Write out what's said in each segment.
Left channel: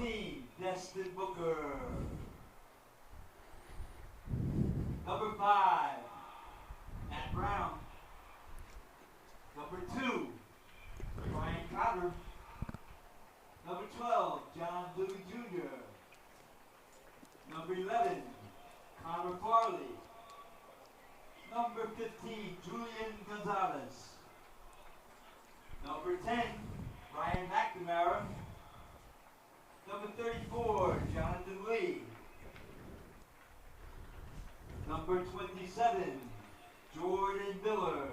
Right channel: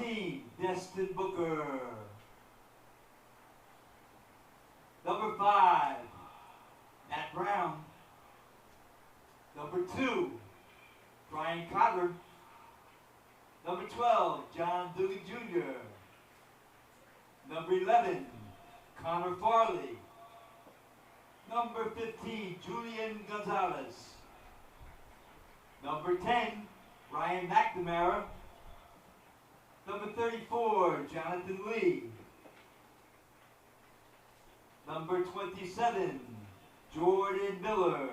14, Destin Booker. Number 5, Matt Brown. Number 2, Brian Cotter. Number 12, John Dugan Jr. Number 11, Connor Farley. Number 15, Julian Gonzalez. Number 10, Ryan McNamara. Number 34, Jonathan Lee. Number 27, Jordan Miller.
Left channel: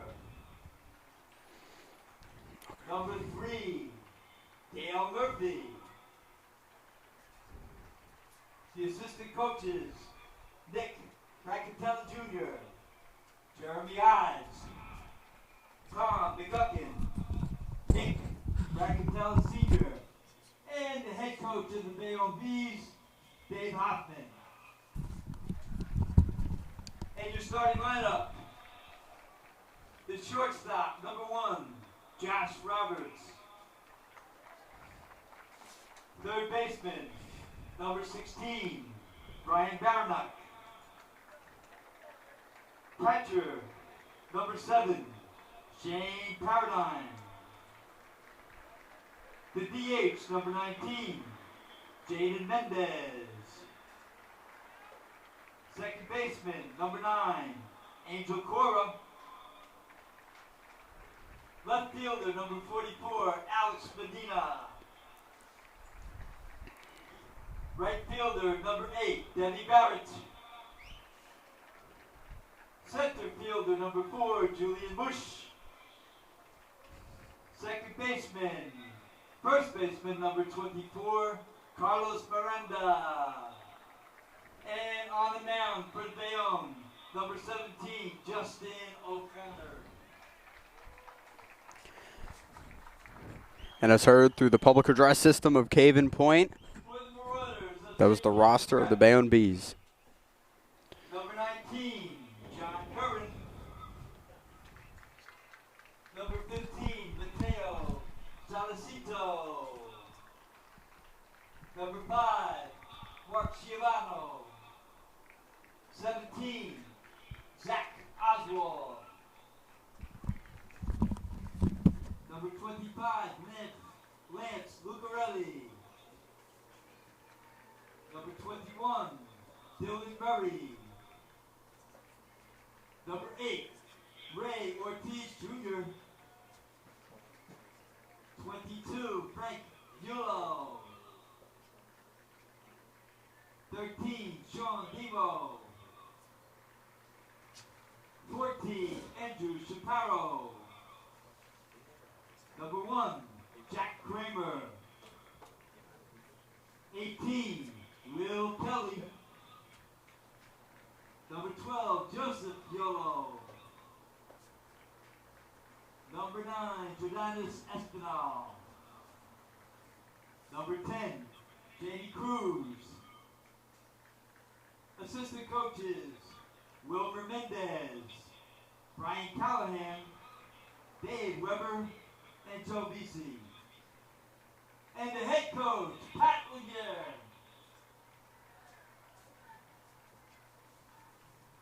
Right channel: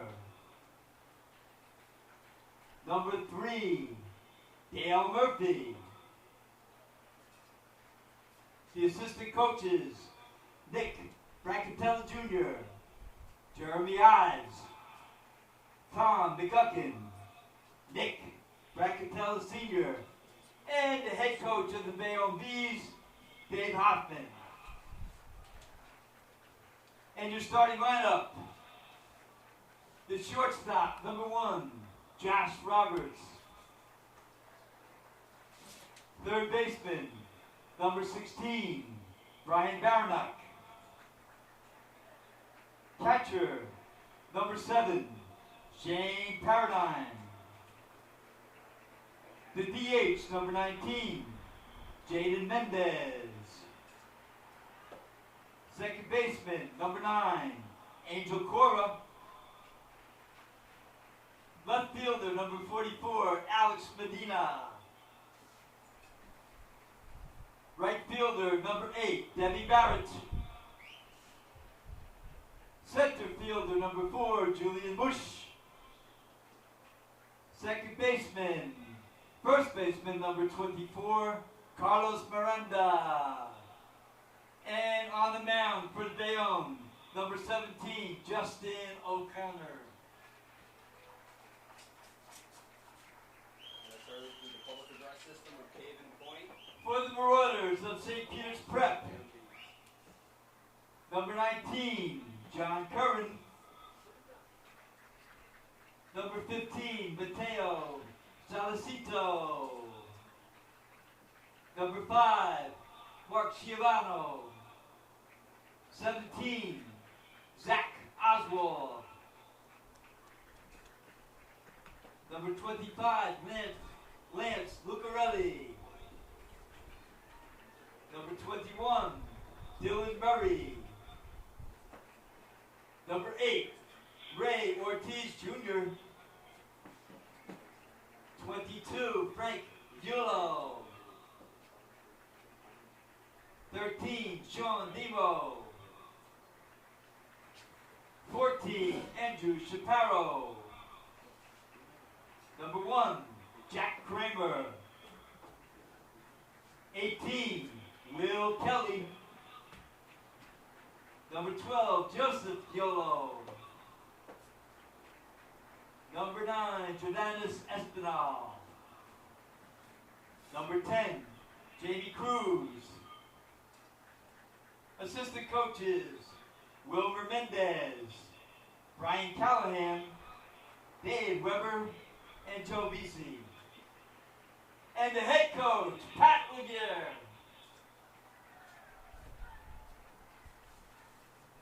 Number 3, Dale Murphy. The assistant coaches, Nick Brackatella Jr., Jeremy Ives, Tom McGuckin, Nick Brackatella Sr., and the head coach of the Bayonne Bees, Dave Hoffman. And your starting lineup, the shortstop, number 1, Josh Roberts. Third baseman, number 16, Brian Barnack. Catcher, number 7, Shane Paradine. The DH, number 19, Jaden Mendez. Second baseman, number 9, Angel Cora. Left fielder, number 44, Alex Medina. Right fielder, number 8, Devon Barrett. Center fielder, number 4, Julian Bush. Second baseman, first baseman, number 24, Carlos Miranda. And on the mound for Bayonne, number 17, Justin O'Connor. And as heard through the public address system of Caven Point, For the Marauders of that was the roster of the Bayonne Bees. Number 19, John Curran. Number 15, Mateo Salicito. Number 5, Mark Schiavano. 17, Zach Oswald. Number 25, Lance Lucarelli. Number 21, Dylan Murray. Number 8, Ray Ortiz Jr. 22, Frank Yulo. 13, Sean Devo. 14, Andrew Shapiro. Number 1, Jack Kramer. 18, Will Kelly. Number 12, Joseph Yolo. Number 9, Jordanis Espinal. Number 10, Jamie Cruz. Assistant coaches, Wilmer Mendez, Brian Callahan, Dave Weber, and Joe Vesey. And the head coach, Pat Laguerre.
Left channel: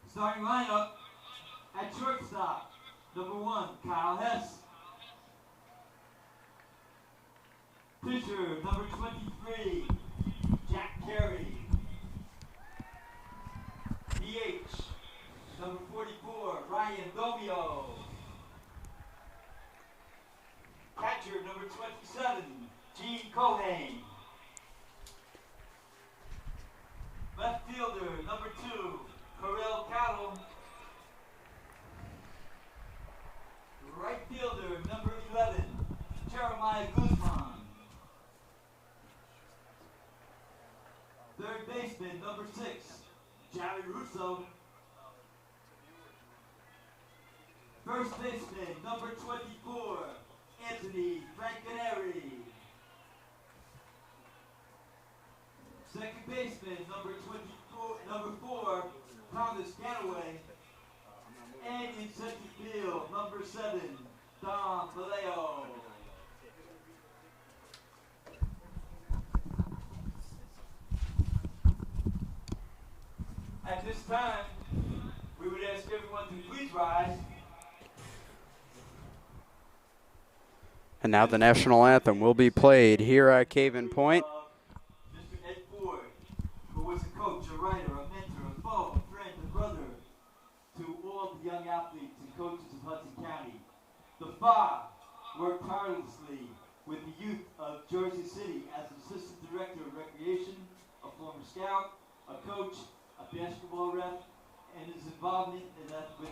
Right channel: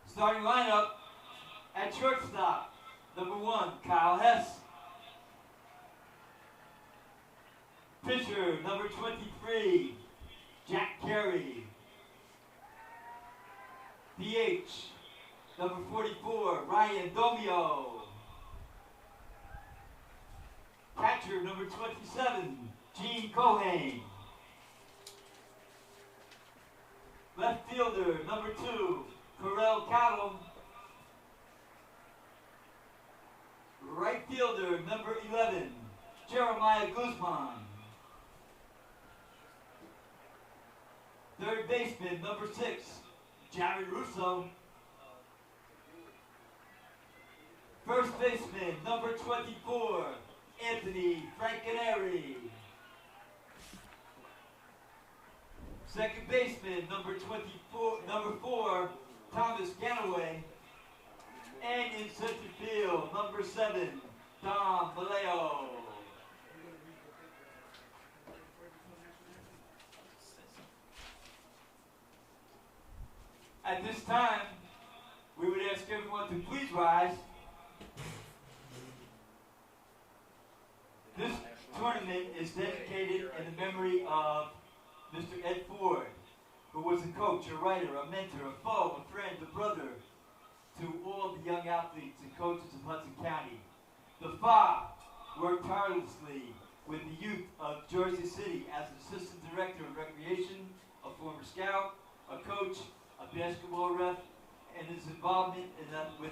Starting lineup at shortstop, number 1, Kyle Hess. Pitcher, number 23, Jack Carey. DH, number 44, Ryan Domio. Catcher, number 27, Gene Cohane. Left fielder, number 2, Corel Cattle. Right fielder, number 11, Jeremiah Koosman. Third baseman, number 6, Jared Russo. First baseman, number 24, Anthony Francaneri. Second baseman, number 4, Thomas Ganaway. And in center field, number 7, Dom Vallejo. Please rise. And now the national anthem will be played here at Caven Point. Mr. Ed Ford, who was a coach, a writer, a mentor, a foe, a friend, a brother to all the young athletes and coaches of Hudson County. The FA worked tirelessly with the youth of Jersey City as Assistant Director of Recreation, a former scout, a coach, a basketball ref, and his involvement with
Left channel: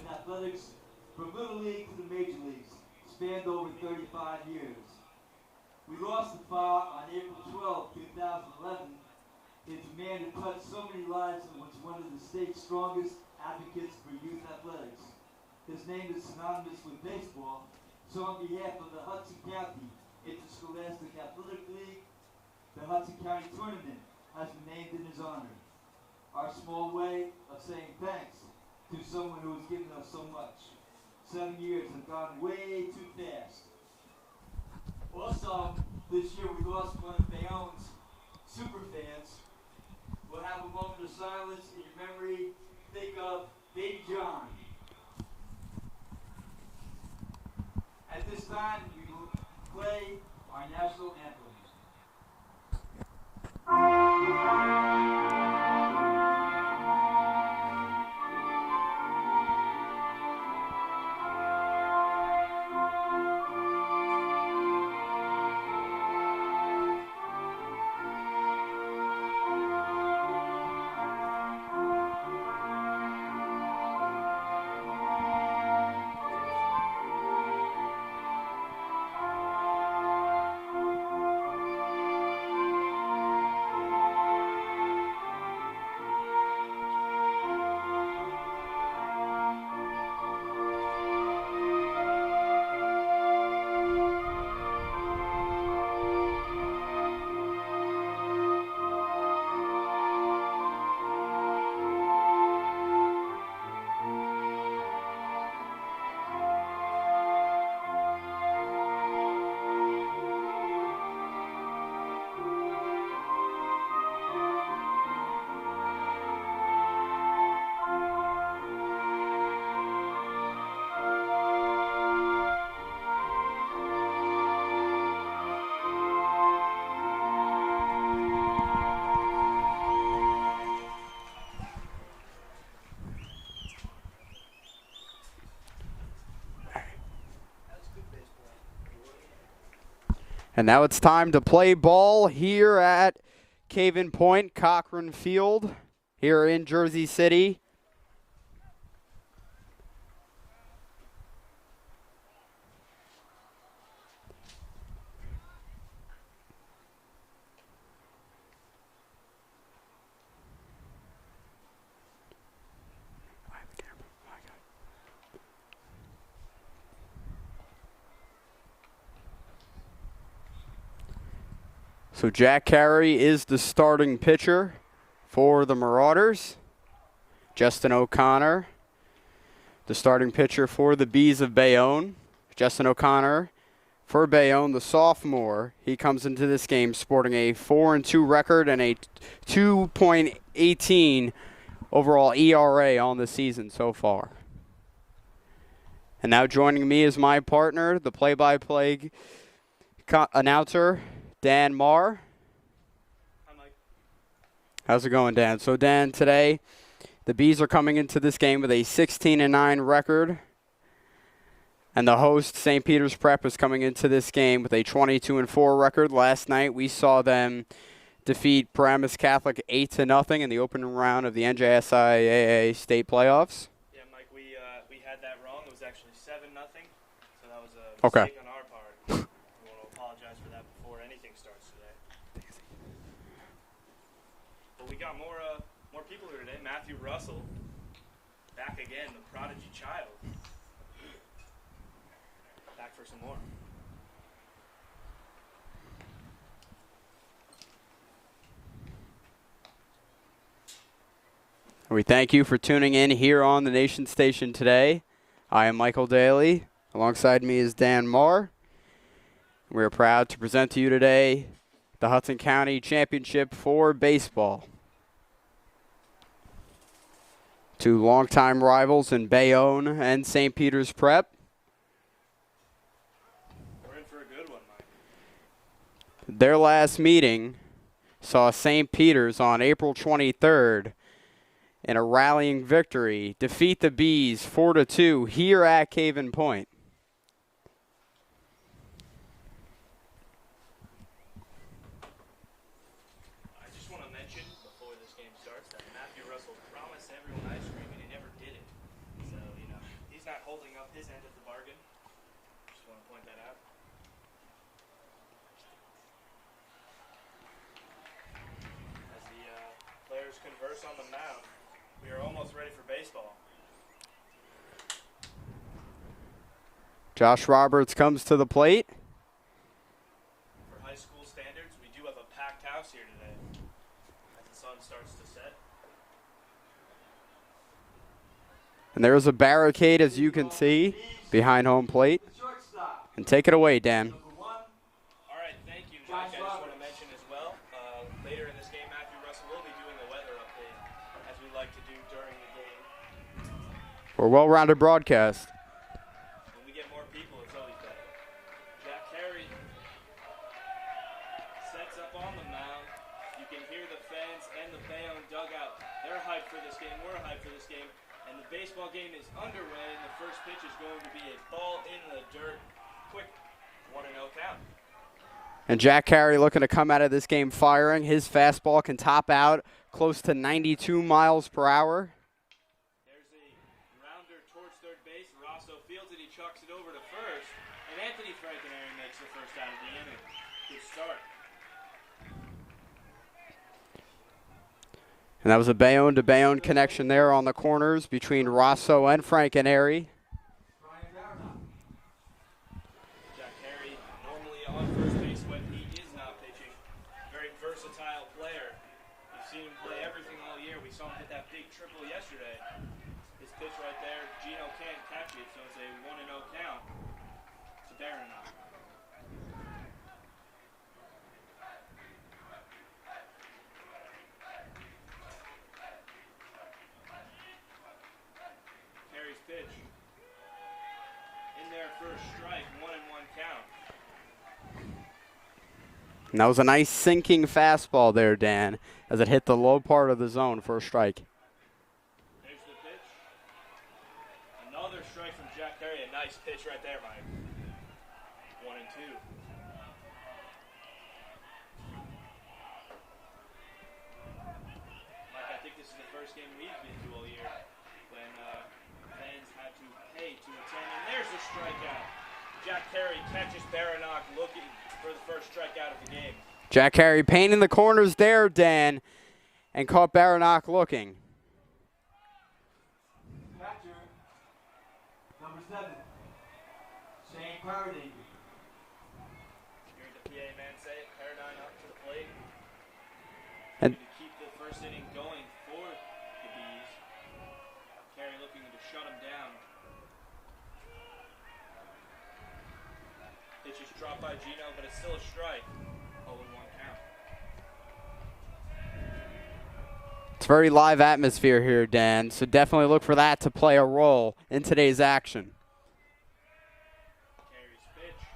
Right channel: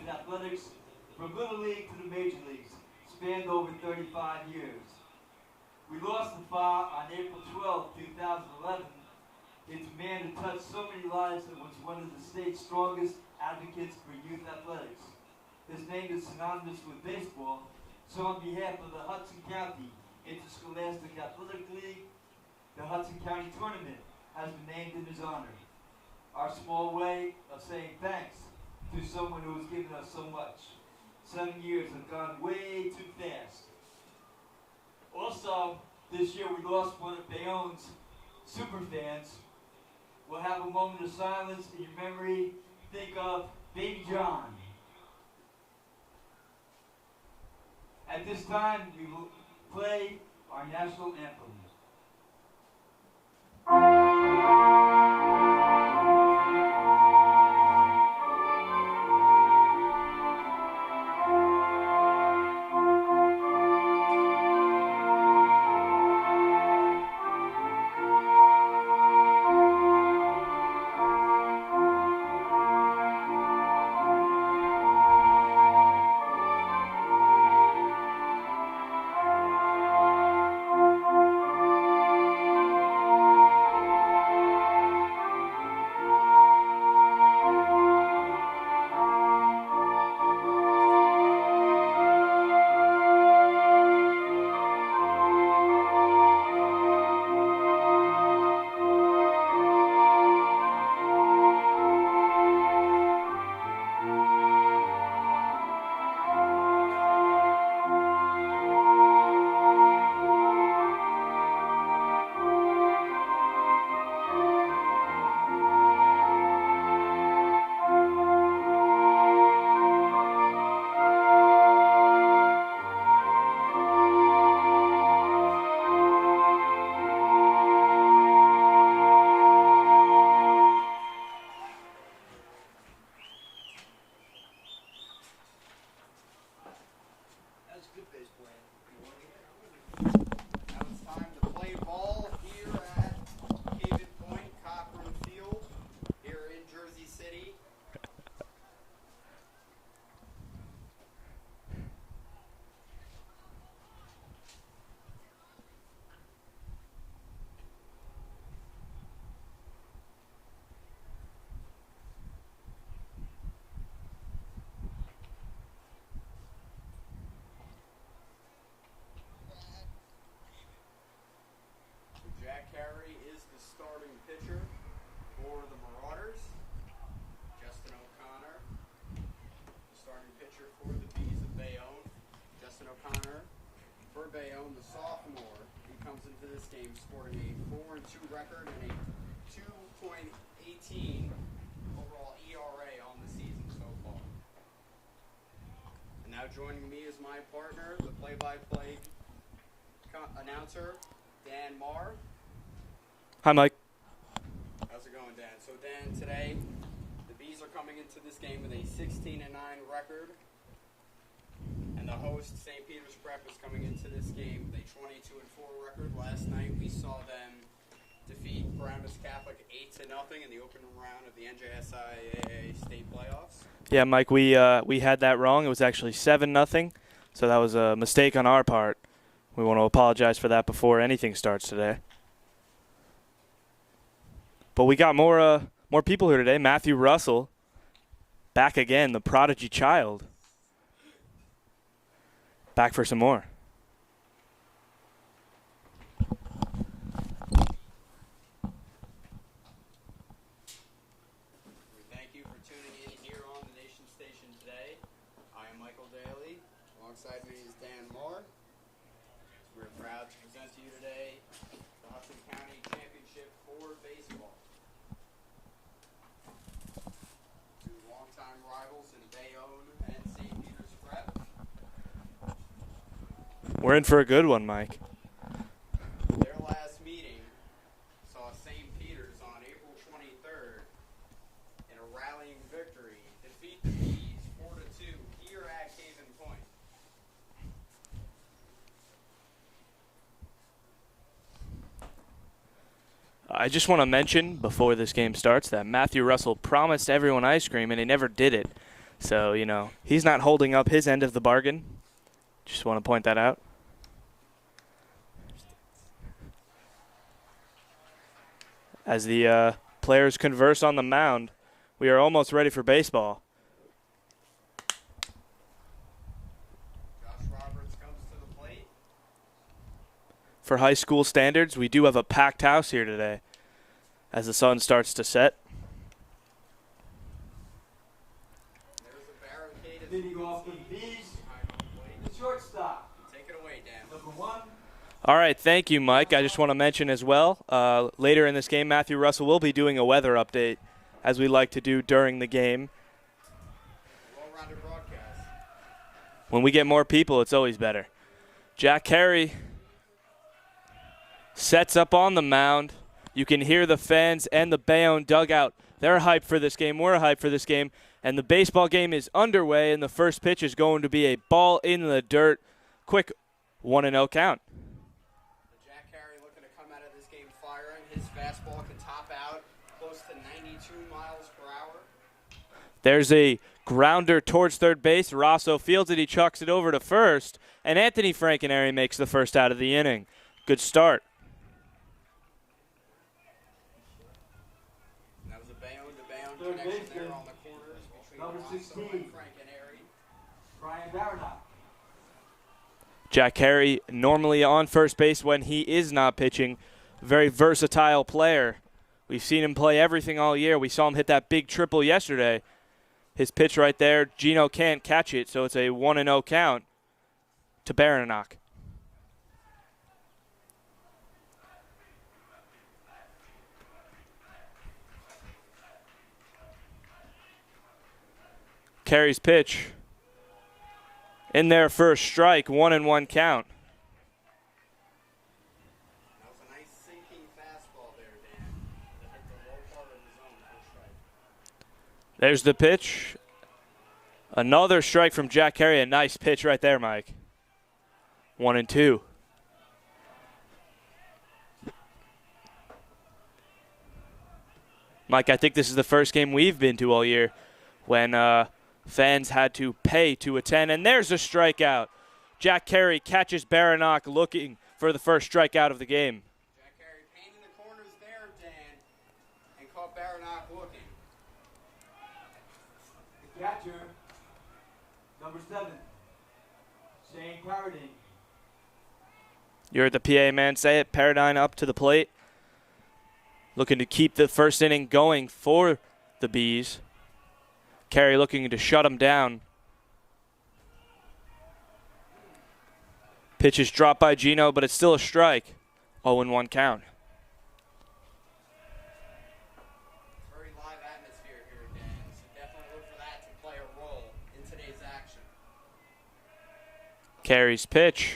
athletics from Little League to the Major Leagues spanned over 35 years. We lost the FA on April 12, 2011. It's a man who touched so many lives and was one of the state's strongest advocates for youth athletics. His name is synonymous with baseball, so on behalf of the Hudson County Interscholastic Athletic League, the Hudson County Tournament has been named in his honor. Our small way of saying thanks to someone who has given us so much. 7 years have gone way too fast. Also, this year we lost one of Bayonne's super fans. We'll have a moment of silence in your memory. Think of Baby John. At this time, we will play our national anthem. And now it's time to play ball here at Caven Point, Cochran Field, here in Jersey City. So Jack Carey is the starting pitcher for the Marauders. Justin O'Connor, the starting pitcher for the Bees of Bayonne. Justin O'Connor for Bayonne, the sophomore. He comes into this game sporting a 4-2 record and a 2.18 overall ERA on the season so far. And now joining me is my partner, the play-by-play announcer, Dan Marr. Hi, Mike. How's it going, Dan? So, Dan, today the Bees are coming into this game with a 16-9 record, and the host, St. Peter's Prep, is coming into this game with a 22-4 record. Last night we saw them defeat Paramus Catholic 8-0 in the opening round of the NJSIAA state playoffs. Yeah, Mike, we had that wrong. It was actually 7-0, so that was a mistake on our part. We want to apologize for that before anything starts today. But we got more people here today. Matthew Russell, back again, the prodigy child. Back for some more. We thank you for tuning in here on the Nation Station today. I am Michael Daly. Alongside me is Dan Marr. We are proud to present to you today the Hudson County Championship for baseball. Two longtime rivals in Bayonne and St. Peter's Prep. We're in for a good one, Mike. Their last meeting saw St. Peter's on April 23rd in a rallying victory defeat the Bees 4-2 here at Caven Point. I just want to mention before this game starts that Matthew Russell promised everyone ice cream and he never did it. So, you know, he's not holding up his end of the bargain. Just want to point that out. As the players converse on the mound, we are almost ready for baseball. Josh Roberts comes to the plate. For high school standards, we do have a packed house here today as the sun starts to set. And there's a barricade, as you can see, behind home plate. And take it away, Dan. All right, thank you, Mike. I just want to mention as well, later in this game, Matthew Russell will be doing a weather update, as we like to do during the game. For a well-rounded broadcast. When we get more people, it's always better. Jack Carey sets up on the mound. You can hear the fans and the Bayonne dugout. They're hyped for this game. We're hyped for this game. And the baseball game is underway, and the first pitch is going to be a ball in the dirt. Quick 1-0 count. And Jack Carey looking to come out of this game firing. His fastball can top out close to 92 miles per hour. There's a grounder towards third base. Rosso fields it. He chucks it over to first. And Anthony Frankenary makes the first out of the inning. Good start. And that was a Bayonne to Bayonne connection there on the corners between Rosso and Frankenary. Jack Carey normally on first base when he is not pitching. Very versatile player. We've seen him play everything all year. We saw him hit that big triple yesterday. His pitch right there, Gino can't catch it, so it's a 1-0 count to Barrett. Carey's pitch in there for a strike, 1-1 count. And that was a nice sinking fastball there, Dan, as it hit the low part of the zone for a strike. There's the pitch. Another strike from Jack Carey. A nice pitch right there, Mike. 1-2. Mike, I think this is the first game we've been to all year when fans had to pay to attend. And there's a strikeout. Jack Carey catches Barrett looking for the first strikeout of the game. Jack Carey painting the corners there, Dan, and caught Barrett looking. Catcher, number 7, Shane Paradine. You heard the PA man say it. Paradine up to the plate. Looking to keep the first inning going for the Bees. Carey looking to shut him down. Pitch is dropped by Gino, but it's still a strike. 0-1 count. It's very live atmosphere here, Dan, so definitely look for that to play a role in today's action. Carey's pitch.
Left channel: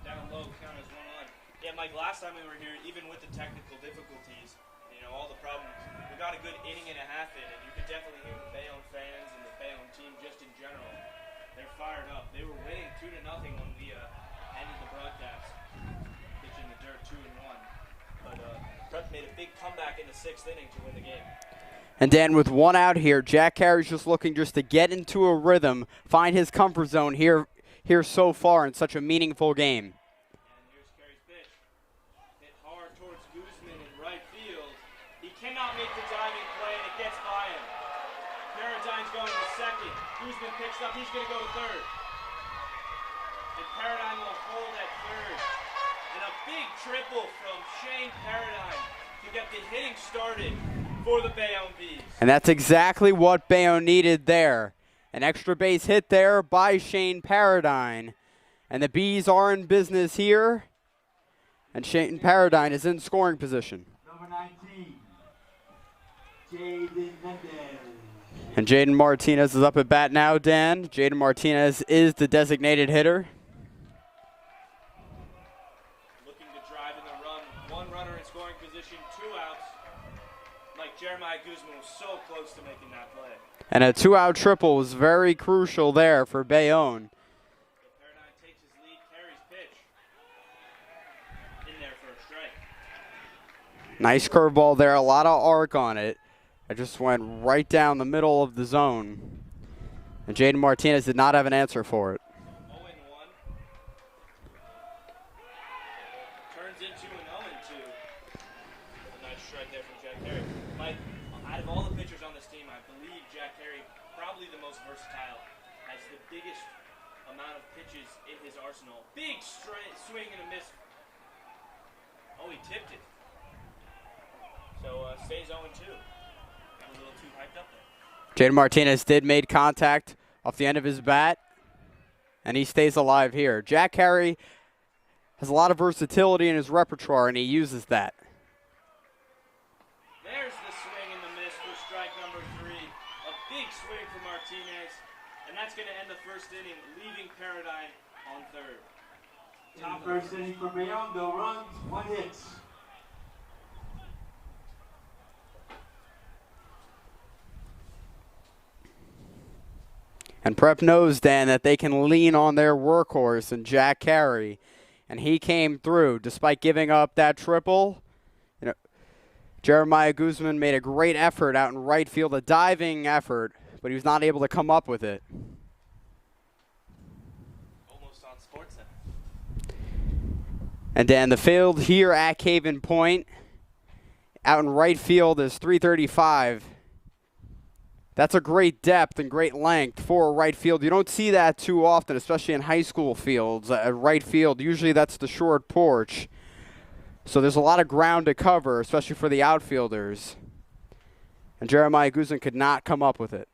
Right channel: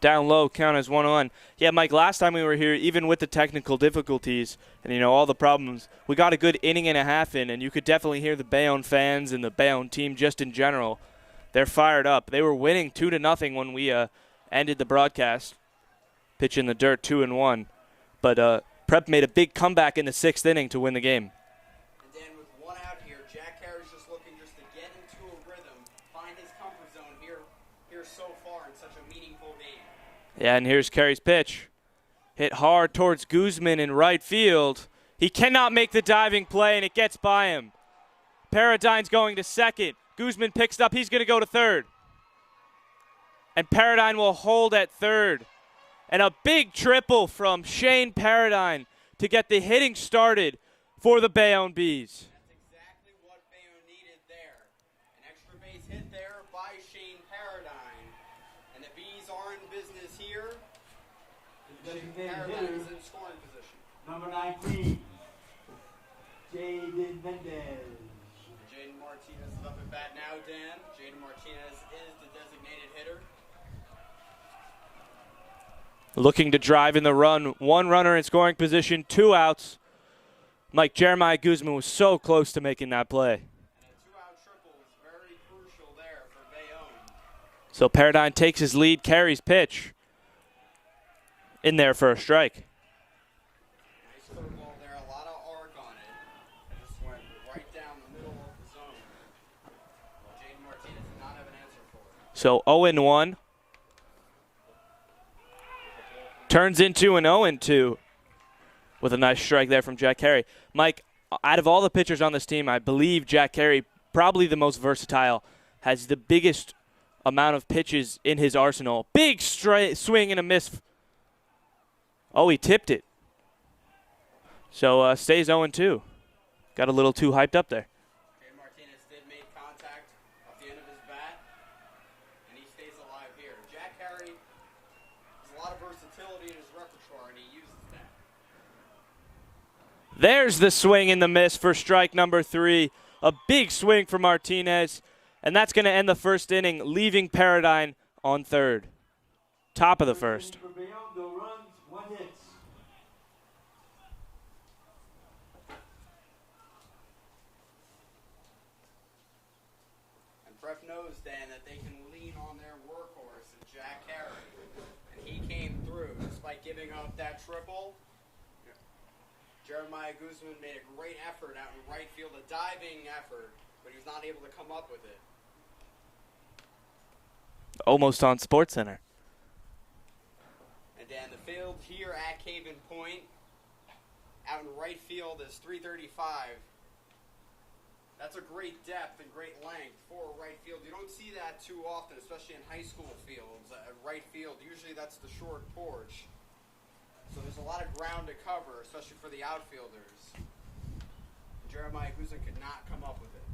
Down low, count as 1-1. Yeah, Mike, last time we were here, even with the technical difficulties and, you know, all the problems, we got a good inning and a half in, and you could definitely hear the Bayonne fans and the Bayonne team just in general. They're fired up. They were winning 2-0 when we ended the broadcast. Pitch in the dirt, 2-1. But Prep made a big comeback in the 6th inning to win the game. And Dan, with one out here, Jack Carey's just looking just to get into a rhythm, find his comfort zone here so far in such a meaningful game. Yeah, and here's Carey's pitch. Hit hard towards Koosman in right field. He cannot make the diving play, and it gets by him. Paradine's going to second. Koosman picks it up. He's going to go to third. And Paradine will hold at third. And a big triple from Shane Paradine to get the hitting started for the Bayonne Bees. And that's exactly what Bayonne needed there. An extra base hit there by Shane Paradine. And the Bees are in business here. And Shane Paradine is in scoring position. Number 19, Caven Mendez. And Jaden Martinez is up at bat now, Dan. Jaden Martinez is the designated hitter. Looking to drive in the run. One runner in scoring position, 2 outs. Mike, Jeremiah Koosman was so close to making that play. And a 2-out triple was very crucial there for Bayonne. So Paradigm takes his lead, carries pitch. In there for a strike. Nice curveball there, a lot of arc on it. It just went right down the middle of the zone. And Jaden Martinez did not have an answer for it. So 0-1. Turns into an 0-2 with a nice strike there from Jack Carey. Mike, out of all the pitchers on this team, I believe Jack Carey, probably the most versatile, has the biggest amount of pitches in his arsenal. Big swing and a miss. Oh, he tipped it. So stays 0-2. Got a little too hyped up there. Jaden Martinez did make contact off the end of his bat, and he stays alive here. Jack Carey has a lot of versatility in his repertoire, and he uses that. There's the swing and the miss for strike number 3. A big swing for Martinez, and that's going to end the first inning, leaving Paradigm on third. Top of the first. Inning for Bayonne, no runs, 1 hit. And Prep knows, Dan, that they can lean on their workhorse and Jack Carey. And he came through despite giving up that triple. You know, Jeremiah Koosman made a great effort out in right field, a diving effort, but he was not able to come up with it. Almost on SportsCenter. And Dan, the field here at Caven Point, out in right field is 335. That's a great depth and great length for a right field. You don't see that too often, especially in high school fields. At right field, usually that's the short porch. So there's a lot of ground to cover, especially for the outfielders. And Jeremiah Koosman could not come up with it.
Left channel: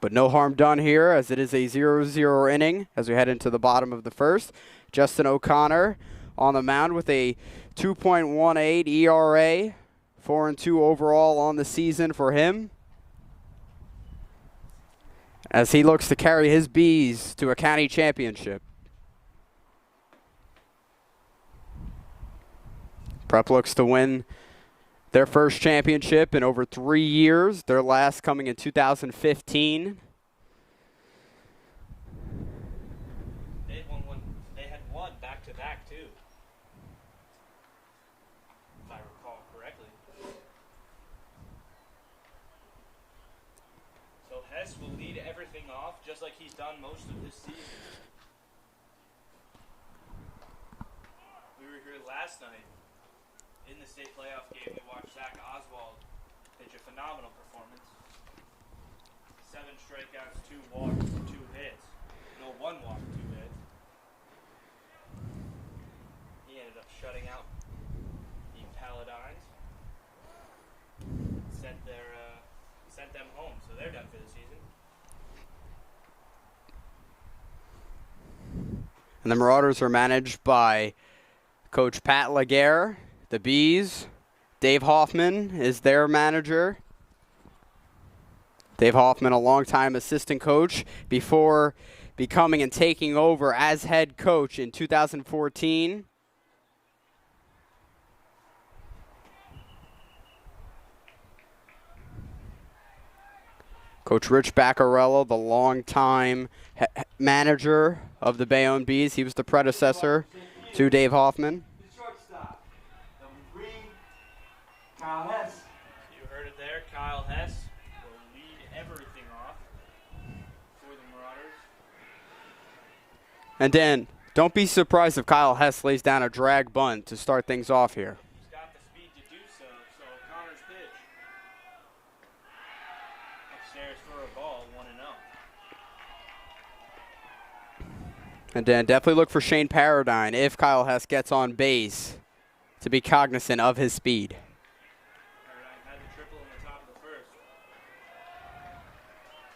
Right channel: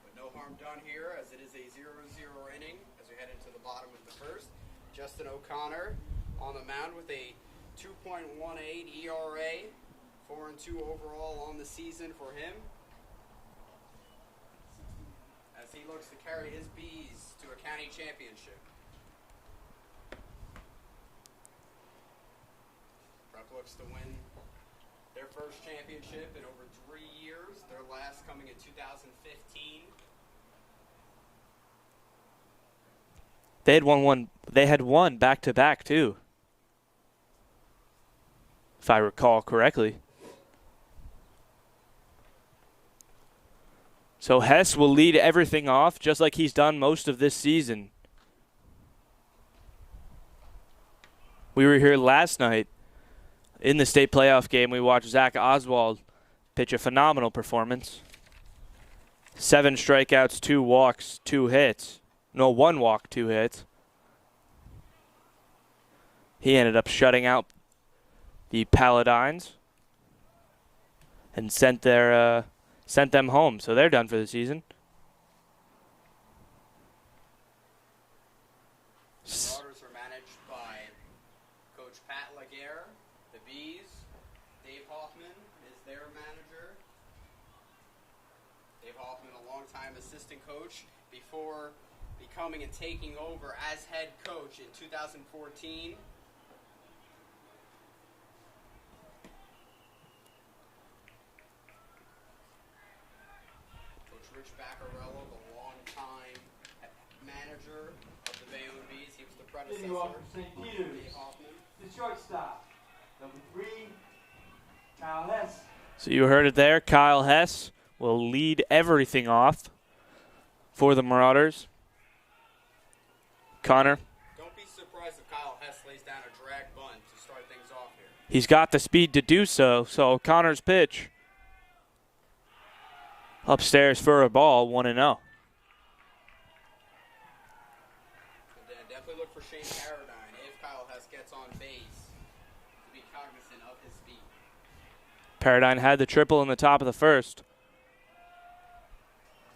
But no harm done here, as it is a 0-0 inning as we head into the bottom of the first. Justin O'Connor on the mound with a 2.18 ERA. 4-2 overall on the season for him, as he looks to carry his Bees to a county championship. Prep looks to win their first championship in over 3 years, their last coming in 2015. They had won back-to-back too, if I recall correctly. So Hess will lead everything off just like he's done most of this season. We were here last night in the state playoff game. We watched Zach Oswald pitch a phenomenal performance. 7 strikeouts, 2 walks, 2 hits. No, 1 walk, 2 hits. He ended up shutting out the Paladines and sent them home, so they're done for the season. And the Marauders are managed by Coach Pat Laguerre. The Bees, Dave Hoffman is their manager. Dave Hoffman, a longtime assistant coach before becoming and taking over as head coach in 2014. Coach Rich Baccarello, the longtime manager of the Bayonne Bees. He was the predecessor to Dave Hoffman. The shortstop, number 3, Kyle Hess. So you heard it there. Kyle Hess will lead everything off for the Marauders. And Connor, Dan, don't be surprised if Kyle Hess lays down a drag bunt to start things off here. he's got the speed to do so. So Connor's pitch upstairs for a ball, 1-0. And Dan, definitely look for Shane Paradine if Kyle Hess gets on base to be cognizant of his speed. Paradine had the triple in the top of the first.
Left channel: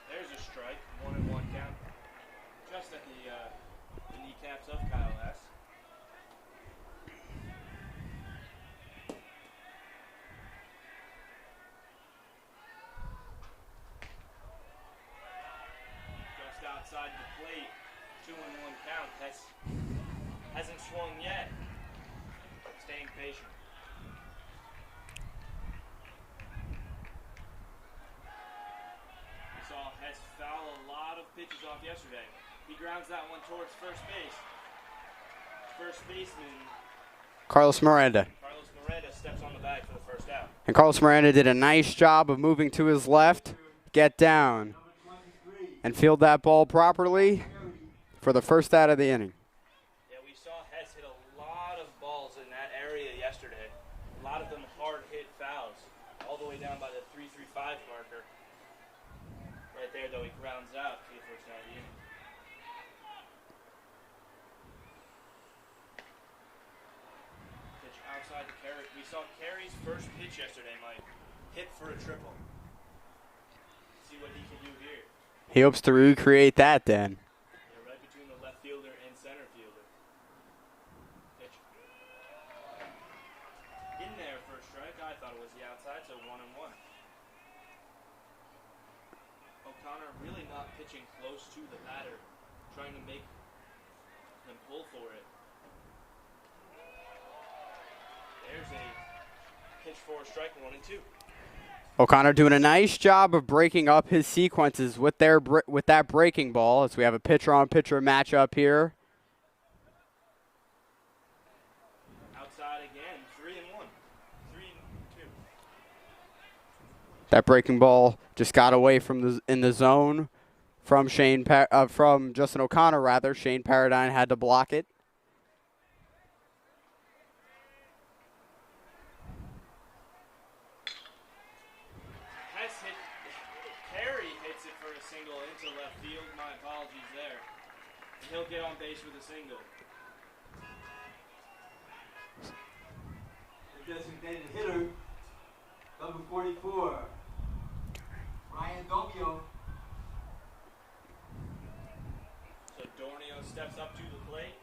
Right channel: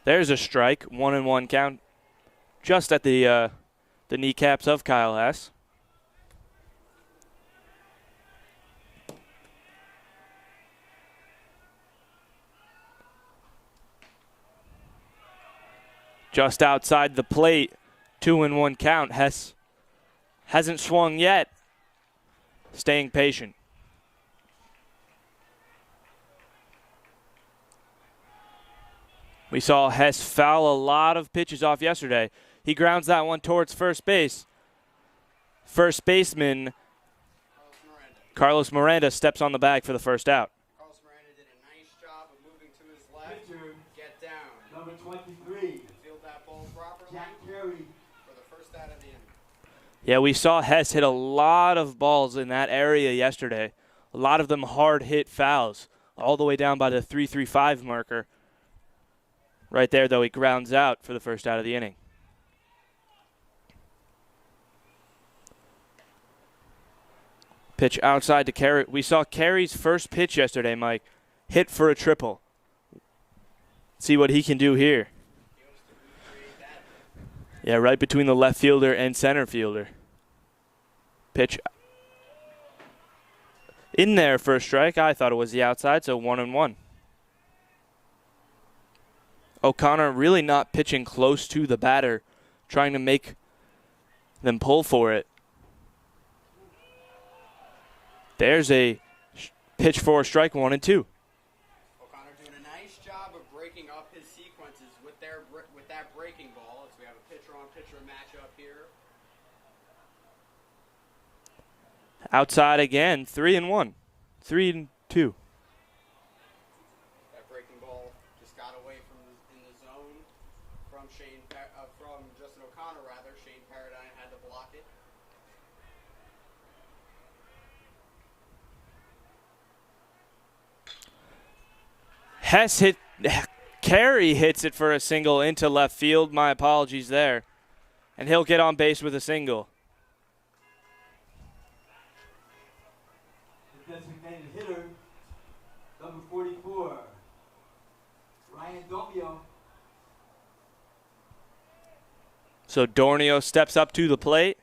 There's a strike, 1-1 count, just at the kneecaps of Kyle Hess. just outside the plate. 2-1 count. Hess hasn't swung yet. Staying patient. We saw Hess foul a lot of pitches off yesterday. He grounds that one towards first base. First baseman Carlos Miranda steps on the bag for the first out. And Carlos Miranda did a nice job of moving to his left, get down, and field that ball properly for the first out of the inning. Yeah, we saw Hess hit a lot of balls in that area yesterday. A lot of them hard hit fouls, all the way down by the 3-3-5 marker. Right there, though, he grounds out for the first out of the inning. Pitch outside to Carey. We saw Carey's first pitch yesterday, Mike. Hit for a triple. See what he can do here. He hopes to recreate that then. Yeah, right between the left fielder and center fielder. Pitch in there for a strike. I thought it was the outside, so 1-1. O'Connor really not pitching close to the batter, trying to make them pull for it. There's a pitch for a strike, 1-2. O'Connor doing a nice job of breaking up his sequences with that breaking ball, as we have a pitcher-on-pitcher matchup here. Outside again, 3-1, 3-2. That breaking ball just got away from in the zone from from Justin O'Connor rather. Shane Paradine had to block it. Carey hits it for a single into left field. My apologies there. And he'll get on base with a single. The designated hitter, number 44, Ryan Domio. So Dornio steps up to the plate.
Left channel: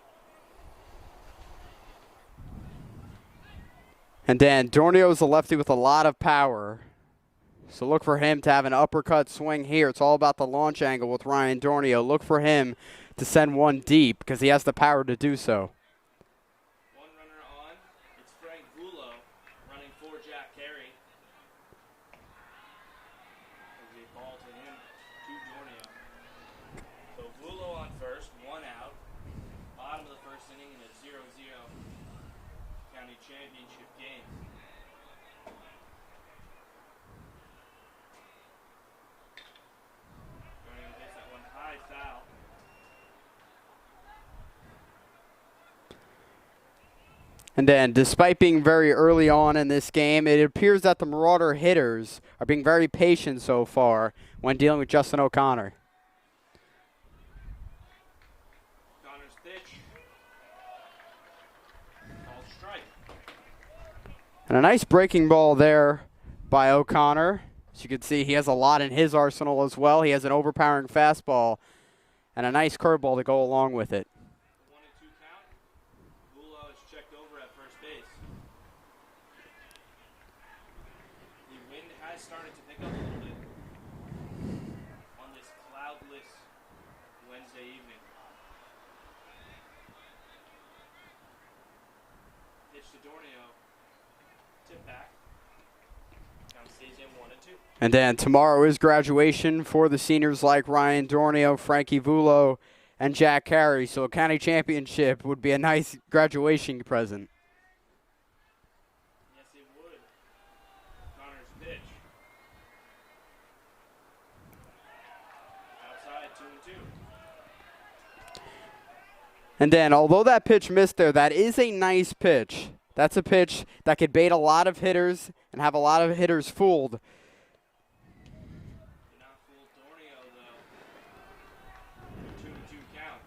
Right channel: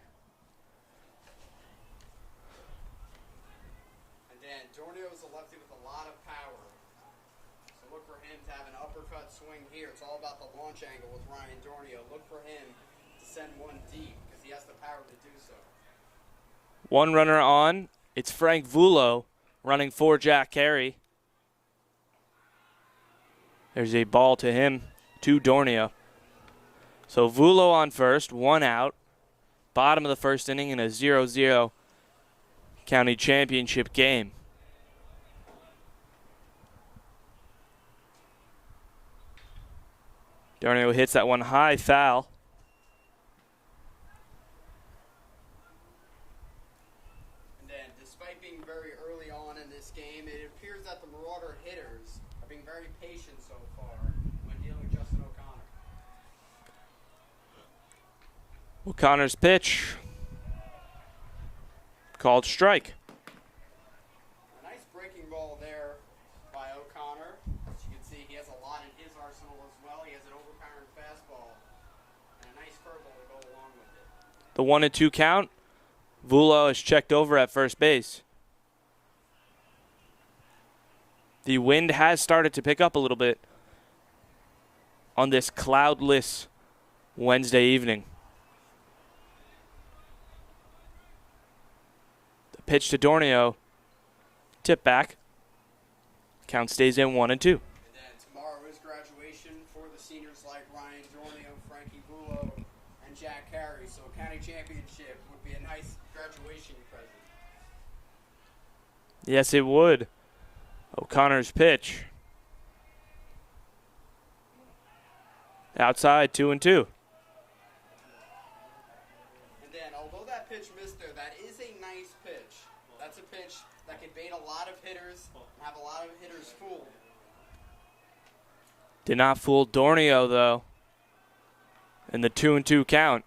And Dan, Dornio's a lefty with a lot of power. So look for him to have an uppercut swing here. It's all about the launch angle with Ryan Dornio. Look for him to send one deep because he has the power to do so. One runner on. It's Frank Vullo running for Jack Carey. There's a ball to him, to Dornio. So Vullo on first, one out. Bottom of the first inning in a 0-0 county championship game. Dornio hits that one high, foul. And then, despite being very early on in this game, it appears that the Marauder hitters are being very patient so far when dealing with Justin O'Connor. O'Connor's pitch called strike. And a nice breaking ball there by O'Connor. As you can see, he has a lot in his arsenal as well. He has an overpowering fastball and a nice curveball to go along with it. The 1-2 count. Vullo is checked over at first base. The wind has started to pick up a little bit on this cloudless Wednesday evening. The pitch to Dornio. Tip back. Count stays in 1-2. And then tomorrow is graduation for the seniors like Ryan Dornio, Frankie Vullo, and Jack Carey. So a county championship would be a nice graduation present. Yes, it would. O'Connor's pitch. Outside, 2-2. And then, although that pitch missed there, that is a nice pitch. That's a pitch that could bait a lot of hitters and have a lot of hitters fooled. Did not fool Dornio, though, in the 2-2 count.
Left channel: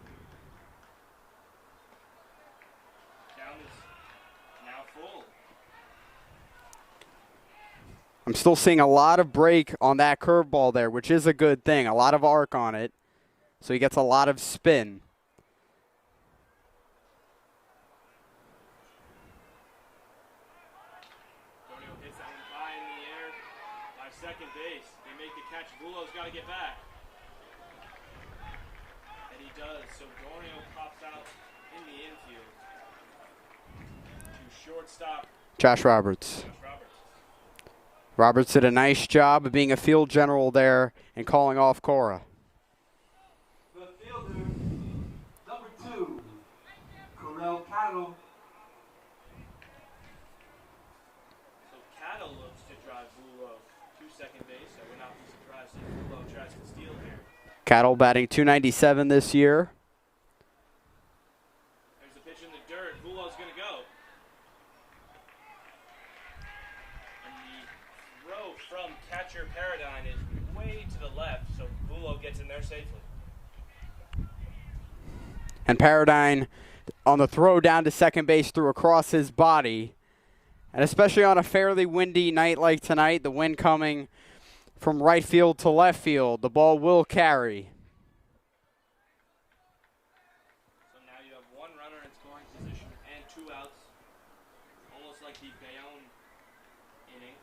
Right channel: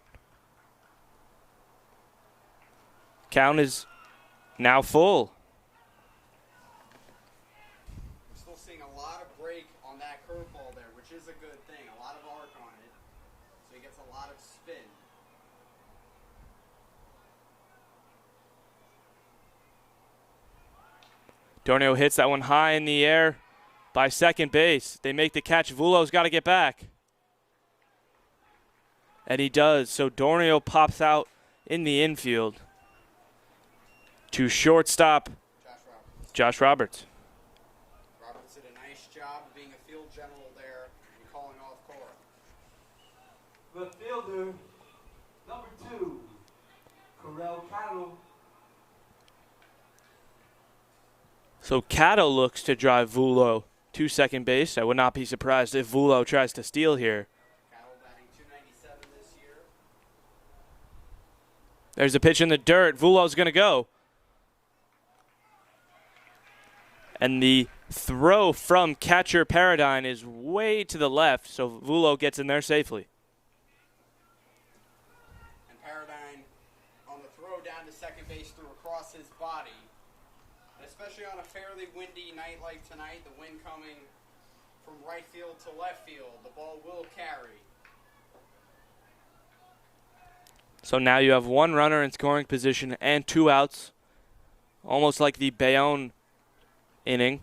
Count is now full. I'm still seeing a lot of break on that curveball there, which is a good thing. A lot of arc on it, so he gets a lot of spin. Dornio hits that one high in the air by second base. They make the catch. Vullo's got to get back. And he does. So Dornio pops out in the infield to shortstop Josh Roberts. Josh Roberts. Roberts did a nice job of being a field general there and calling off Cora. The fielder, number 2, Corell Cattle. So Cattle looks to drive Vulo to second base. I would not be surprised if Vulo tries to steal here. Cattle batting .297 this year. There's a pitch in the dirt. Vulo's going to go. And the throw from catcher Paradine is way to the left, so Vulo gets in there safely. And Paradine on the throw down to second base threw across his body. And especially on a fairly windy night like tonight, the wind coming from right field to left field, the ball will carry. So now you have one runner in scoring position and 2 outs, almost like the Bayonne inning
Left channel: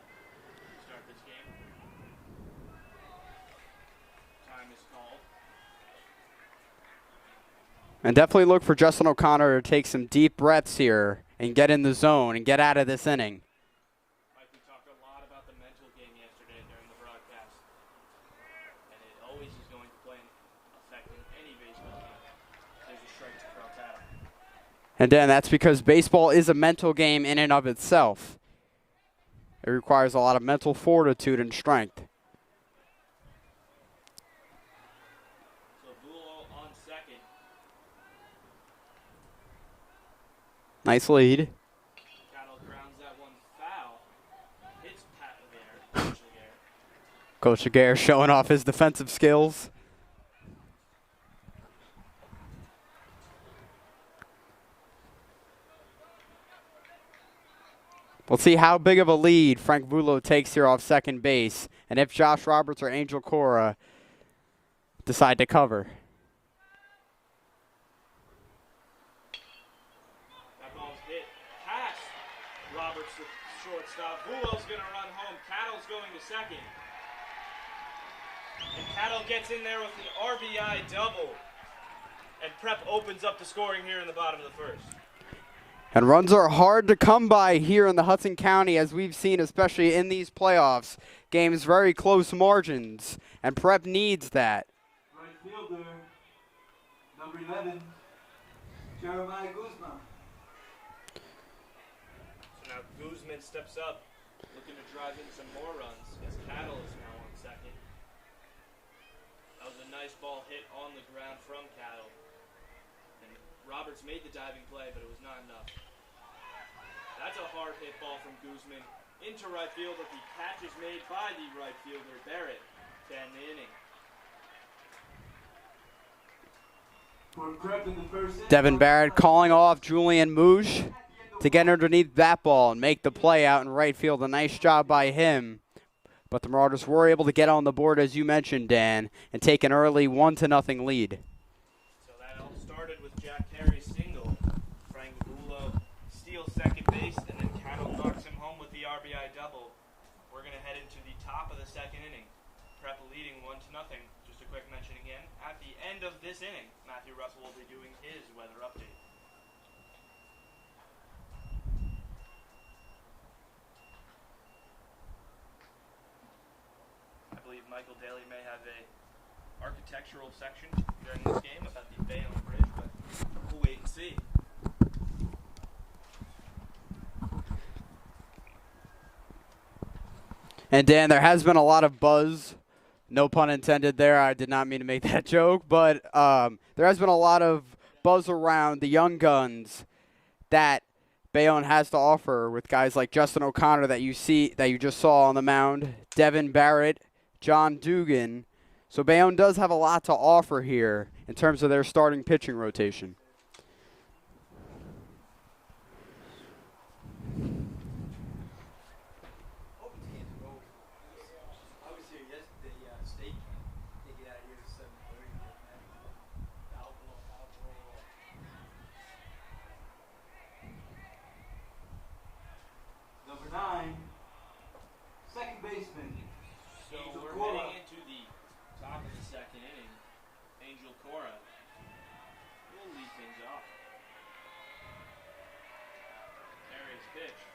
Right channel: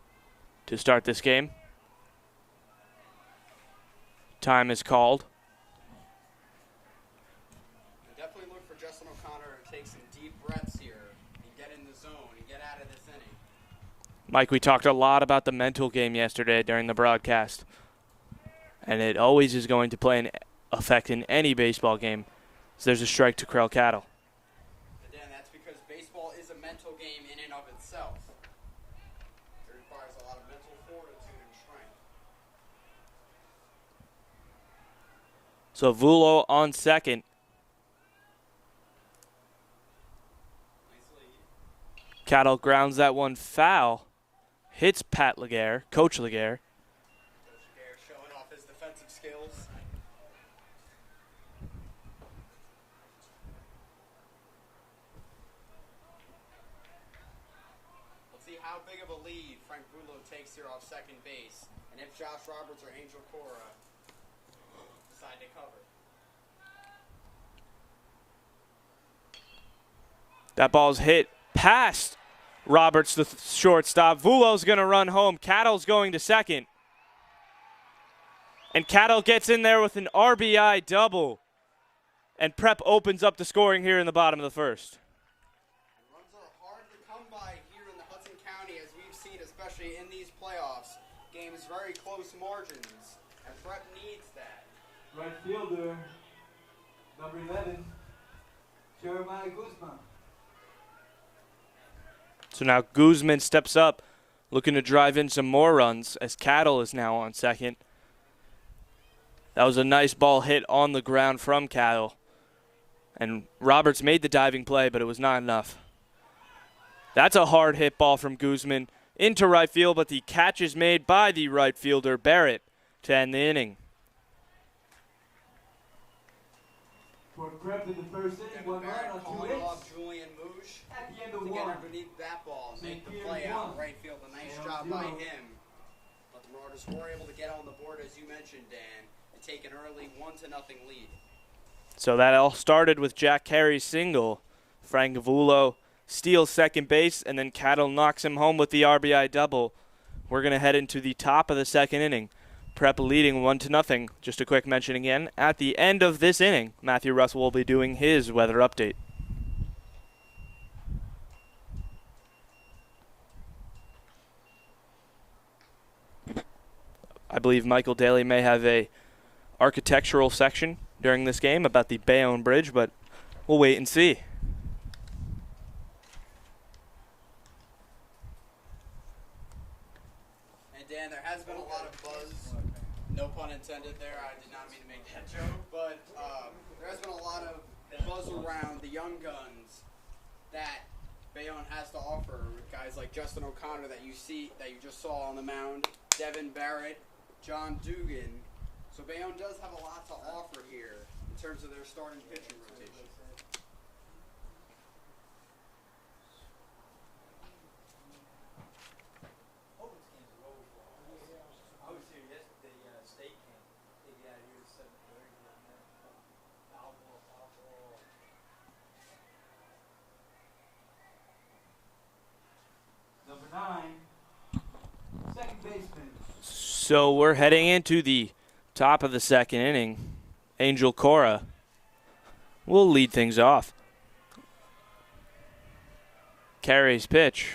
to start this game. Time is called. And definitely look for Justin O'Connor to take some deep breaths here and get in the zone and get out of this inning. Mike, we talked a lot about the mental game yesterday during the broadcast. And it always is going to play an effect in any baseball game. So there's a strike to Corell Cattle. And Dan, that's because baseball is a mental game in and of itself. It requires a lot of mental fortitude and strength. So Vulo on second. Nice lead. Cattle grounds that one foul. Hits Pat Laguerre, Coach Laguerre. Coach Laguerre showing off his defensive skills. We'll see how big of a lead Frank Vulo takes here off second base, and if Josh Roberts or Angel Cora decide to cover. That ball's hit past Roberts, the shortstop. Vulo's going to run home. Cattle's going to second. And Cattle gets in there with an RBI double. And Prep opens up the scoring here in the bottom of the first. And runs are hard to come by here in the Hudson County, as we've seen, especially in these playoffs. Games very close margins, and Prep needs that. Right fielder, number 11, Jeremiah Koosman. So now Koosman steps up, looking to drive in some more runs, as Cattle is now on second. That was a nice ball hit on the ground from Cattle. And Roberts made the diving play, but it was not enough. That's a hard hit ball from Koosman into right field, but the catch is made by the right fielder, Barrett, to end the inning. Devon Barrett calling off Julian Mouge to get underneath that ball and make the play out in right field. A nice job by him. But the Marauders were able to get on the board, as you mentioned, Dan, and take an early 1-0 lead. So that all started with Jack Carey's single. Frank Vulo steals second base, and then Cattle knocks him home with the RBI double. We're going to head into the top of the second inning. Prep leading 1-0. Just a quick mention again, at the end of this inning, Matthew Russell will be doing his weather update. I believe Michael Daly may have a architectural section during this game about the Bayonne Bridge, but we'll wait and see. And Dan, there has been a lot of buzz, no pun intended there, I did not mean to make that joke, but there has been a lot of buzz around the young guns that Bayonne has to offer, with guys like Justin O'Connor that you just saw on the mound, Devon Barrett, John Dugan. So Bayonne does have a lot to offer here in terms of their starting pitching rotation. Number 9, second baseman. So we're heading into the top of the second inning. Angel Cora will lead things off. Carey's pitch.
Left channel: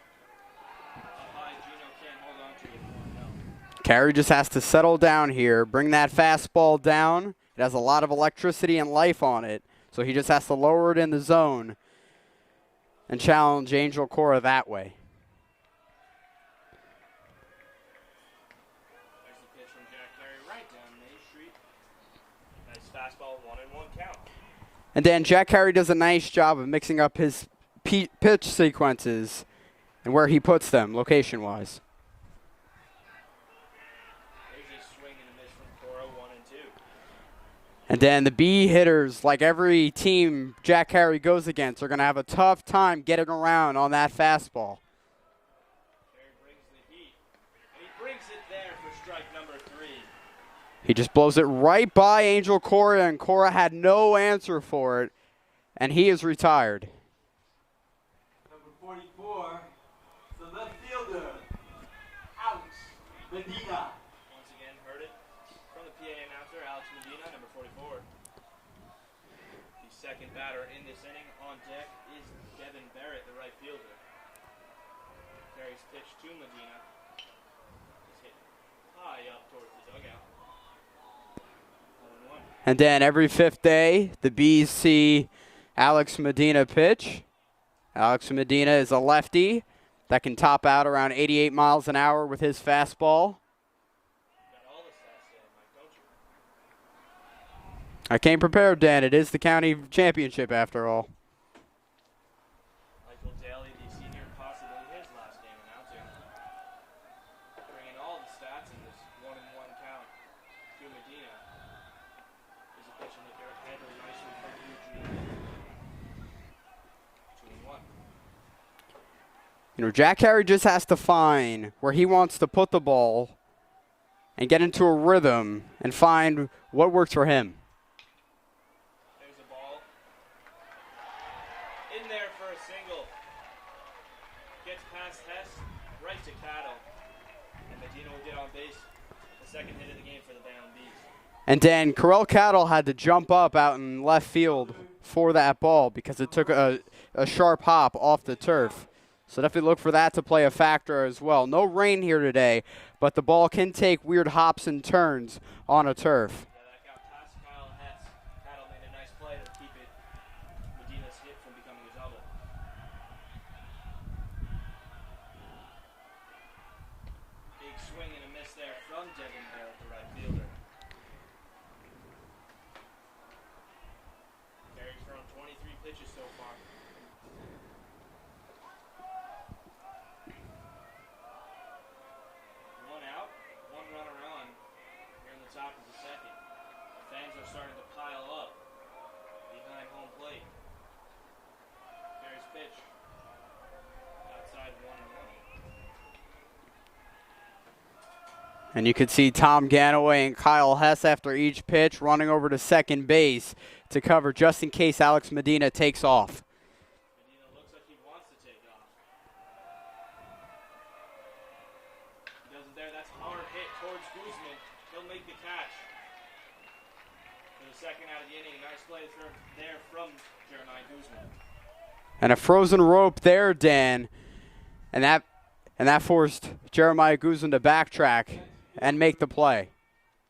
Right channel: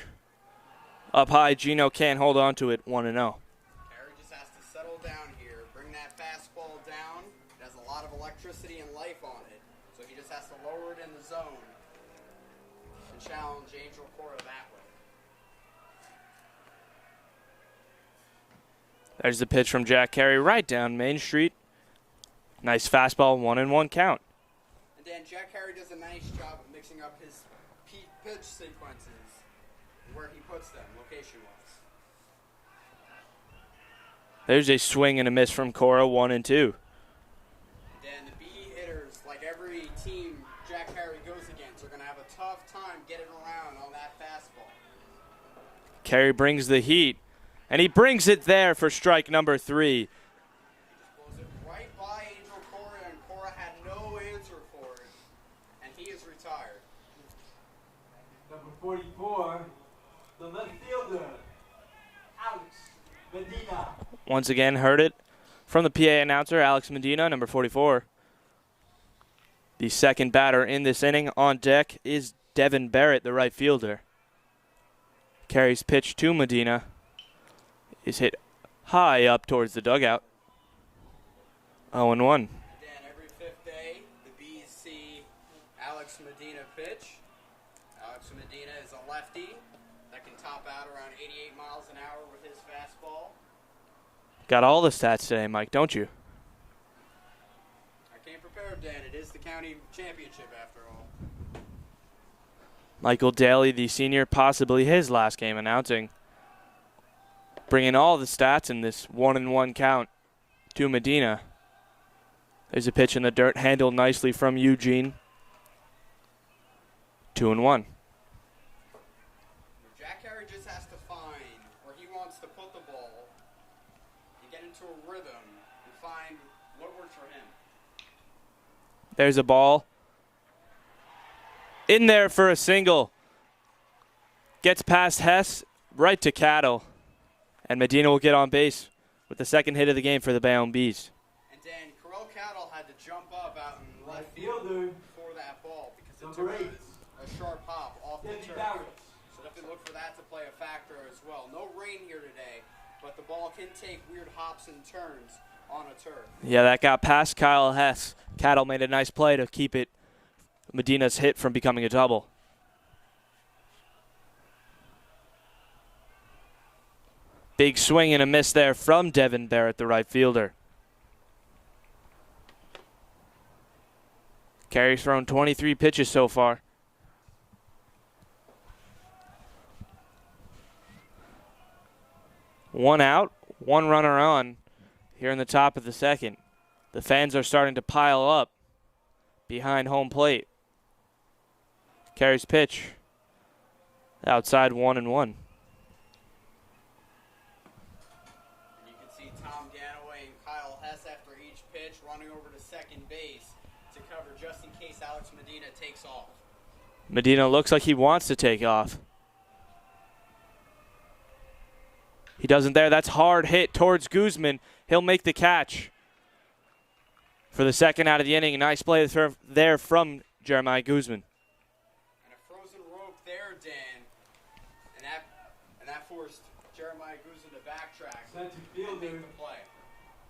Up high, Gino can't hold on to it, 1-0. Carey just has to settle down here, bring that fastball down. It has a lot of electricity and life on it, so he just has to lower it in the zone and challenge Angel Cora that way. There's the pitch from Jack Carey right down Main Street. Nice fastball, 1-1 count. And then Jack Carey does a nice job of mixing up his pitch sequences and where he puts them location-wise. There's a swing and a miss from Cora, 1-2. And then the B hitters, like every team Jack Carey goes against, are going to have a tough time getting around on that fastball. Carey brings the heat, and he brings it there for strike number 3. He just blows it right by Angel Cora, and Cora had no answer for it, and he is retired. Number 44, the left fielder, Alex Medina. Once again, heard it from the PA announcer, Alex Medina, number 44. The second batter in this inning on deck is Devon Barrett, the right fielder. Carey's pitch to Medina is hit high up towards the dugout. 0-1. And then every fifth day, the Bees see Alex Medina pitch. Alex Medina is a lefty that can top out around 88 miles an hour with his fastball. Got all the stats today, Mike, don't you? I came prepared, Dan. It is the county championship after all. Michael Daly, the senior, possibly his last game announcing. Bringing all the stats in this 1-1 count to Medina. There's a pitch in the dirt, handled nicely from Eugene. 2-1. You know, Jack Carey just has to find where he wants to put the ball and get into a rhythm and find what works for him. There's a ball. In there for a single. Gets past Hess, right to Cattle. And Medina will get on base with the second hit of the game for the Bayonne Bees. And then Corell Cattle had to jump up out in left field for that ball because it took a sharp hop off the turf. So definitely look for that to play a factor as well. No rain here today, but the ball can take weird hops and turns on a turf. Yeah, that got past Kyle Hess. Cattle made a nice play to keep it Medina's hit from becoming a double. Big swing and a miss there from Devon Barrett, the right fielder. Carey's thrown 23 pitches so far. One out, one runner on here in the top of the second. The fans are starting to pile up behind home plate. Carey's pitch outside 1-1. And you could see Tom Ganaway and Kyle Hess after each pitch running over to second base to cover just in case Alex Medina takes off. Medina looks like he wants to take off. He doesn't there. That's hard hit towards Koosman. He'll make the catch for the second out of the inning. A nice play there from Jeremiah Koosman. And a frozen rope there, Dan. And that forced Jeremiah Koosman to backtrack and make the play.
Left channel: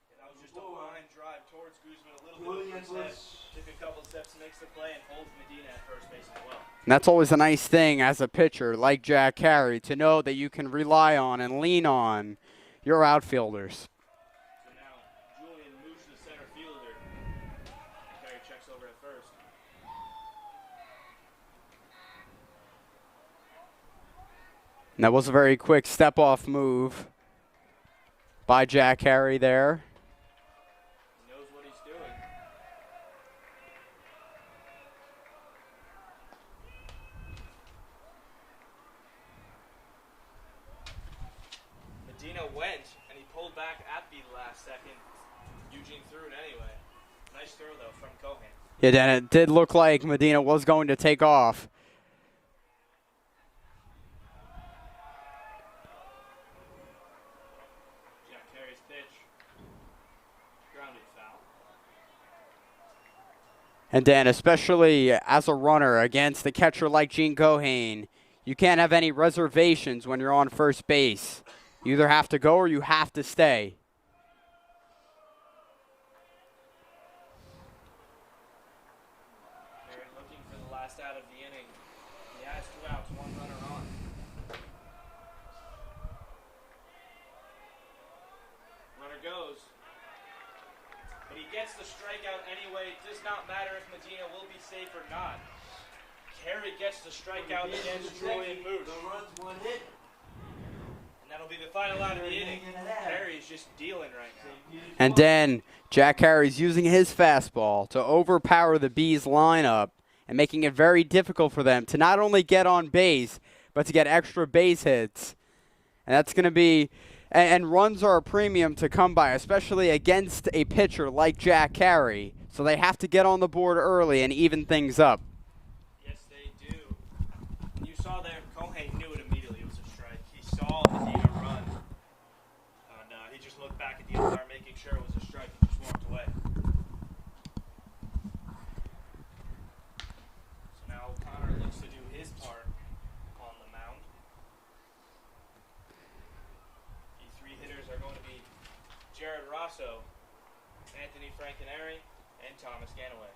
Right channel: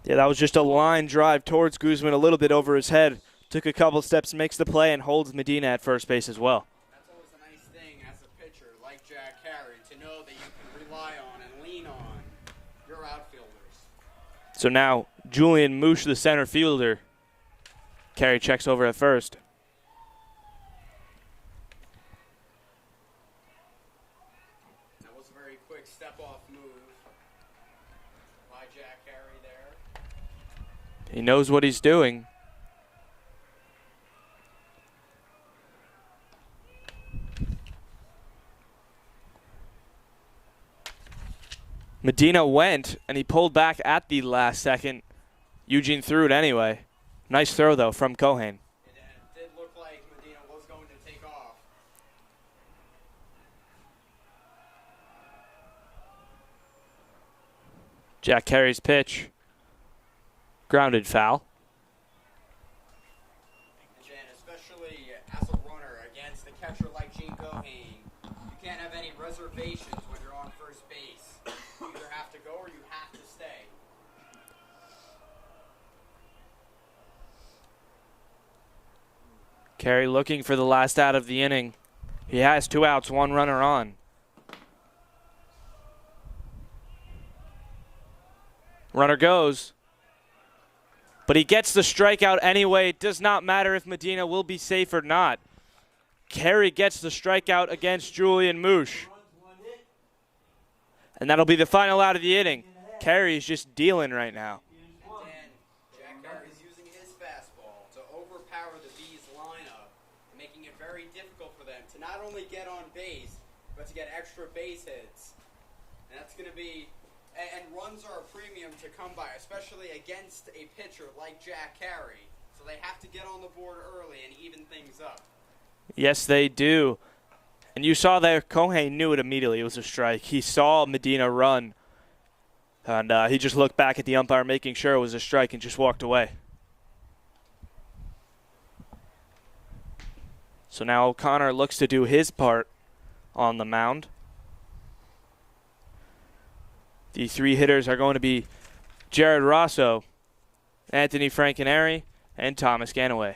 Yeah, that was just a line drive towards Koosman, a little bit over his head. Took a couple steps, makes the play, and holds Medina at first base as well. And that's always a nice thing as a pitcher like Jack Carey, to know that you can rely on and lean on your outfielders. So now Julian Moosh, the center fielder. Carey checks over at first. And that was a very quick step-off move by Jack Carey there. He knows what he's doing. Medina went, and he pulled back at the last second. Eugene threw it anyway. Nice throw, though, from Cohen. Yeah, Dan, it did look like Medina was going to take off. Jack Carey's pitch. Grounded foul. And Dan, especially as a runner against a catcher like Gene Gohane, you can't have any reservations when you're on first base. You either have to go or you have to stay. Carey looking for the last out of the inning. He has 2 outs, 1 runner on. Runner goes. But he gets the strikeout anyway. It does not matter if Medina will be safe or not. Carey gets the strikeout against Julian Moosh. And that'll be the final out of the inning. Carey's just dealing right now. And then Jack Carey's using his fastball to overpower the Bees lineup and making it very difficult for them to not only get on base, but to get extra base hits. And that's going to be, and runs are a premium to come by, especially against a pitcher like Jack Carey. So they have to get on the board early and even things up. Yes, they do. And you saw there, Gohane knew it immediately. It was a strike. He saw Medina run. And he just looked back at the umpire, making sure it was a strike, and just walked away. So now O'Connor looks to do his part on the mound. The 3 hitters are going to be Jared Rosso, Anthony Frankenary, and Thomas Ganaway.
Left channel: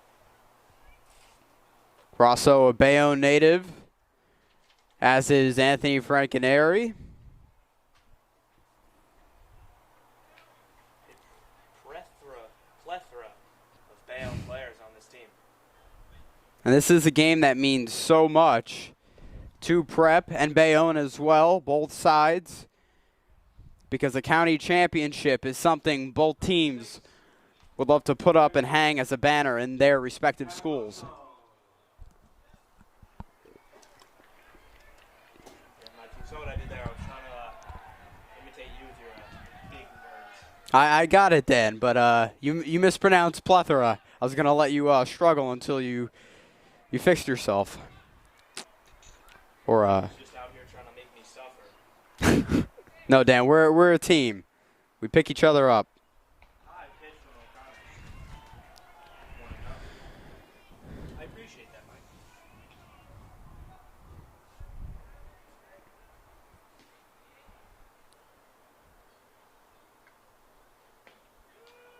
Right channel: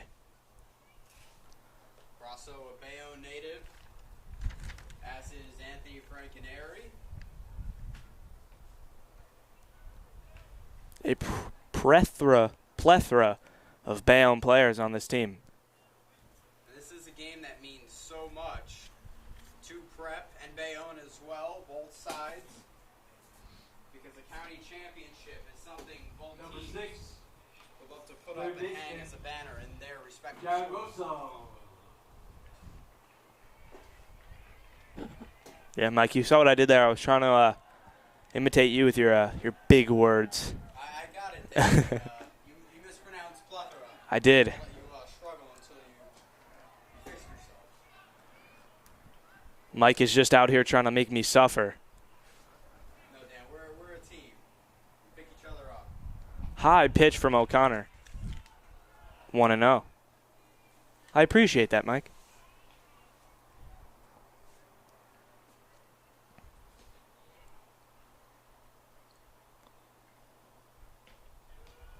Rosso, a Bayonne native, as is Anthony Frankenary. A plethora of Bayonne players on this team. And this is a game that means so much to Prep and Bayonne as well, both sides, because the county championship is something both teams would love to put up and hang as a banner in their respective schools. Yeah, Mike, you saw what I did there. I was trying to imitate you with your big words. I got it, Dan, but you mispronounced plethora. I was going to let you struggle until you fixed yourself. Or, Mike is just out here trying to make me suffer. No, Dan, we're a team. We pick each other up. High pitch from O'Connor. 1-0. I appreciate that, Mike.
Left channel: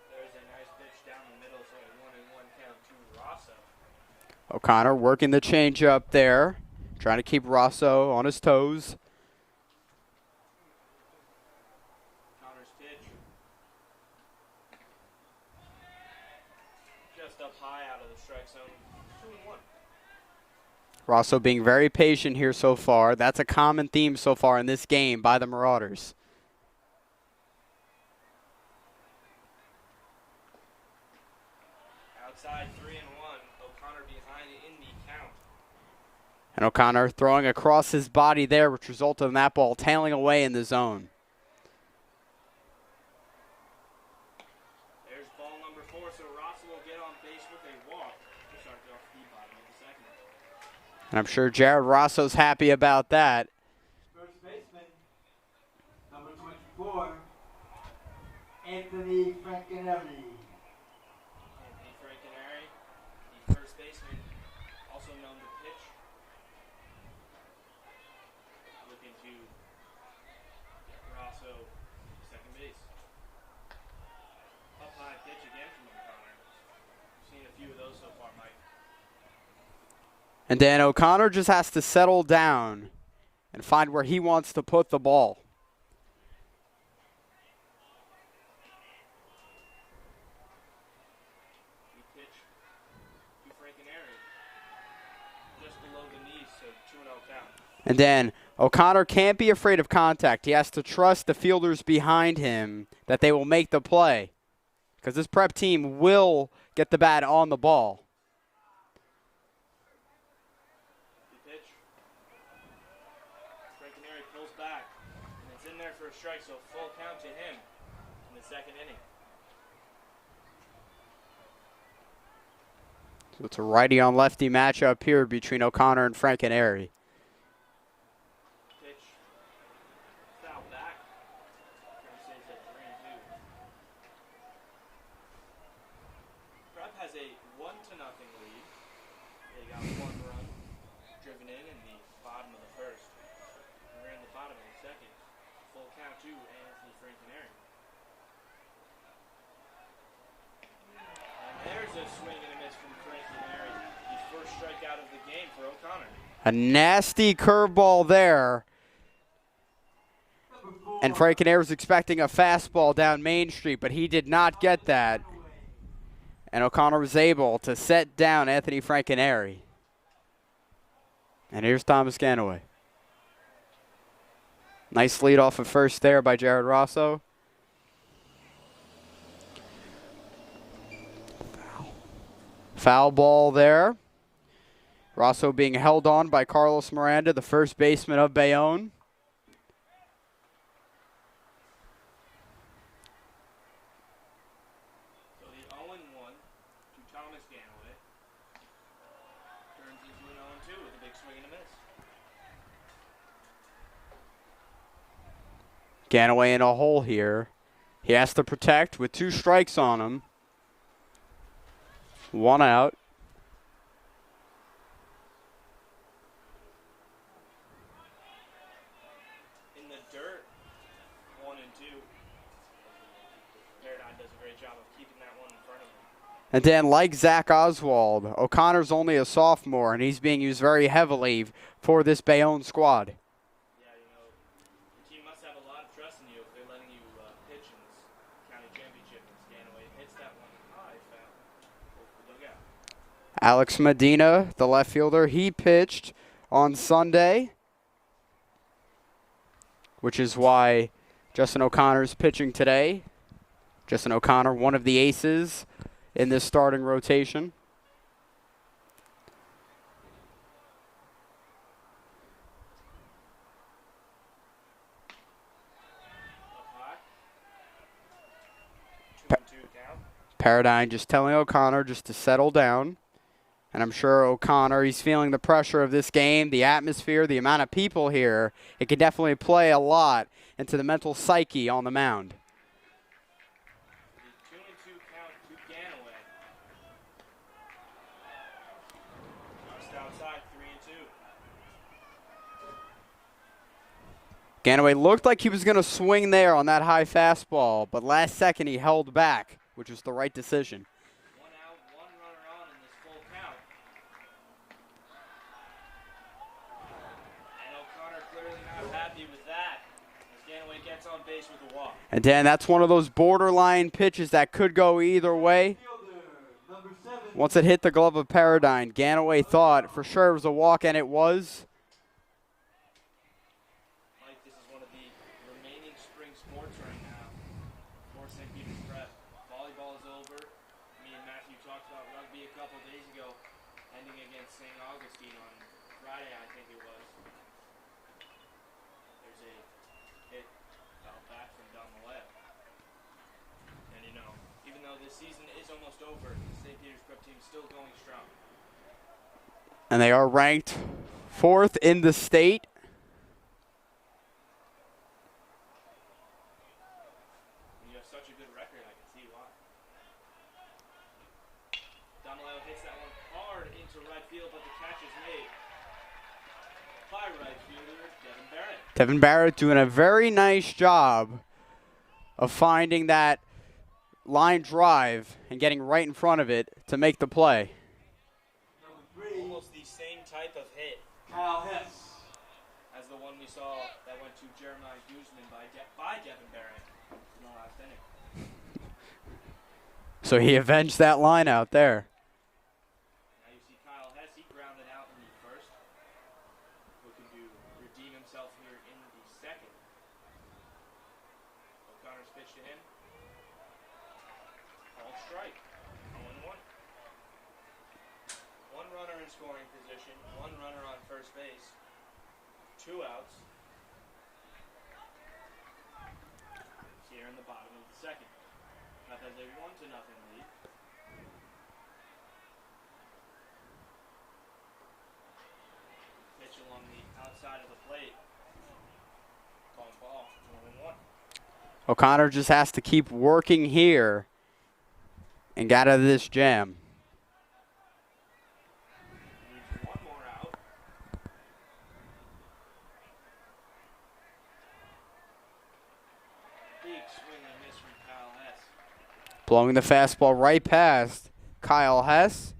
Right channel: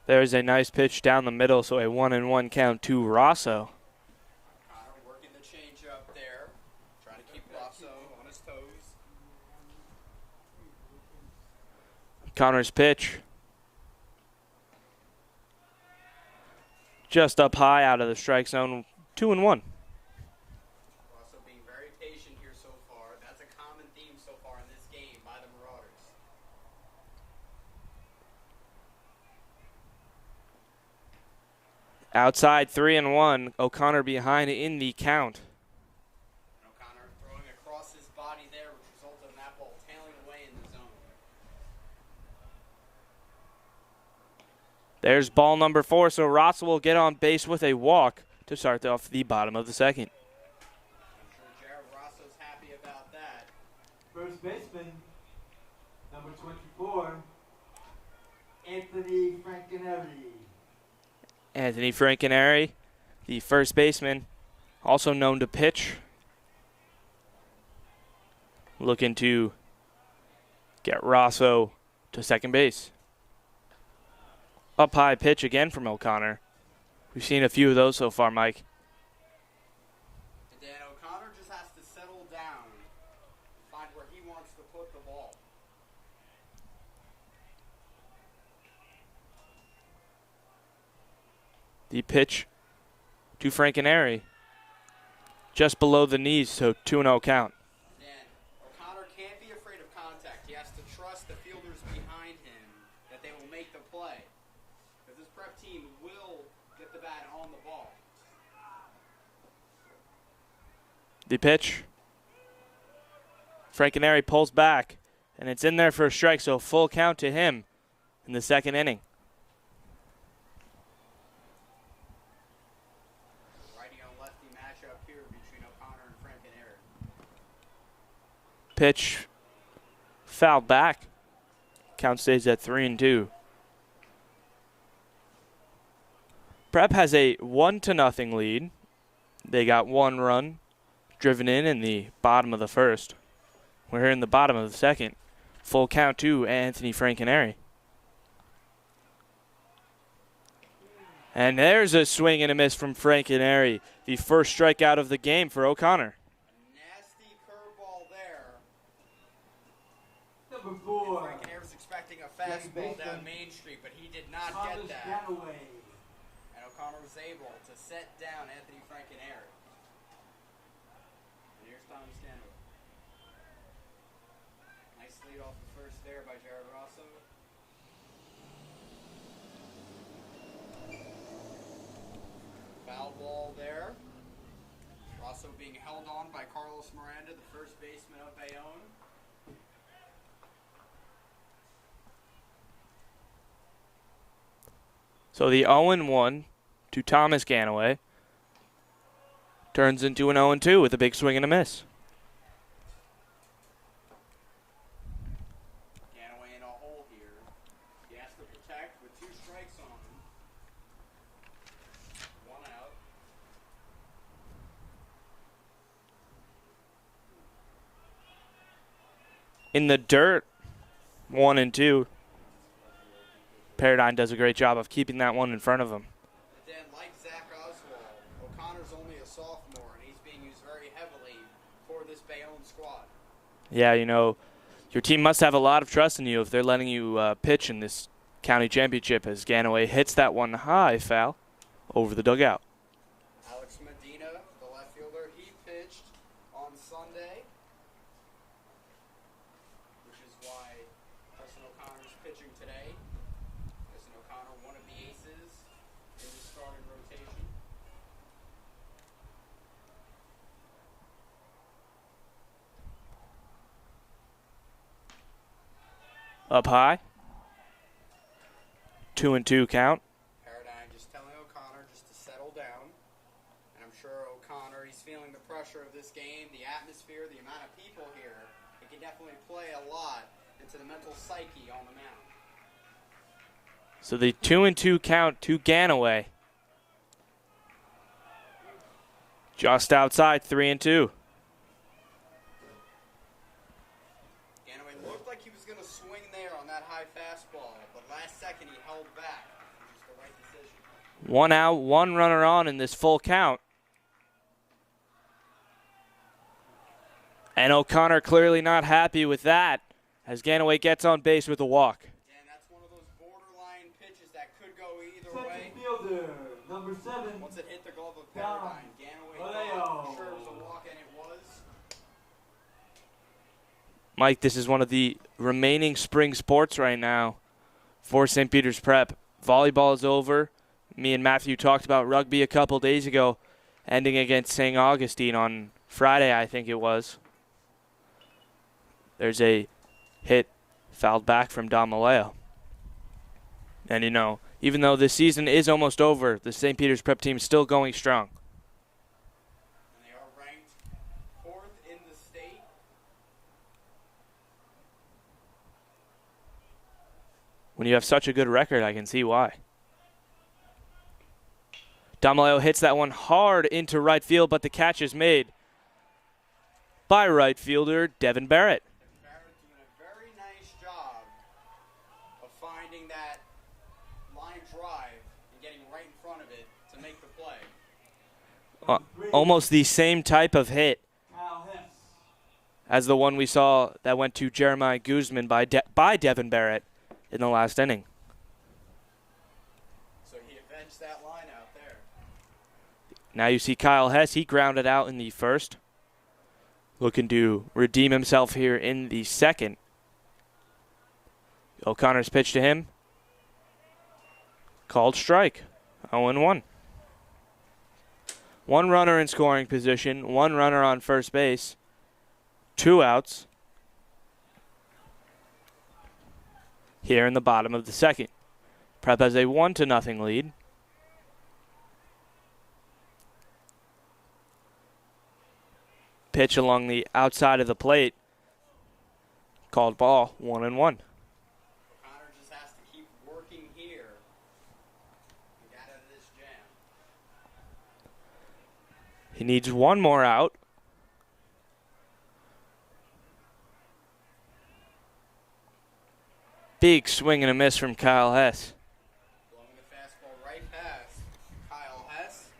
There's a nice pitch down the middle, so a 1-1 count to Rosso. O'Connor working the changeup there, trying to keep Rosso on his toes. Connor's pitch. Just up high out of the strike zone, 2-1. Rosso being very patient here so far. That's a common theme so far in this game by the Marauders. Outside 3-1. O'Connor behind in the count. And O'Connor throwing across his body there, which resulted in that ball tailing away in the zone. There's ball number 4, so Rosso will get on base with a walk to start off the bottom of the second. And I'm sure Jared Rosso's happy about that. First baseman, number 24, Anthony Frankenary. Anthony Frankenary, the first baseman, also known to pitch. Looking to get Rosso to second base. Up high pitch again from O'Connor. We've seen a few of those so far, Mike. And Dan O'Connor just has to settle down and find where he wants to put the ball. The pitch to Frankenary. Just below the knees, so 2-0 count. And then O'Connor can't be afraid of contact. He has to trust the fielders behind him that they will make the play, because this Prep team will get the bat on the ball. The pitch. Frankenary pulls back, and it's in there for a strike, so full count to him in the second inning. So it's a righty on lefty matchup here between O'Connor and Frankenary. Pitch fouled back. Count stays at 3-2. Prep has a 1-0 lead. They got 1 run driven in the bottom of the first. We're here in the bottom of the second. Full count to Anthony Frankenary. And there's a swing and a miss from Frankenary. The first strikeout of the game for O'Connor. A nasty curveball there. And Frankenary was expecting a fastball down Main Street, but he did not get that. And O'Connor was able to set down Anthony Frankenary. And here's Thomas Ganaway. Nice lead off of first there by Jared Rosso. Foul ball there. Rosso being held on by Carlos Miranda, the first baseman of Bayonne. So the 0-1 to Thomas Ganaway turns into an 0-2 with a big swing and a miss. Ganaway in a hole here. He has to protect with 2 strikes on him. 1 out. In the dirt, 1-2. Paradigm does a great job of keeping that one in front of him. And Dan, like Zach Oswald, O'Connor's only a sophomore, and he's being used very heavily for this Bayonne squad. Yeah, you know, your team must have a lot of trust in you if they're letting you pitch in this county championship, as Ganaway hits that one high foul over the dugout. Alex Medina, the left fielder, he pitched on Sunday, which is why Justin O'Connor's pitching today. Justin O'Connor, one of the aces in this starting rotation. Up high. 2-2 count. Paradigm just telling O'Connor just to settle down. And I'm sure O'Connor, he's feeling the pressure of this game, the atmosphere, the amount of people here. It can definitely play a lot into the mental psyche on the mound. So the 2-2 count to Ganaway. Just outside, 3-2. Ganaway looked like he was going to swing there on that high fastball, but last second he held back, which was the right decision. 1 out, 1 runner on in this full count. And O'Connor clearly not happy with that, as Ganaway gets on base with a walk. And Dan, that's one of those borderline pitches that could go either way. Once it hit the glove of Paradigm, Ganaway thought for sure it was a walk, and it was. Mike, this is one of the remaining spring sports right now for St. Peter's Prep. Volleyball is over. Me and Matthew talked about rugby a couple days ago, ending against St. Augustine on Friday, I think it was. There's a hit fouled back from Don Maleo. And, you know, even though the season is almost over, the St. Peter's Prep team is still going strong. And they are ranked 4th in the state. When you have such a good record, I can see why. Don Maleo hits that one hard into right field, but the catch is made by right fielder Devon Barrett. Devon Barrett doing a very nice job of finding that line drive and getting right in front of it to make the play. Almost the same type of hit as the one we saw that went to Jeremiah Koosman by Devon Barrett in the last inning. So he avenged that line out there. Now you see Kyle Hess. He grounded out in the first. Looking to redeem himself here in the second. O'Connor's pitch to him. Called strike. 0-1. 1 runner in scoring position. 1 runner on first base. 2 outs. Here in the bottom of the second. Prep has a 1-0 lead. Pitch along the outside of the plate. Called ball, 1-1. O'Connor just has to keep working here and get out of this jam. He needs one more out. Big swing and a miss from Kyle Hess. Blowing the fastball right past Kyle Hess.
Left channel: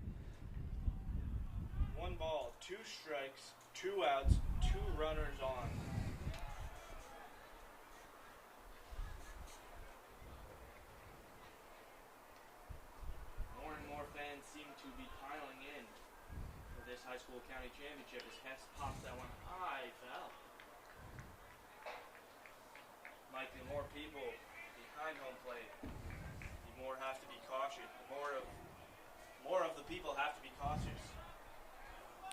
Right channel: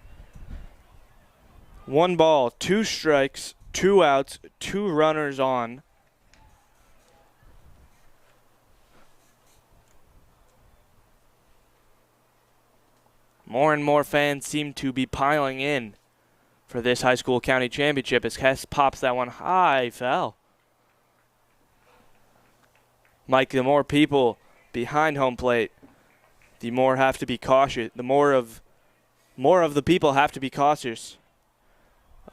1 ball, 2 strikes, 2 outs, 2 runners on. More and more fans seem to be piling in for this high school county championship as Hess pops that one high, foul. Mike, the more people behind home plate, the more have to be cautious. The more of the people have to be cautious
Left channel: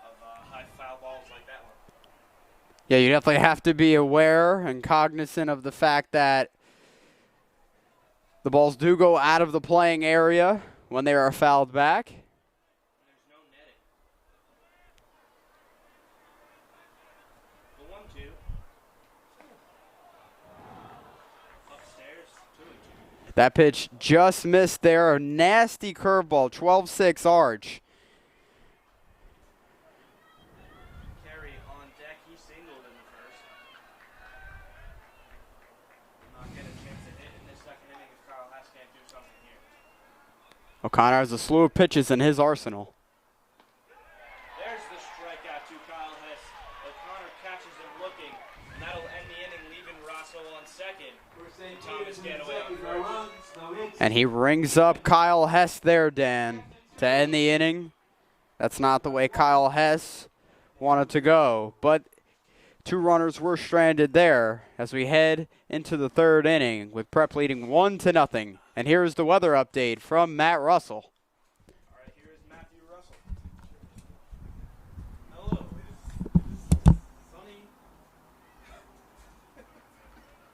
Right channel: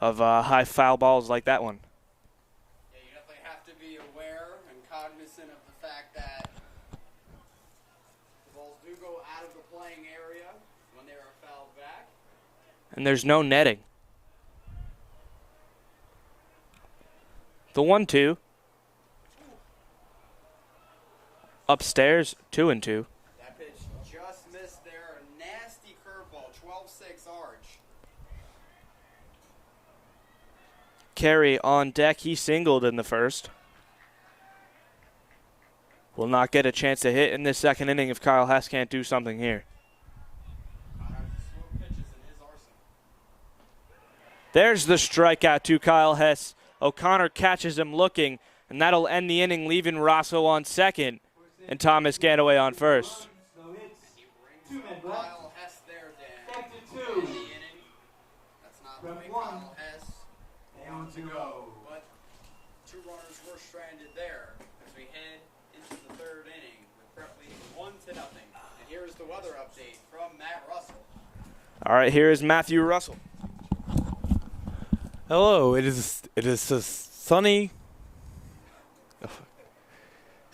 of high foul balls like that one. Yeah, you definitely have to be aware and cognizant of the fact that the balls do go out of the playing area when they are fouled back. And there's no netting. The 1-2. Upstairs, 2-2. That pitch just missed there. A nasty curveball, 12-6 arch. Carey on deck. He singled in the first. Will not get a chance to hit in this second inning if Kyle Hess can't do something here. O'Connor has a slew of pitches in his arsenal. There's the strikeout to Kyle Hess. O'Connor catches him looking, and that'll end the inning, leaving Rosso on second and Thomas Ganaway on first. And he rings up Kyle Hess there, Dan, to end the inning. That's not the way Kyle Hess wanted to go, but 2 runners were stranded there as we head into the 3rd inning with Prep leading 1-0. And here's the weather update from Matt Russell. All right, here is Matthew Russell. Hello, it is a sunny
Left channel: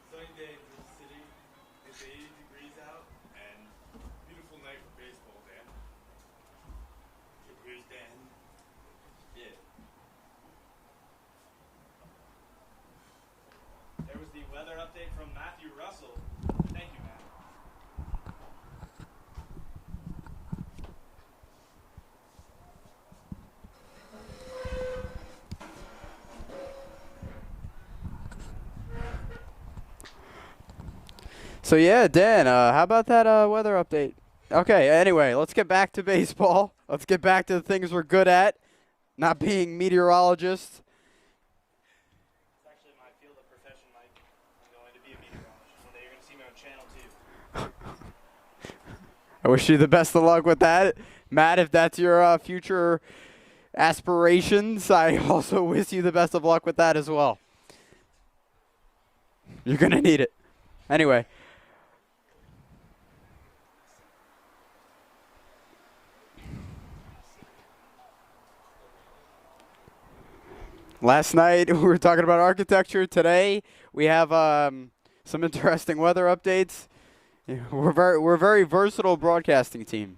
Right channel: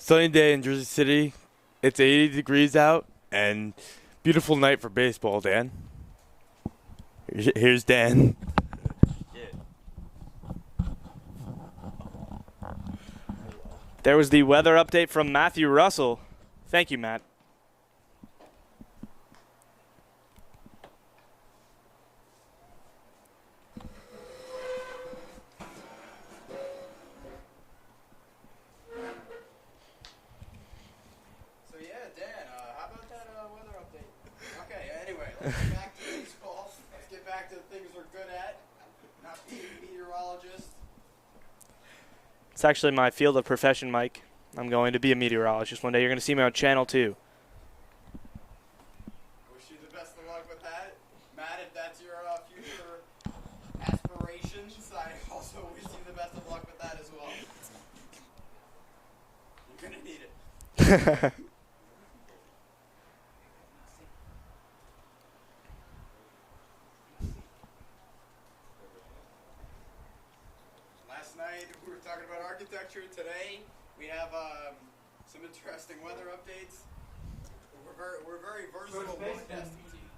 day in Jersey City. It's 80 degrees out and beautiful night for baseball, Dan. Here's Dan. There was the weather update from Matthew Russell. Thank you, Matt. So, yeah, Dan, how about that weather update? Okay, anyway, let's get back to baseball. Let's get back to the things we're good at, not being meteorologists. It's actually my field of profession, Mike. I'm going to be a meteorologist one day. You're going to see me on Channel 2. I wish you the best of luck with that. Matt, if that's your future aspirations, I also wish you the best of luck with that as well. You're going to need it. Anyway. Last night, we were talking about architecture. Today, we have some interesting weather updates. Yeah, we're a very versatile broadcasting team.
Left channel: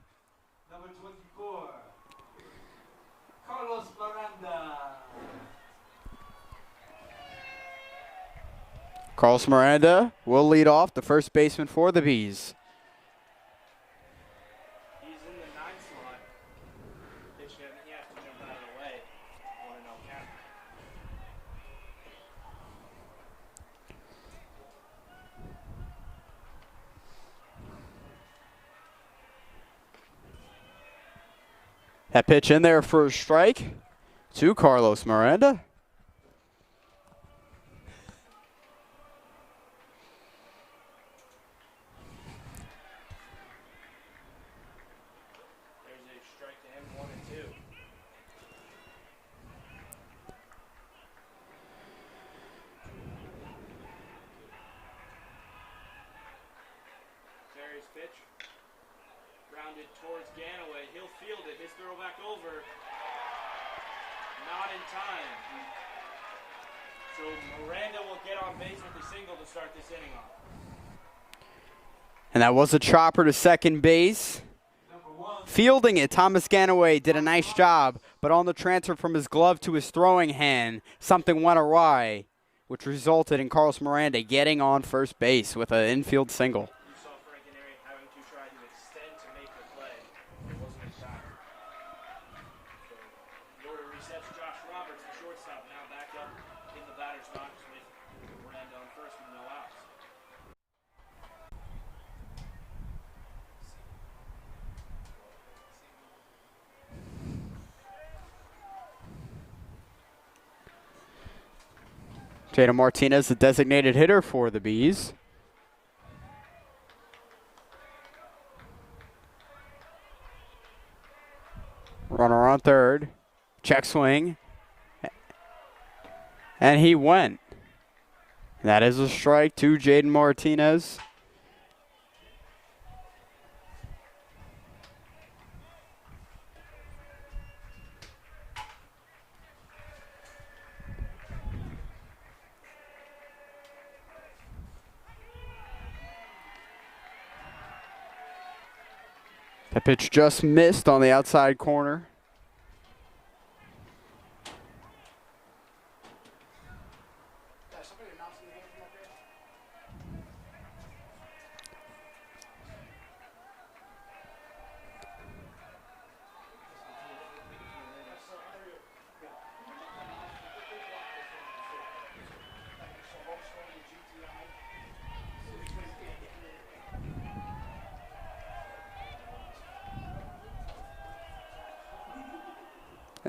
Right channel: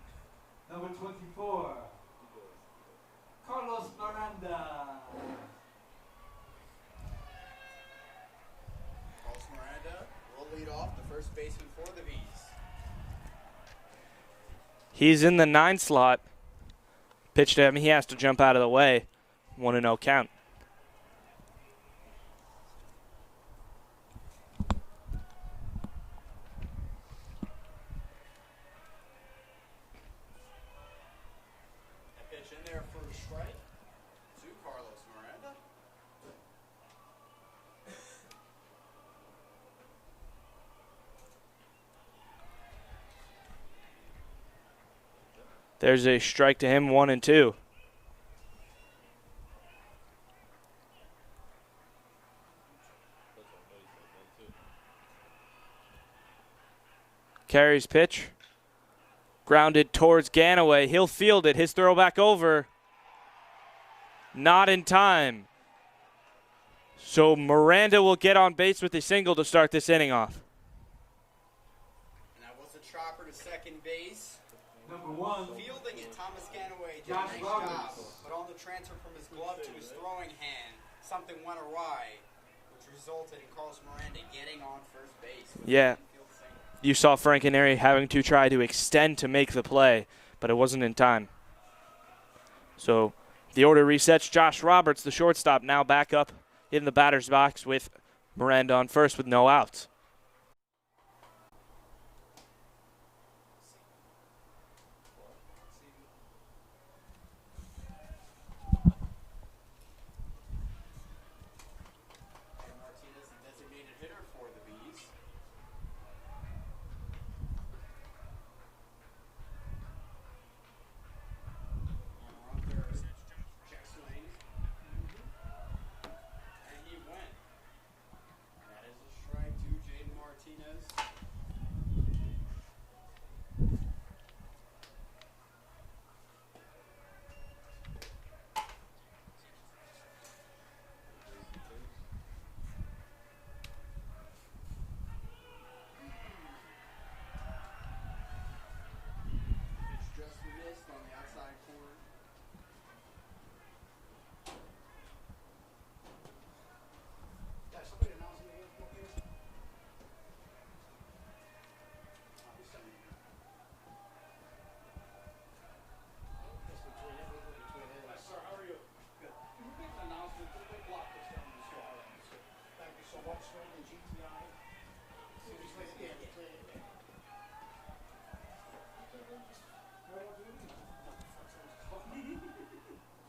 Number 24, Carlos Miranda. Carlos Miranda will lead off, the first baseman for the Bees. He's in the 9 slot. Pitch to him. He has to jump out of the way. 1-0 count. That pitch in there for a strike to Carlos Miranda. There's a strike to him, 1-2. Carries pitch. Grounded towards Ganaway. He'll field it. His throw back over. Not in time. So Miranda will get on base with a single to start this inning off. And that was a chopper to second base. Fielding it, Thomas Ganaway did a nice job, but on the transfer from his glove to his throwing hand, something went awry. which resulted in Carlos Miranda getting on first base with an infield single. You saw Frankenary having to try to extend to make the play, but it wasn't in time. So the order resets. Josh Roberts, the shortstop, now back up in the batter's box with Miranda on first with no outs. Jaden Martinez, the designated hitter for the Bees. Runner on third. Check swing. And he went. That is a strike to Jaden Martinez. That pitch just missed on the outside corner.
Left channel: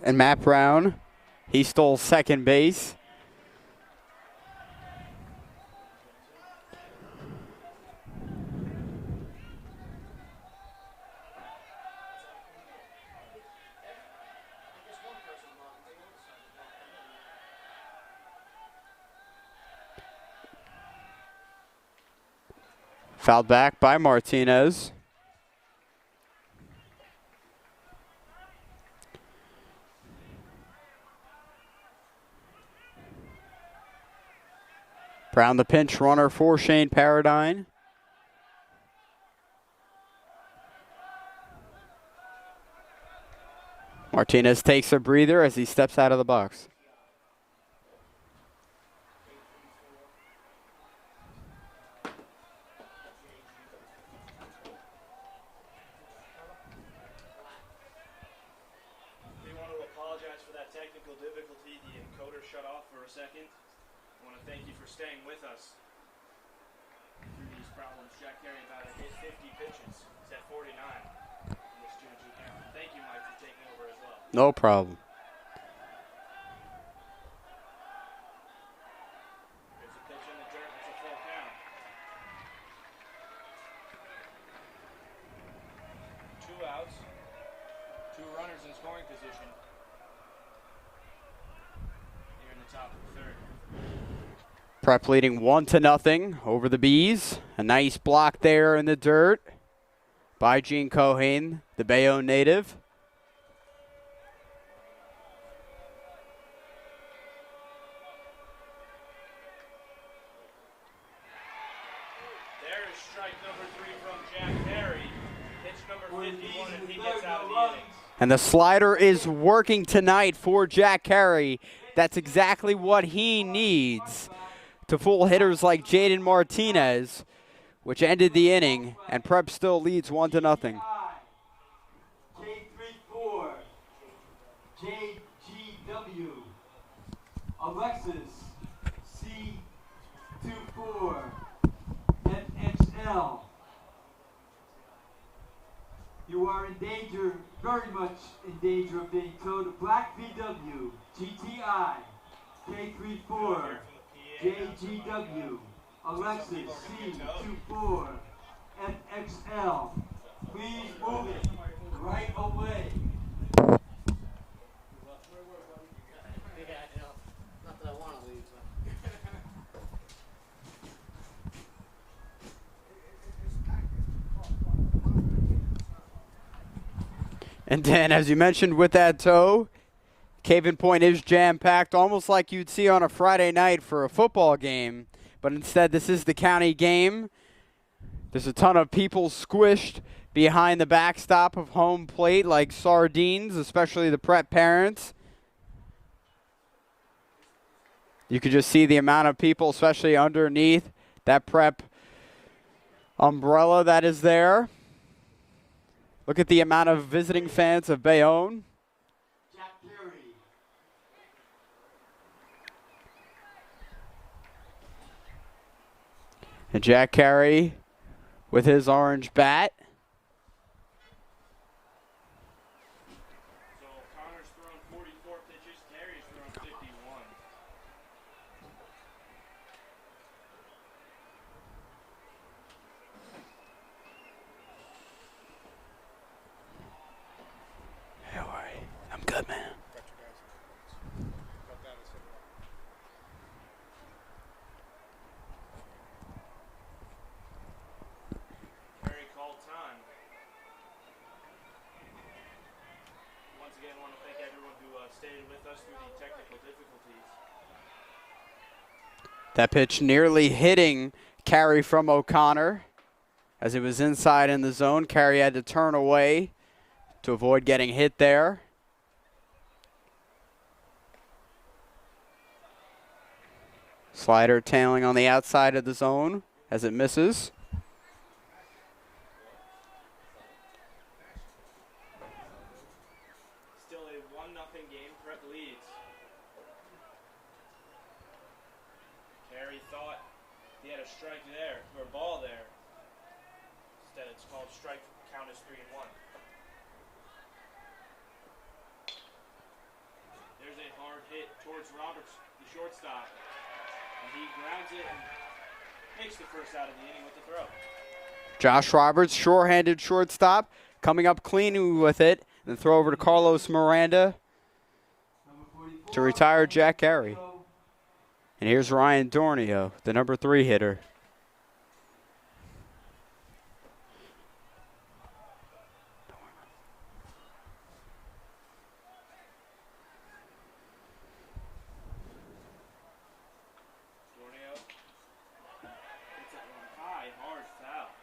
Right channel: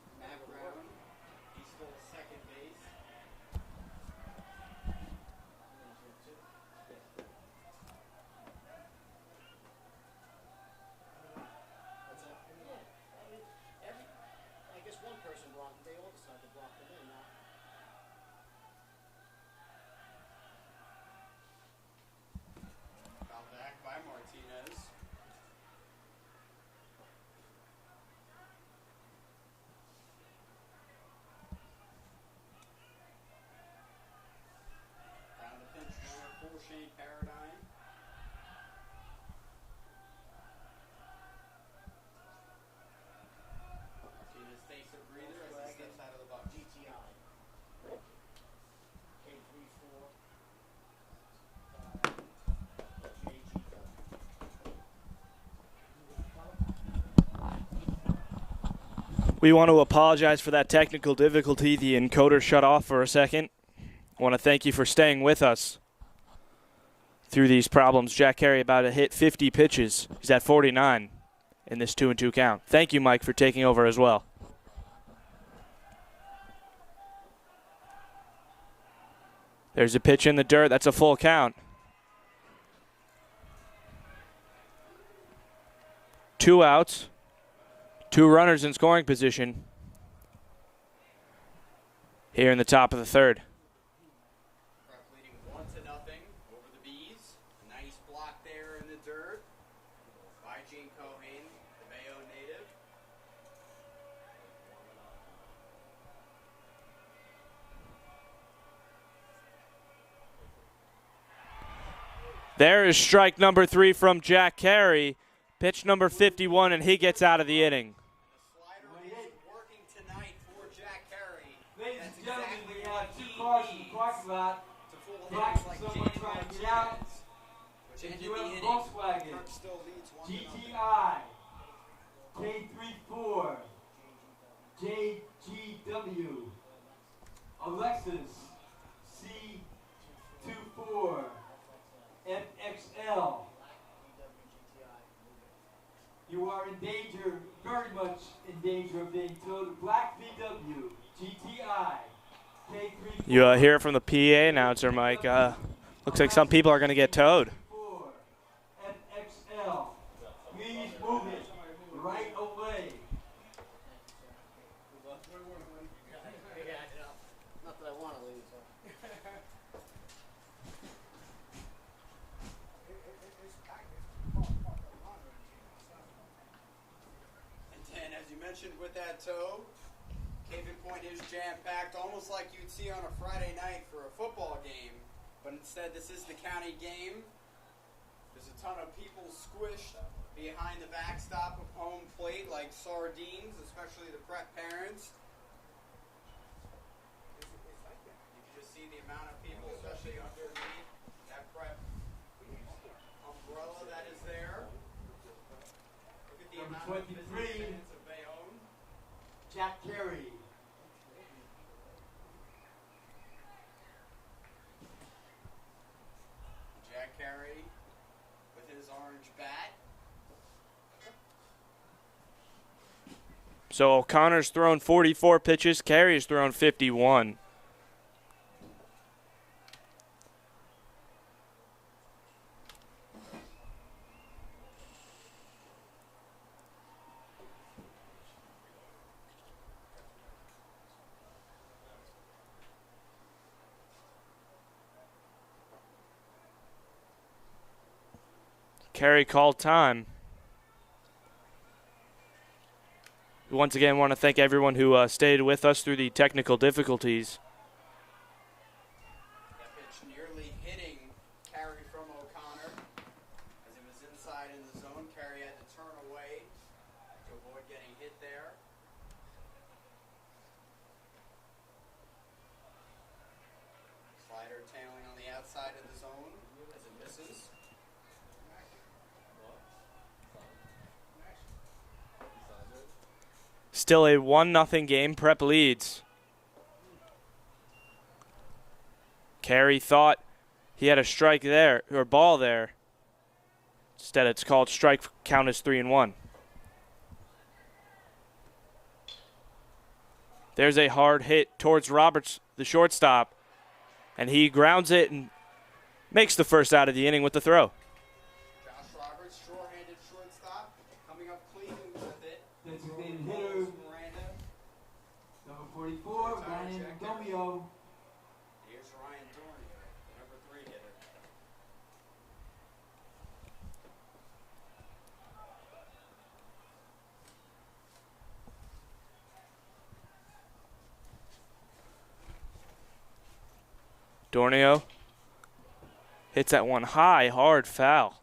And Matt Brown, he stole second base. Fouled back by Martinez. Brown the pinch runner for Shane Paradine. Martinez takes a breather as he steps out of the box. We want to apologize for that technical difficulty. The encoder shut off for a second. I want to thank you for staying with us through these problems. Jack Carey about to hit 50 pitches. He's at 49 in this 2-2 count. Thank you, Mike, for taking over as well. No problem. There's a pitch in the dirt. That's a full count. 2 outs. 2 runners in scoring position here in the top of the third. Prep leading 1-0 over the Bees. A nice block there in the dirt by Gene Cohen, the Bayonne native. There is strike number 3 from Jack Carey. Pitch number 51, and he gets out of the inning. And the slider is working tonight for Jack Carey. That's exactly what he needs to fool hitters like Jaden Martinez, which ended the inning, and Prep still leads 1-0. K34, JGW, Alexis, C24, FXL. You are in danger, very much in danger of being towed to Black VW, GTI. You hear it from the PA announcer, Mike. Looks like some people are going to get towed. FXL, please move it right away. And then, as you mentioned with that tow, Caven Point is jam-packed, almost like you'd see on a Friday night for a football game. But instead, this is the county game. There's a ton of people squished behind the backstop of home plate like sardines, especially the Prep parents. You can just see the amount of people, especially underneath that prep umbrella that is there. Look at the amount of visiting fans of Bayonne. Jack Carey. And Jack Carey with his orange bat. So O'Connor's thrown 44 pitches. Carey's thrown 51. Good, man. Carey called time. We once again want to thank everyone who stayed with us through the technical difficulties. That pitch nearly hitting Carey from O'Connor. As it was inside in the zone, Carey had to turn away to avoid getting hit there. Slider tailing on the outside of the zone as it misses. Still a 1-0 game. Prep leads. Carey thought he had a strike there, or ball there. Instead, it's called strike. Count is 3-1. There's a hard hit towards Roberts, the shortstop. And he grounds it and makes the first out of the inning with the throw. Josh Roberts, sure-handed shortstop, coming up clean with it. And throw over to Carlos Miranda to retire Jack Carey. And here's Ryan Dornio, the number 3 hitter. Dornio hits that one high, hard foul.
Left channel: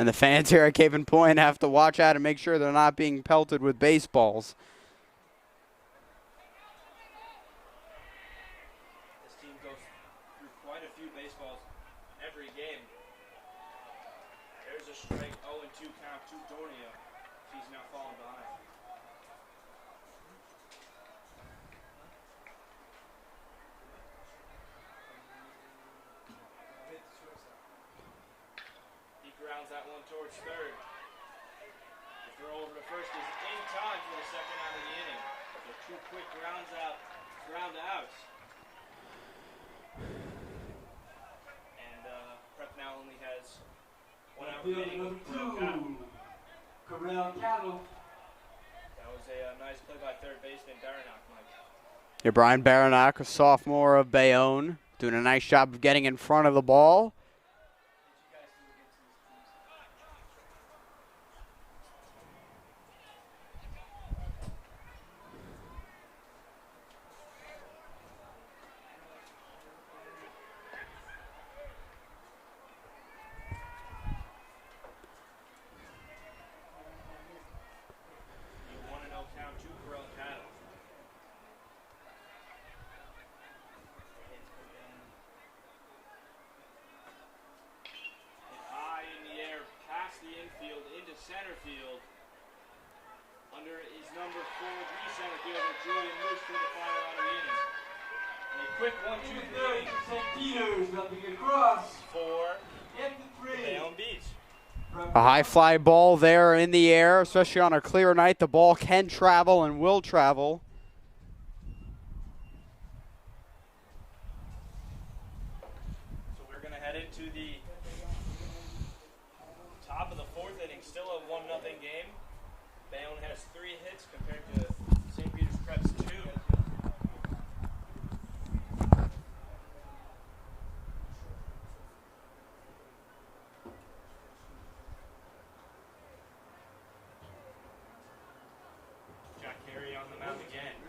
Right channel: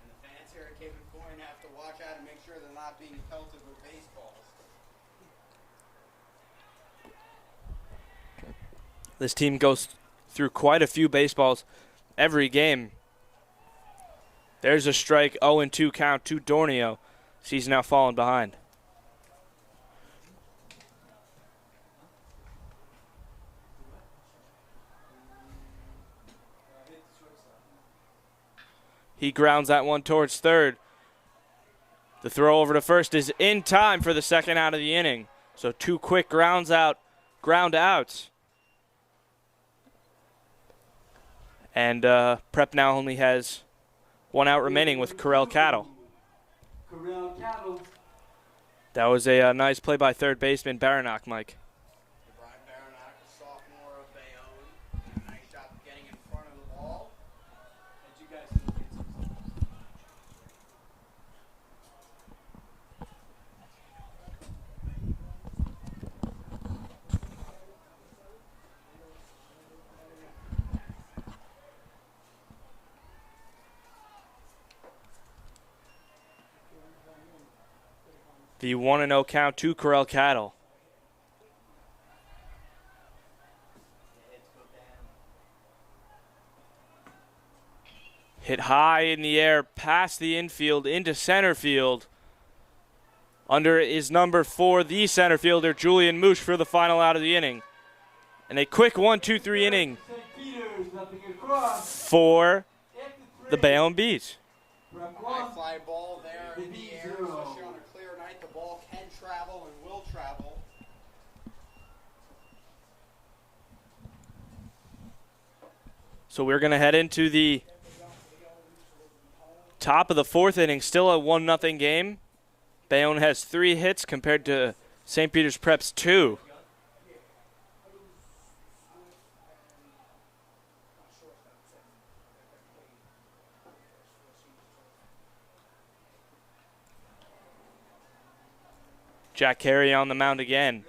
And the fans here at Caven Point have to watch out and make sure they're not being pelted with baseballs. This team goes through quite a few baseballs every game. There's a strike, 0-2 count to Dornio. He's now fallen behind. He grounds that one towards third. The throw over to first is in time for the second out of the inning. So 2 quick ground outs. And Prep now only has 1 out remaining with Corral Cattle. That was a nice play by third baseman Baranock, Mike. Yeah, Brian Baranock, a sophomore of Bayonne, doing a nice job of getting in front of the ball. The 1-0 count to Corral Cattle. Hit high in the air, past the infield, into center field. Under it is number 4, the center fielder, Julian Moosh, for the final out of the inning. And a quick 1-2-3 inning for the Bayonne Bees. A high fly ball there in the air, especially on a clear night. The ball can travel and will travel. So we're going to head into the top of the 4th inning. Still a 1-0 game. Bayonne has 3 hits compared to St. Peter's Prep's 2. Jack Carey on the mound again.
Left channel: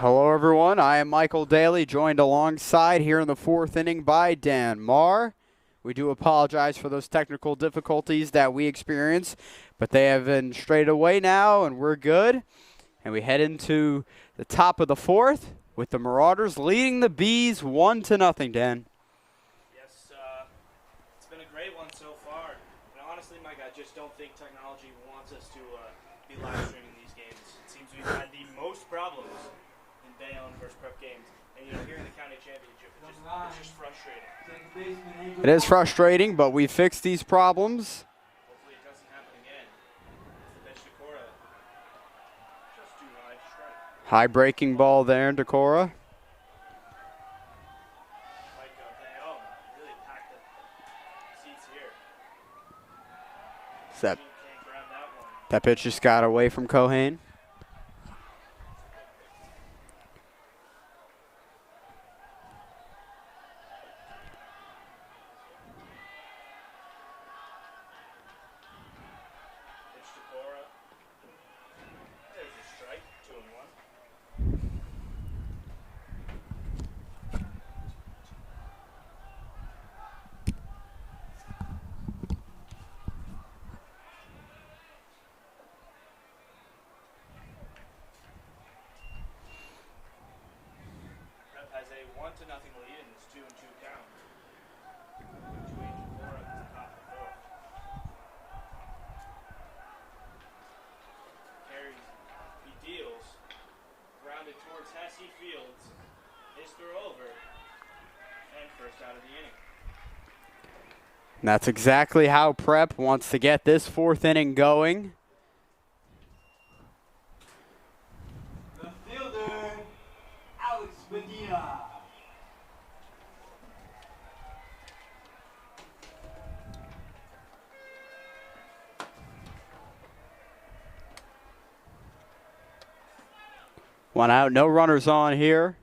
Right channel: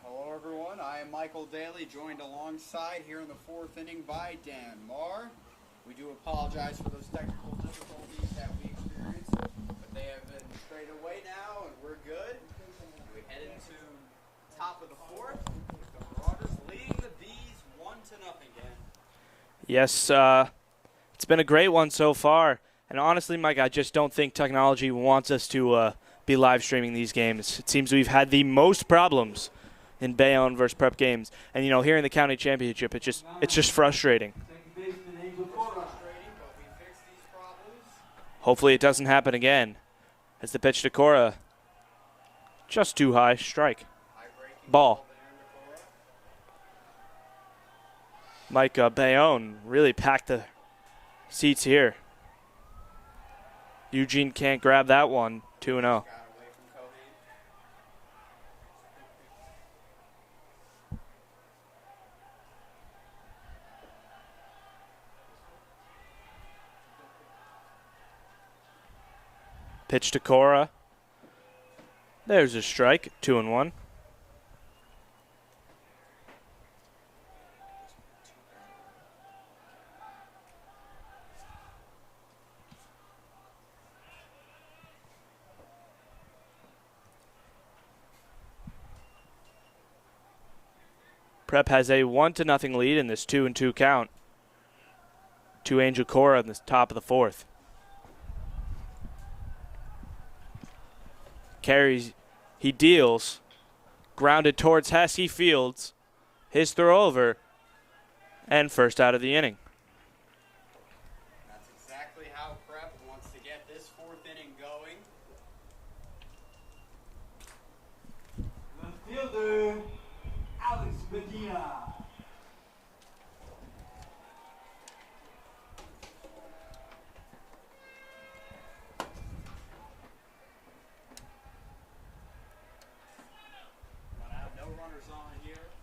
Hello, everyone. I am Michael Daly, joined alongside here in the 4th inning by Dan Marr. We do apologize for those technical difficulties that we experienced, but they have been straight away now, and we're good. And we head into the top of the 4th with the Marauders leading the Bees 1-0, Dan. Yes, it's been a great one so far. And honestly, Mike, I just don't think technology wants us to be live streaming these games. It seems we've had the most problems in Bayonne versus Prep games. And, you know, here in the county championship, it's just frustrating. It is frustrating, but we fixed these problems. Hopefully it doesn't happen again. As the pitch to Cora, just too high, strike. High breaking ball there, Decora. Mike, Bayonne really packed the seats here. Eugene can't grab that one. That pitch just got away from Cohane. Pitch to Cora. There's a strike, 2-1. Prep has a 1-0 lead in this 2-2 count to Angel Cora in the top of the 4th. Carries, he deals, grounded towards Hess, he fields, his throw over, and first out of the inning. And that's exactly how Prep wants to get this 4th inning going. The fielder, Medina. One out, no runners on here.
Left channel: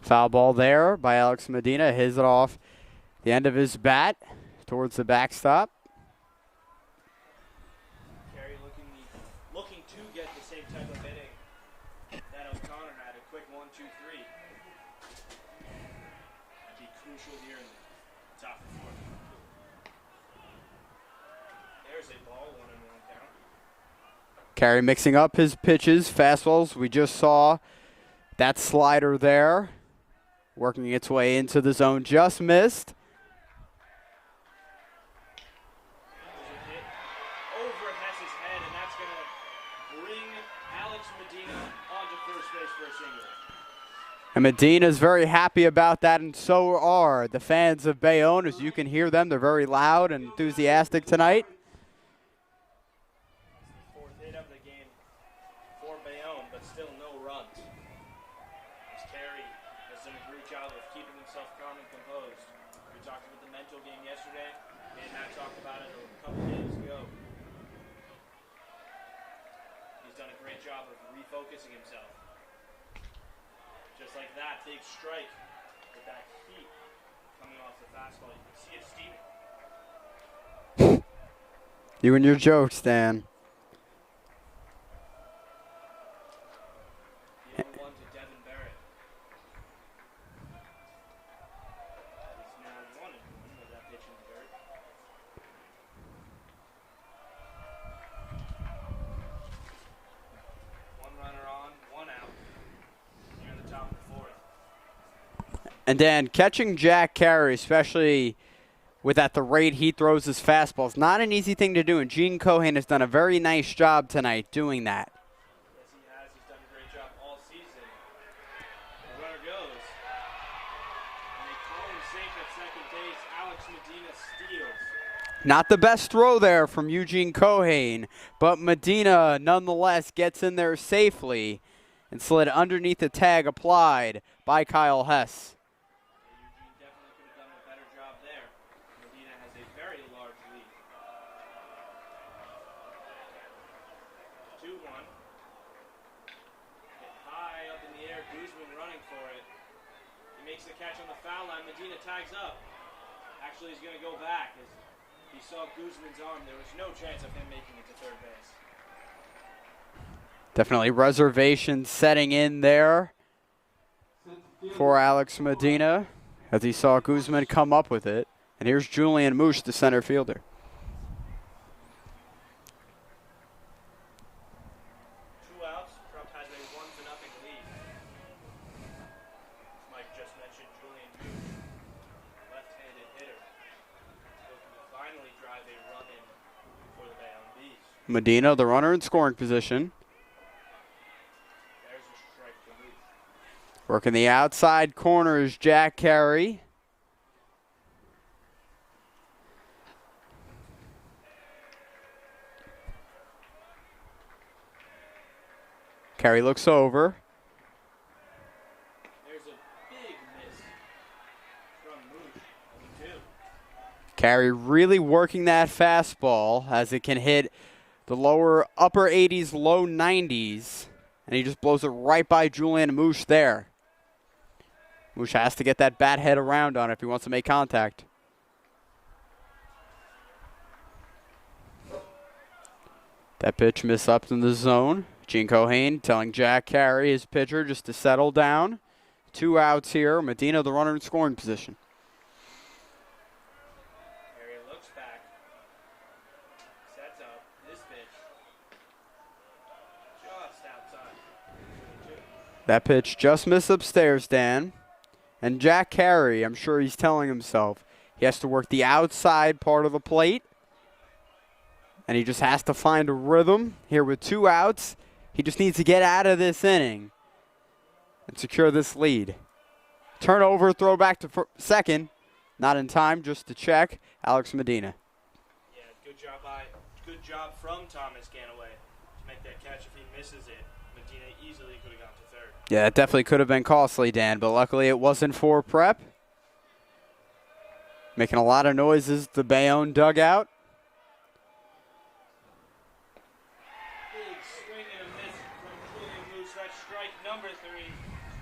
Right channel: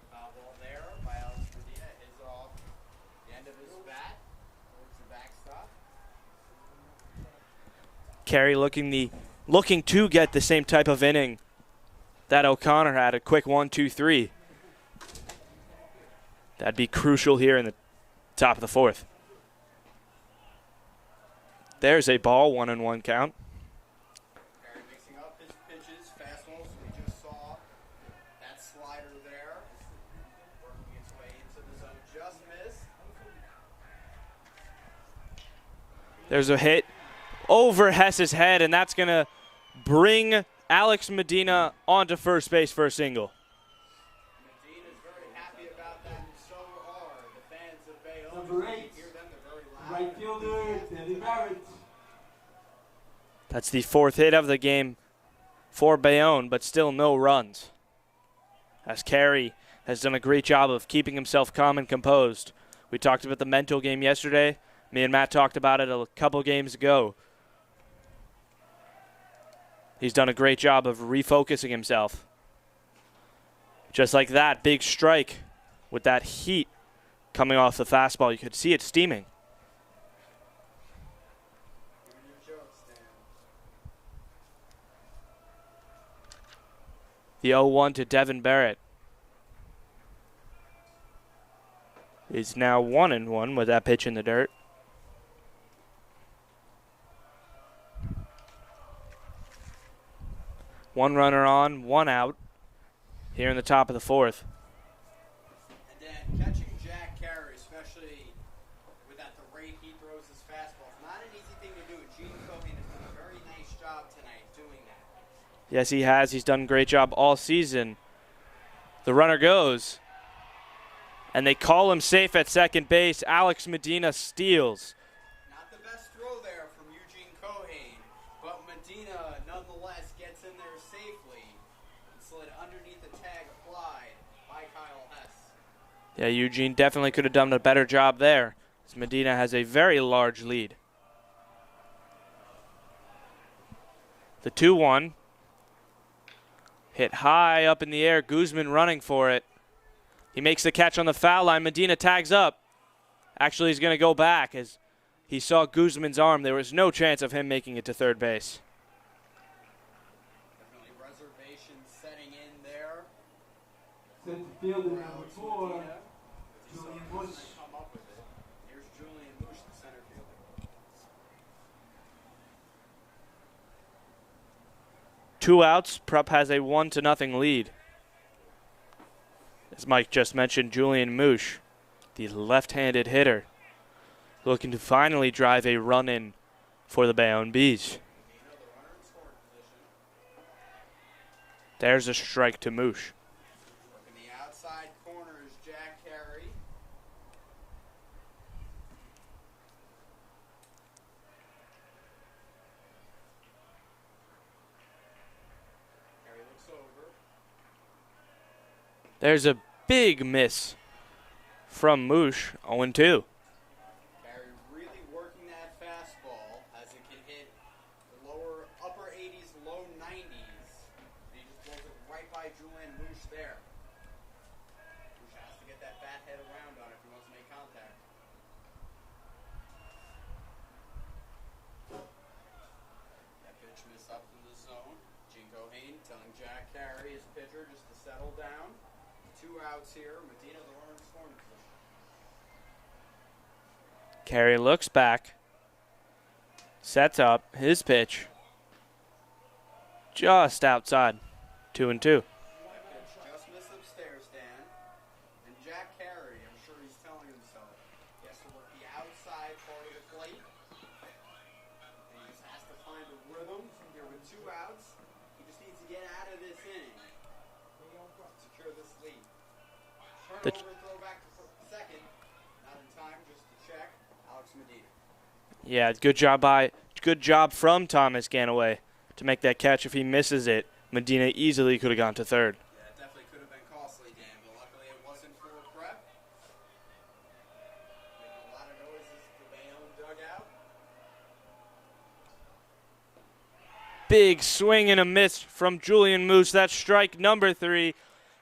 Foul ball there by Alex Medina. Hits it off the end of his bat towards the backstop. Carey looking to get the same type of inning that O'Connor had, a quick 1-2-3. That'd be crucial here in the top of the 4th. There's a ball, 1-1 count. Carey mixing up his pitches, fastballs. We just saw that slider there working its way into the zone, just missed. There's a hit over Hess's head, and that's going to bring Alex Medina onto first base for a single. And Medina's very happy about that, and so are the fans of Bayonne. As you can hear them, they're very loud and enthusiastic tonight. That's the 4th hit of the game for Bayonne, but still no runs. As Carey has done a great job of keeping himself calm and composed. We talked about the mental game yesterday. Me and Matt talked about it a couple games ago. He's done a great job of refocusing himself. Just like that, big strike with that heat coming off the fastball. You could see it steaming. You and your jokes, Dan. The 0-1 to Devon Barrett is now 1-1 with that pitch in the dirt. One runner on, one out here in the top of the 4th. And Dan, catching Jack Carey, especially with at the rate he throws his fastball, is not an easy thing to do, and Gene Cohane has done a very nice job tonight doing that. Yes, he has. He's done a great job all season. The runner goes, and they call him safe at second base. Alex Medina steals. Not the best throw there from Eugene Cohane, but Medina nonetheless gets in there safely and slid underneath the tag applied by Kyle Hess. Yeah, Eugene definitely could have done a better job there. Medina has a very large lead. The 2-1. Hit high up in the air. Koosman running for it. He makes the catch on the foul line. Medina tags up. Actually, he's going to go back as he saw Koosman's arm. There was no chance of him making it to third base. Definitely reservations setting in there for Alex Medina as he saw Koosman come up with it. And here's Julian Moosh, the center fielder. Two outs, Prep has a 1-0 lead. As Mike just mentioned, Julian Moosh, the left-handed hitter, looking to finally drive a run in for the Bayonne Bees. Medina, the runner in scoring position. There's a strike to Moosh. Working the outside corner is Jack Carey. Carey looks over. There's a big miss from Moosh, 0-2. Carey really working that fastball as it can hit the lower upper 80s, low 90s. And he just blows it right by Julian Moosh there. Moosh has to get that bat head around on it if he wants to make contact. That pitch miss up in the zone. Gene Cohane telling Jack Carey, his pitcher, just to settle down. 2 outs here. Medina, the runner in scoring position. Carey looks back, sets up his pitch, just outside, 2-2. That pitch just missed upstairs, Dan. And Jack Carey, I'm sure he's telling himself, he has to work the outside part of the plate. And he just has to find a rhythm here with 2 outs. He just needs to get out of this inning and secure this lead. Turnover, throw back to second. Not in time, just to check. Alex Medina. Yeah, good job from Thomas Ganaway to make that catch. If he misses it, Medina easily could have gone to third. Yeah, it definitely could have been costly, Dan, but luckily it wasn't for Prep. Making a lot of noises, the Bayonne dugout. Big swing and a miss from Julian Moosh. That's strike number 3.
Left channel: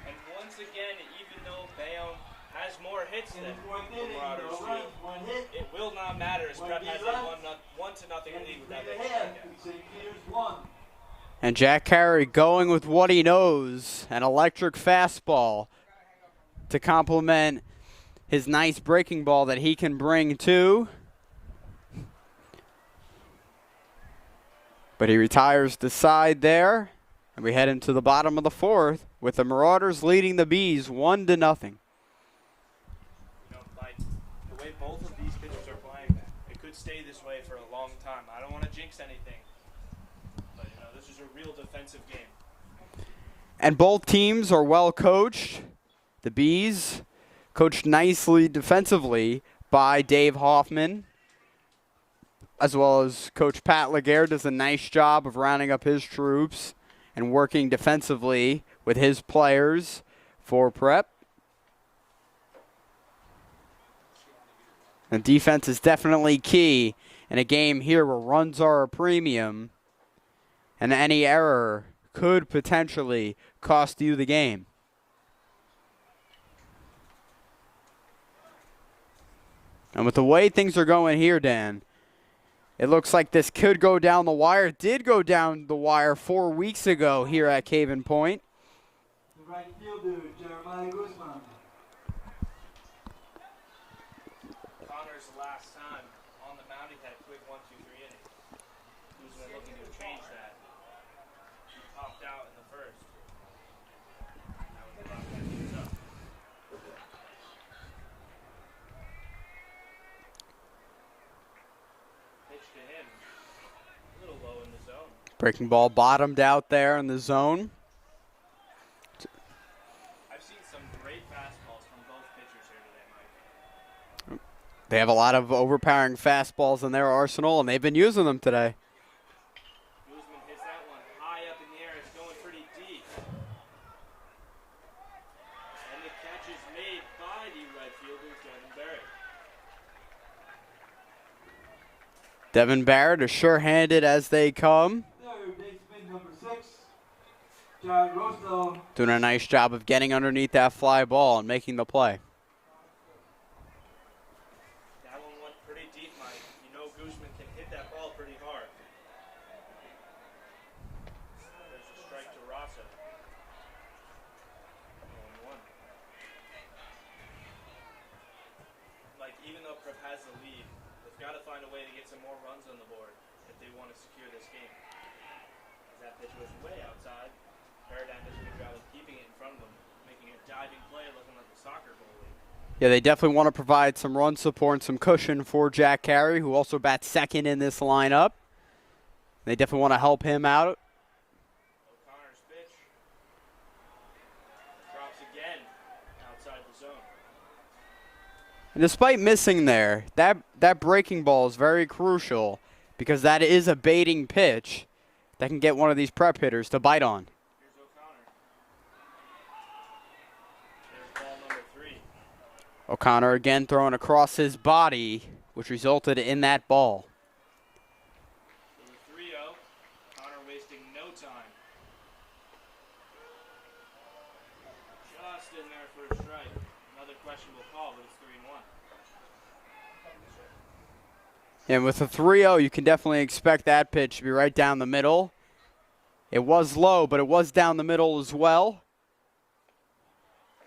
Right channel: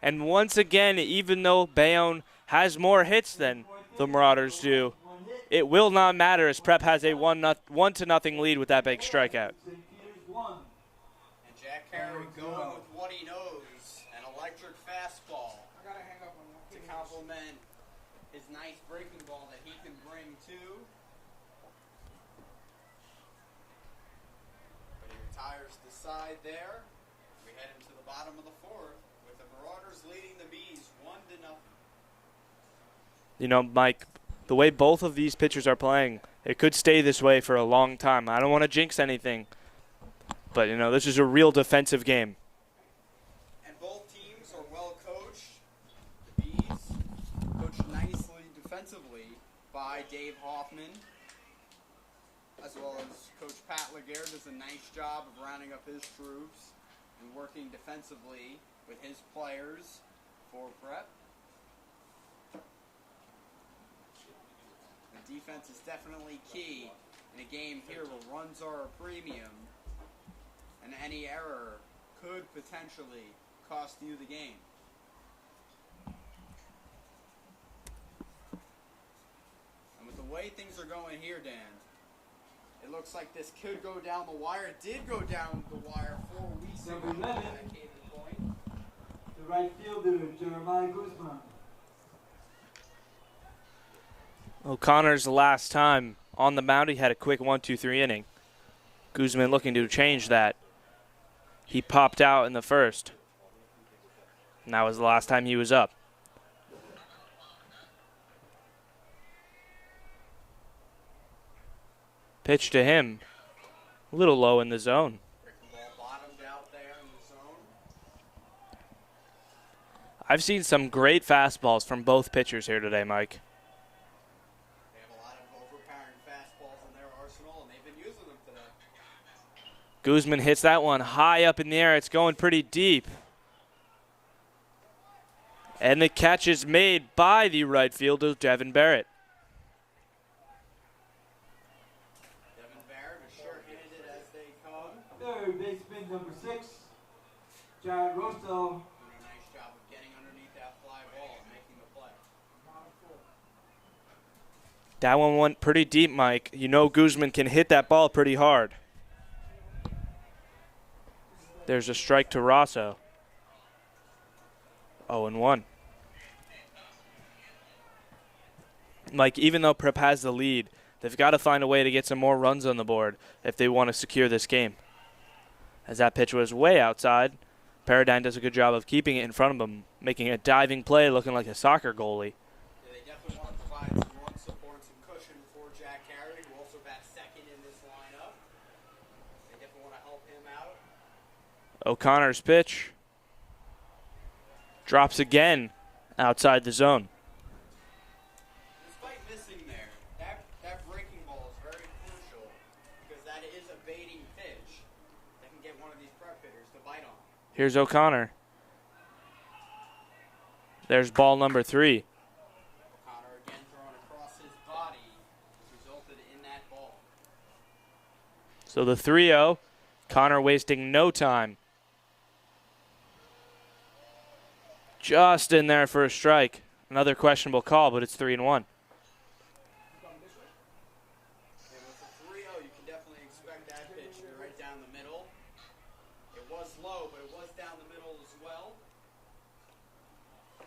And once again, even though Bayonne has more hits than the Marauders do, it will not matter as Prep has a 1-0 lead with that big strikeout. And Jack Carey going with what he knows, an electric fastball to complement his nice breaking ball that he can bring too. But he retires the side there, and we head into the bottom of the 4th with the Marauders leading the Bees 1-0. You know, Mike, the way both of these pitchers are playing, it could stay this way for a long time. I don't want to jinx anything, but, you know, this is a real defensive game. And both teams are well coached. The Bees coached nicely defensively by Dave Hoffman, as well as Coach Pat Laguerre does a nice job of rounding up his troops and working defensively with his players for Prep. And defense is definitely key in a game here where runs are a premium, and any error could potentially cost you the game. And with the way things are going here, Dan, it looks like this could go down the wire. It did go down the wire 4 weeks ago here at Caven Point. The right fielder, Jeremiah Koosman. O'Connor's last time on the mound, he had a quick 1-2-3 inning. Koosman looking to change that. He popped out in the first. And that was the last time he was up. Pitch to him. A little low in the zone. Breaking ball bottomed out there in the zone. I've seen some great fastballs from both pitchers here today, Mike. They have a lot of overpowering fastballs in their arsenal, and they've been using them today. Koosman hits that one high up in the air. It's going pretty deep. And the catch is made by the right fielder, Devon Barrett. Devon Barrett is sure-handed as they come. Third baseman, number 6, Jared Rostel. Doing a nice job of getting underneath that fly ball and making the play. That one went pretty deep, Mike. You know Koosman can hit that ball pretty hard. There's a strike to Rosso. 0-1. Mike, even though Prep has the lead, they've got to find a way to get some more runs on the board if they want to secure this game. As that pitch was way outside, Paradigm does a good job of keeping it in front of him, making a diving play looking like a soccer goalie. Yeah, they definitely want to provide some run support and some cushion for Jack Carey, who also bats second in this lineup. They definitely want to help him out. O'Connor's pitch drops again outside the zone. And despite missing there, that breaking ball is very crucial because that is a baiting pitch that can get one of these Prep hitters to bite on. Here's O'Connor. There's ball number 3. O'Connor again throwing across his body, which resulted in that ball. So the 3-0, Connor wasting no time. Just in there for a strike. Another questionable call, but it's 3-1. And with a 3-0, you can definitely expect that pitch to be right down the middle. It was low, but it was down the middle as well.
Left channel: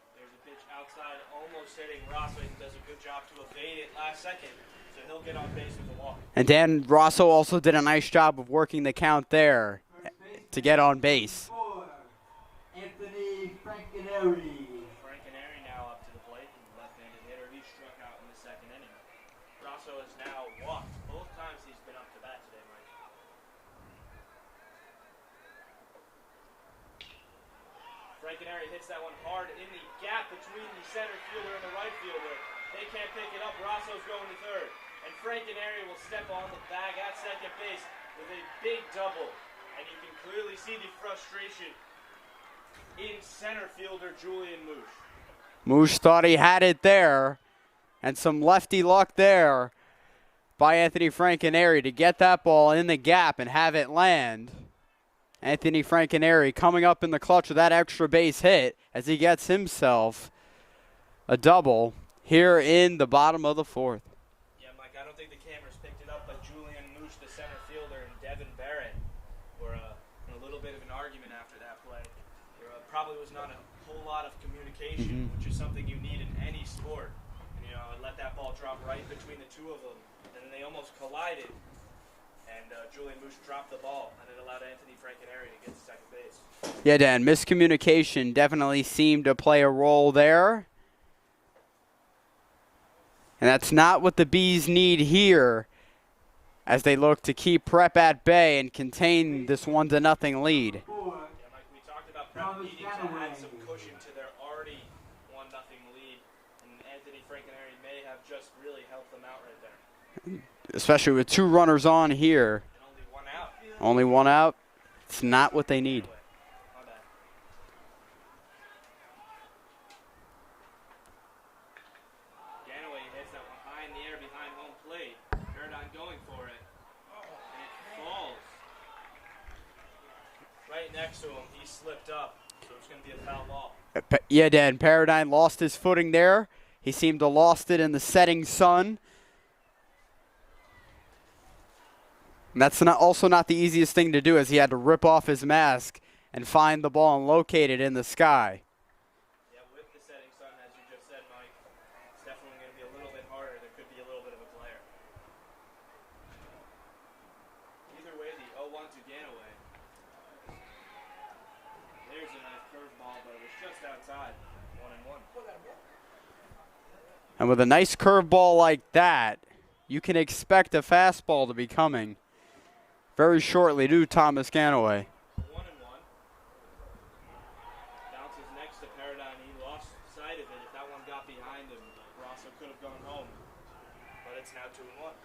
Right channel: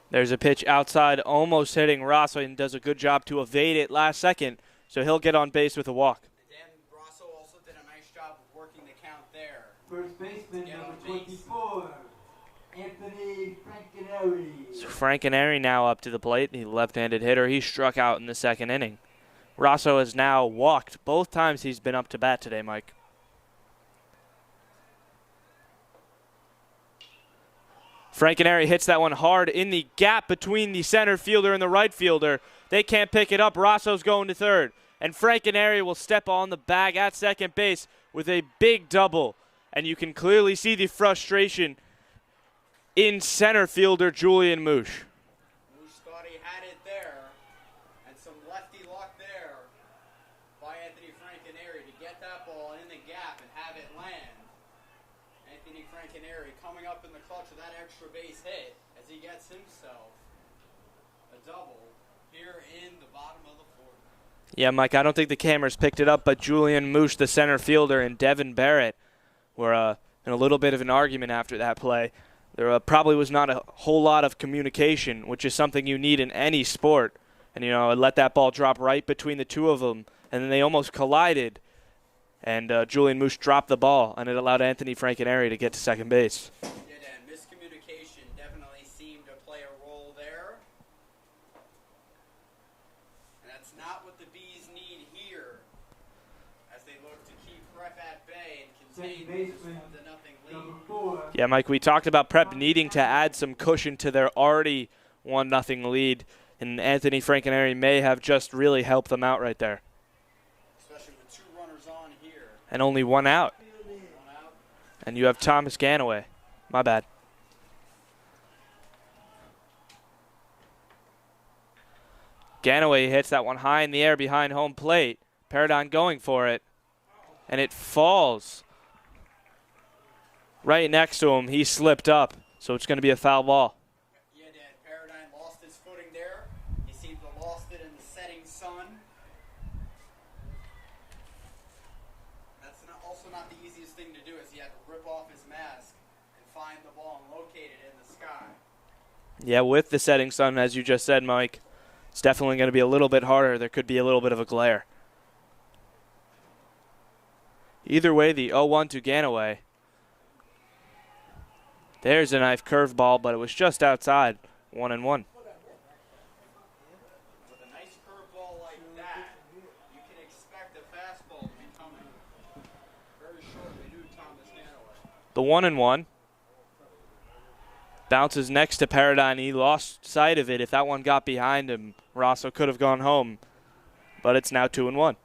There's a pitch outside, almost hitting Rosso, and does a good job to evade it last second, so he'll get on base with a walk. And Dan Rosso also did a nice job of working the count there to get on base. So Frankenary now up to the plate. He's a left-handed hitter. He struck out in the second inning. Rosso has now walked both times he's been up to bat today, Mike. Frankenary hits that one hard in the gap between the center fielder and the right fielder. They can't pick it up. Rosso's going to third. And Frankenary will step on the bag at second base with a big double. And you can clearly see the frustration in center fielder Julian Moosh. Moosh thought he had it there, and some lefty luck there by Anthony Frankenary to get that ball in the gap and have it land. Anthony Frankenary coming up in the clutch of that extra base hit as he gets himself a double here in the bottom of the 4th. Yeah, Mike, I don't think the cameras picked it up, but Julian Moosh, the center fielder, and Devon Barrett were in a little bit of an argument after that play. There probably was not a whole lot of communication, which is something you need in any sport. And, let that ball drop right between the two of them, and then they almost collided. And Julian Moosh dropped the ball, and it allowed Anthony Frankenary to get to second base. Yeah, Dan, miscommunication definitely seemed to play a role there. And that's not what the Bees need here as they look to keep Prep at bay and contain this 1-0 lead. Yeah, Mike, we talked about Prep needing to add some cushion to their already 1-0 lead, and Anthony Frankenary may have just really helped them out right there. Especially with 2 runners on here. And only 1 out. Only 1 out. And you have Thomas Ganaway. My bad. Ganaway hits that one high in the air behind home plate. Paradigm going for it. And it falls right next to him. He slipped up, so it's going to be a foul ball. Yeah, Dan, Paradigm lost his footing there. He seemed to lost it in the setting sun. And that's also not the easiest thing to do, as he had to rip off his mask and find the ball and locate it in the sky. Yeah, with the setting sun, as you just said, Mike, it's definitely going to be a little bit harder. There could be a little bit of a glare. Either way, the 0-1 to Ganaway. There's a nice curveball, but it was just outside. 1-1. And with a nice curveball like that, you can expect a fastball to be coming very shortly to Thomas Ganaway. The 1-1. Bounces next to Paradigm. He lost sight of it. If that one got behind him, Rosso could have gone home. But it's now 2-1.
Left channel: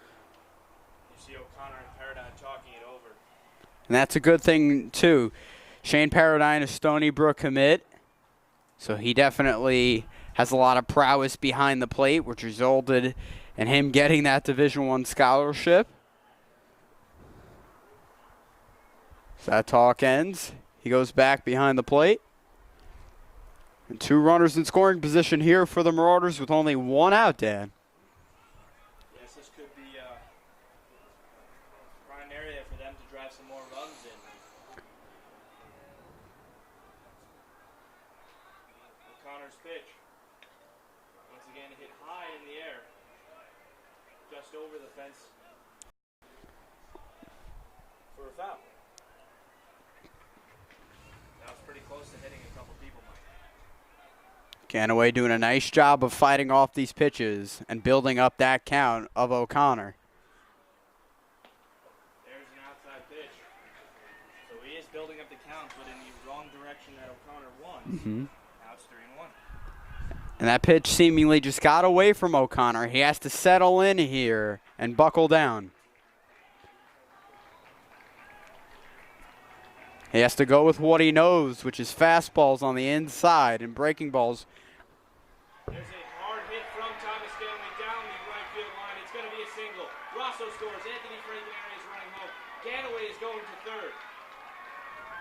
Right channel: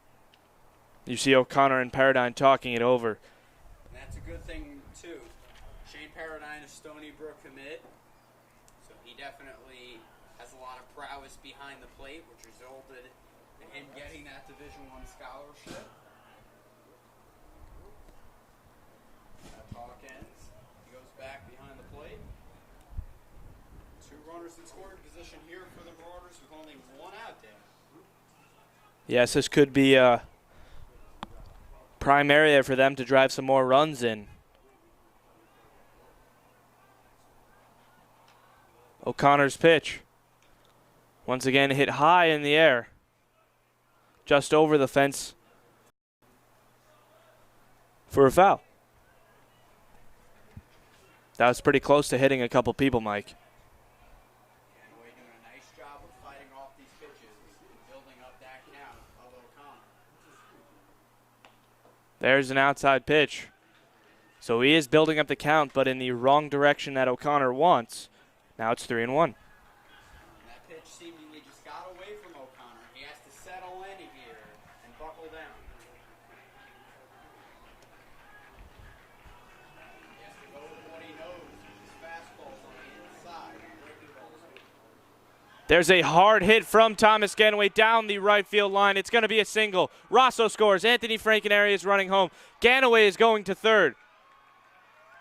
You see O'Connor and Paradigm talking it over. And that's a good thing, too. Shane Paradigm is Stony Brook commit, so he definitely has a lot of prowess behind the plate, which resulted in him getting that Division I scholarship. So that talk ends. He goes back behind the plate. And 2 runners in scoring position here for the Marauders with only 1 out, Dan. Yes, this could be a prime area for them to drive some more runs in. O'Connor's pitch. Once again hit high in the air. Just over the fence for a foul. That was pretty close to hitting a couple people, Mike. Ganaway doing a nice job of fighting off these pitches and building up that count of O'Connor. There's an outside pitch. So he is building up the count, but in the wrong direction that O'Connor wants. Now it's 3-1. And that pitch seemingly just got away from O'Connor. He has to settle in here and buckle down. He has to go with what he knows, which is fastballs on the inside and breaking balls. There's a hard hit from Thomas Ganaway down the right field line. It's going to be a single. Rosso scores. Anthony Frankenary is running home. Ganaway is going to third.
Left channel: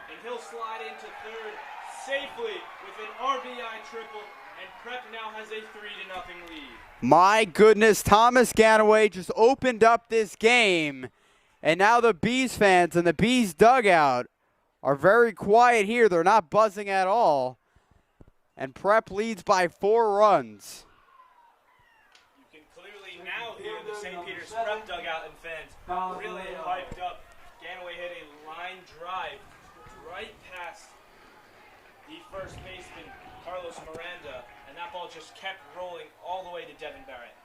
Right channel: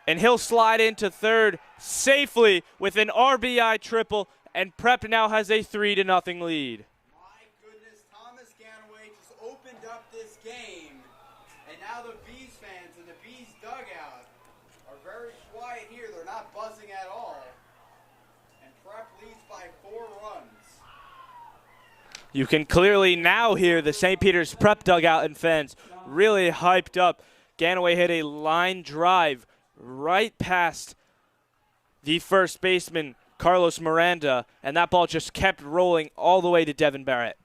And he'll slide into third safely with an RBI triple. And Prep now has a 3-0 lead. My goodness, Thomas Ganaway just opened up this game. And now the Bees fans and the Bees dugout are very quiet here. They're not buzzing at all. And Prep leads by 4 runs. You can clearly now hear the St. Peter's Prep dugout and fans really hyped up. Ganaway hit a line drive right past the first baseman, Carlos Miranda, and that ball just kept rolling all the way to Devon Barrett.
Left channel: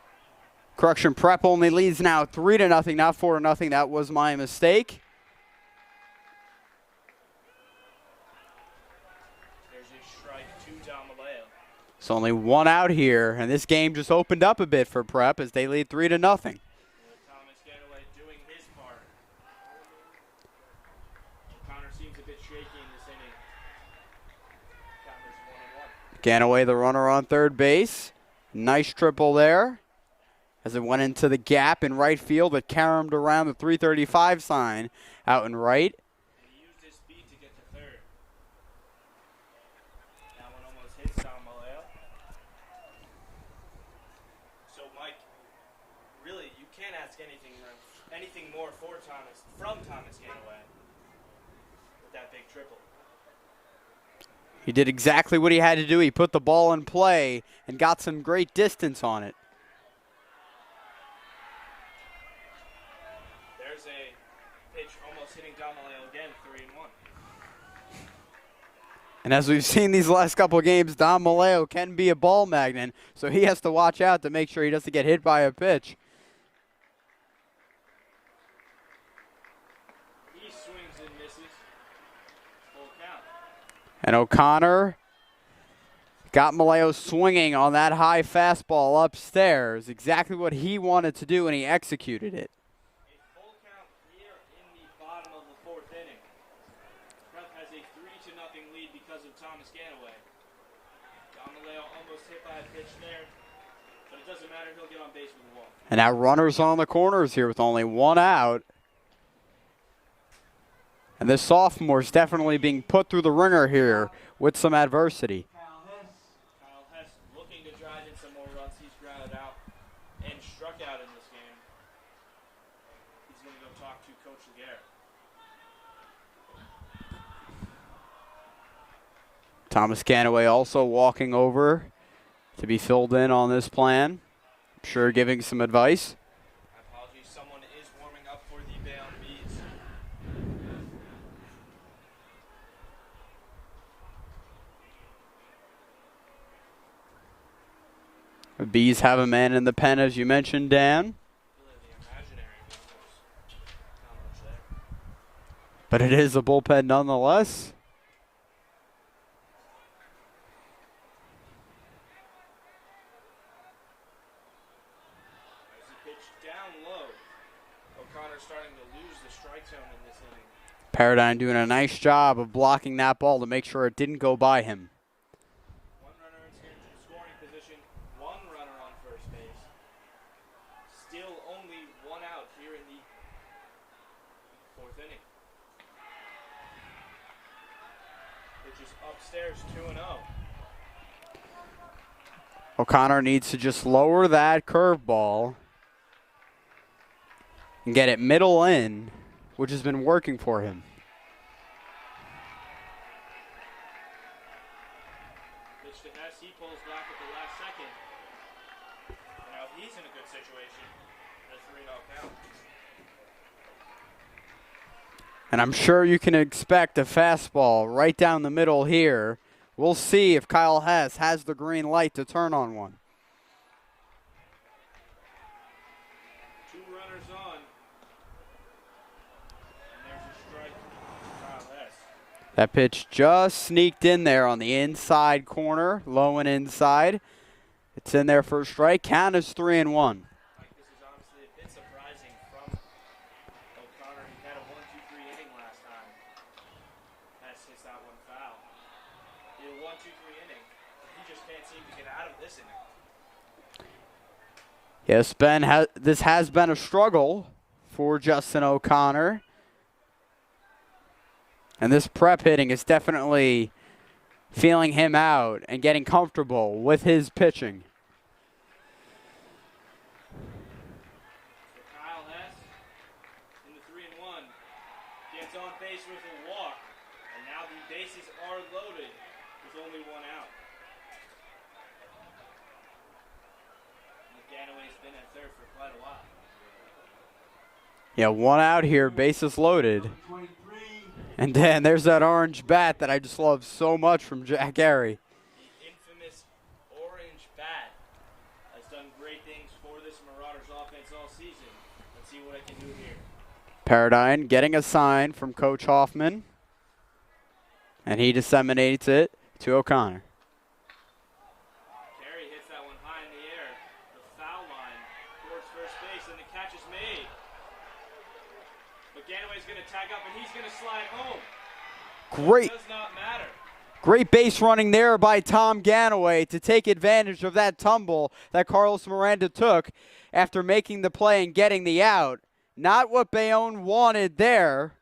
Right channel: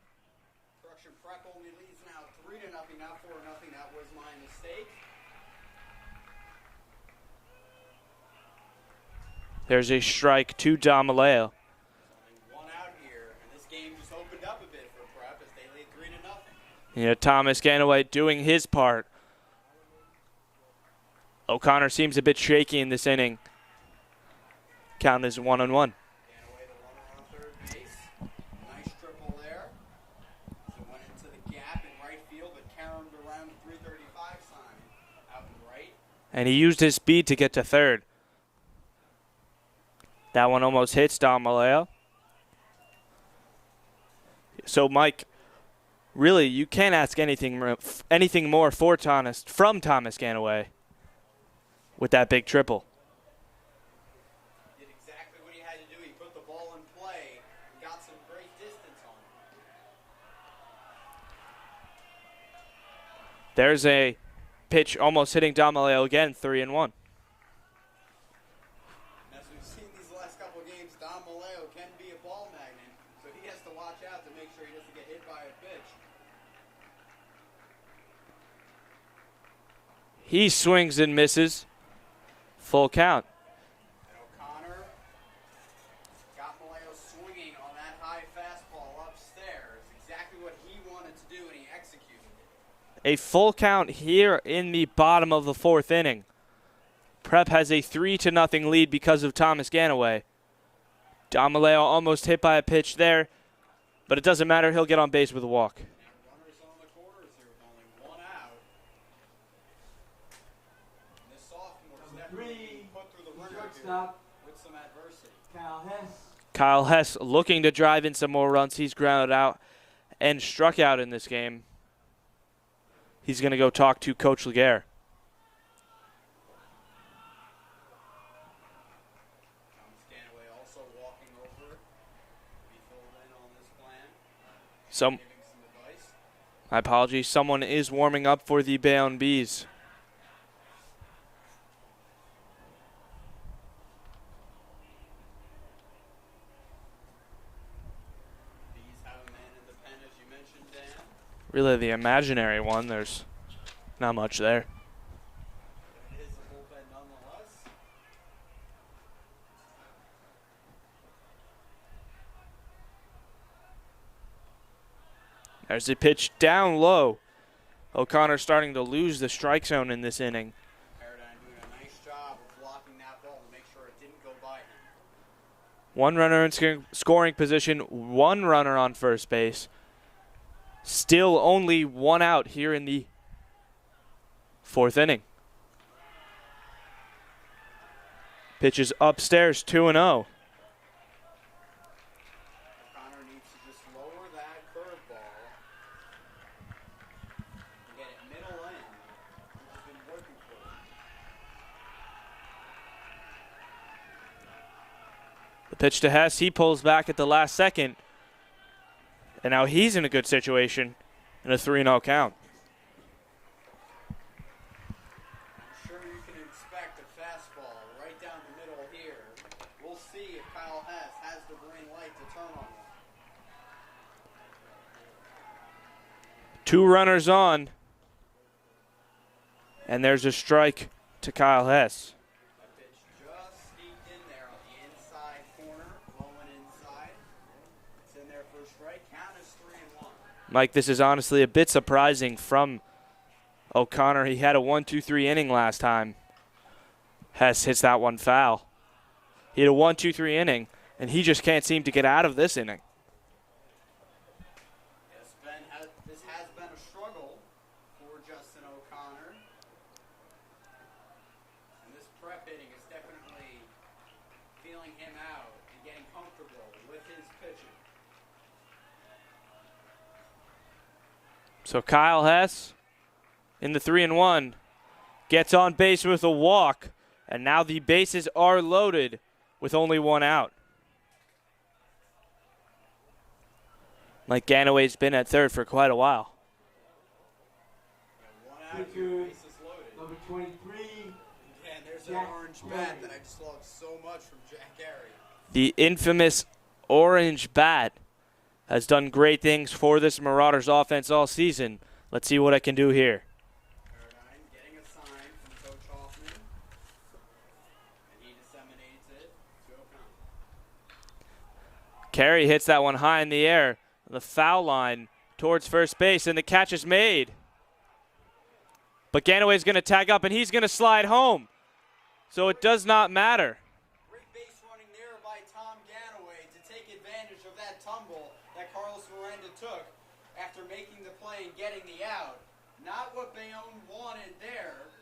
Correction, Prep only leads now 3-0, not 4-0. That was my mistake. There's a strike to Damaleo. It's only 1 out here, and this game just opened up a bit for Prep as they lead 3-0. Yeah, Thomas Ganaway doing his part. O'Connor seems a bit shaky in this inning. Count is 1-1. Ganaway, the runner on third base. Nice triple there as it went into the gap in right field. It caromed around the 335 sign out in right. And he used his speed to get to third. That one almost hits Damaleo. So, Mike, really, you can't ask anything more from Thomas Ganaway with that big triple. He did exactly what he had to do. He put the ball in play and got some great distance on it. There's a pitch almost hitting Damaleo again, 3-1. And as we've seen these last couple of games, Damaleo can be a ball magnet, so he has to watch out to make sure he doesn't get hit by a pitch. He swings and misses. Full count. And O'Connor got Maleo swinging on that high fastball upstairs. Exactly what he wanted to do, and he executed it. A full count here in the bottom of the 4th inning. Prep has a 3-0 lead because of Thomas Ganaway. Damaleo almost hit by a pitch there, but it doesn't matter. He'll get on base with a walk. And now runners on the corners here with only 1 out. And this sophomore is definitely being put through the ringer here with some adversity. Kyle Hess looking to drive in some more runs. He's grounded out and struck out in this game. He's going to go talk to Coach Laguerre. Thomas Ganaway also walking over to be filled in on this plan. I'm sure giving some advice. My apologies. Someone is warming up for the Bayonne Bees. The Bees have a man in the pen, as you mentioned, Dan. Really the imaginary one. There's not much there. But it is a bullpen nonetheless. There's a pitch down low. O'Connor starting to lose the strike zone in this inning. Paradigm doing a nice job of blocking that ball to make sure it didn't go by him. 1 runner in scoring position, 1 runner on first base. Still only 1 out here in the 4th inning. Pitches upstairs, 2-0. O'Connor needs to just lower that curveball and get it middle in, which has been working for him. pitch to Hess. He pulls back at the last second. And now he's in a good situation and a 3-0 count. And I'm sure you can expect a fastball right down the middle here. We'll see if Kyle Hess has the green light to turn on one. 2 runners on. And there's a strike to Kyle Hess. That pitch just sneaked in there on the inside corner, low and inside. It's in there for a strike. Count is 3-1. Mike, this is honestly a bit surprising from O'Connor. He had a 1-2-3 inning last time. Hess hits that one foul. He had a 1-2-3 inning, and he just can't seem to get out of this inning. Yes, Ben, this has been a struggle for Justin O'Connor. And this prep hitting is definitely feeling him out and getting comfortable with his pitching. So Kyle Hess in the 3-1 gets on base with a walk, and now the bases are loaded with only 1 out. Mike Ganaway's been at third for quite a while. Yeah, 1 out here, bases loaded. And then there's that orange bat that I just love so much from Jack Gary. The infamous orange bat has done great things for this Marauders offense all season. Let's see what I can do here. Paradine getting a sign from Coach Hoffman. And he disseminates it to O'Connor. Carey hits that one high in the air. The foul line towards first base, and the catch is made. But Ganaway's going to tag up, and he's going to slide home. So it does not matter. Great base running there by Tom Ganaway to take advantage of that tumble that Carlos Miranda took after making the play and getting the out. Not what Bayonne wanted there.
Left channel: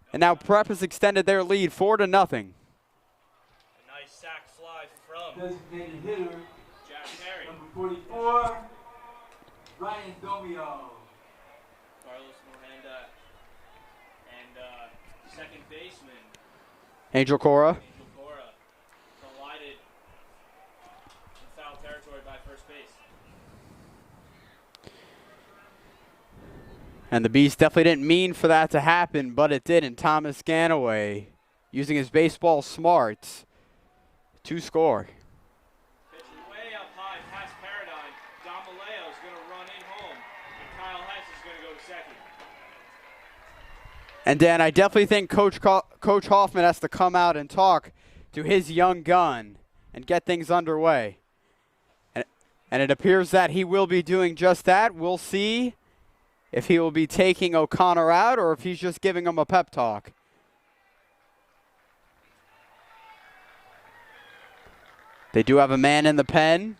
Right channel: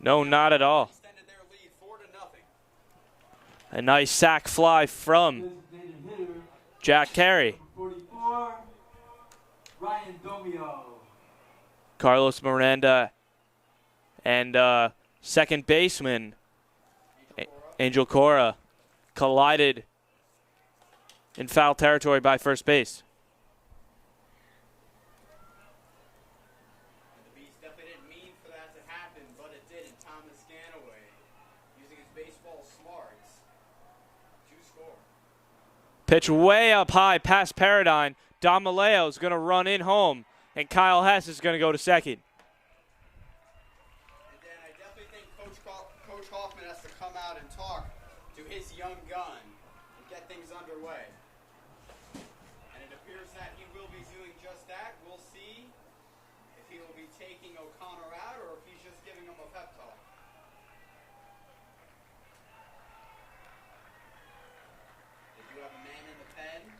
No, now not Prep at all. has extended their lead 4-0. A nice sac fly from Jack Carey. 44, Ryan Gomio. Carlos Miranda and second baseman Angel Cora collided in foul territory by first base. And the Bees definitely didn't mean for that to happen, but it did. And Thomas Ganaway, using his baseball smarts, to score. Pitch way up high past Paradine. Don Malayo's going to run in home, and Kyle Hess is going to go to second. And Dan, I definitely think Coach Hoffman has to come out and talk to his young gun and get things underway. And it appears that he will be doing just that. We'll see if he will be taking O'Connor out or if he's just giving him a pep talk. They do have a man in the pen.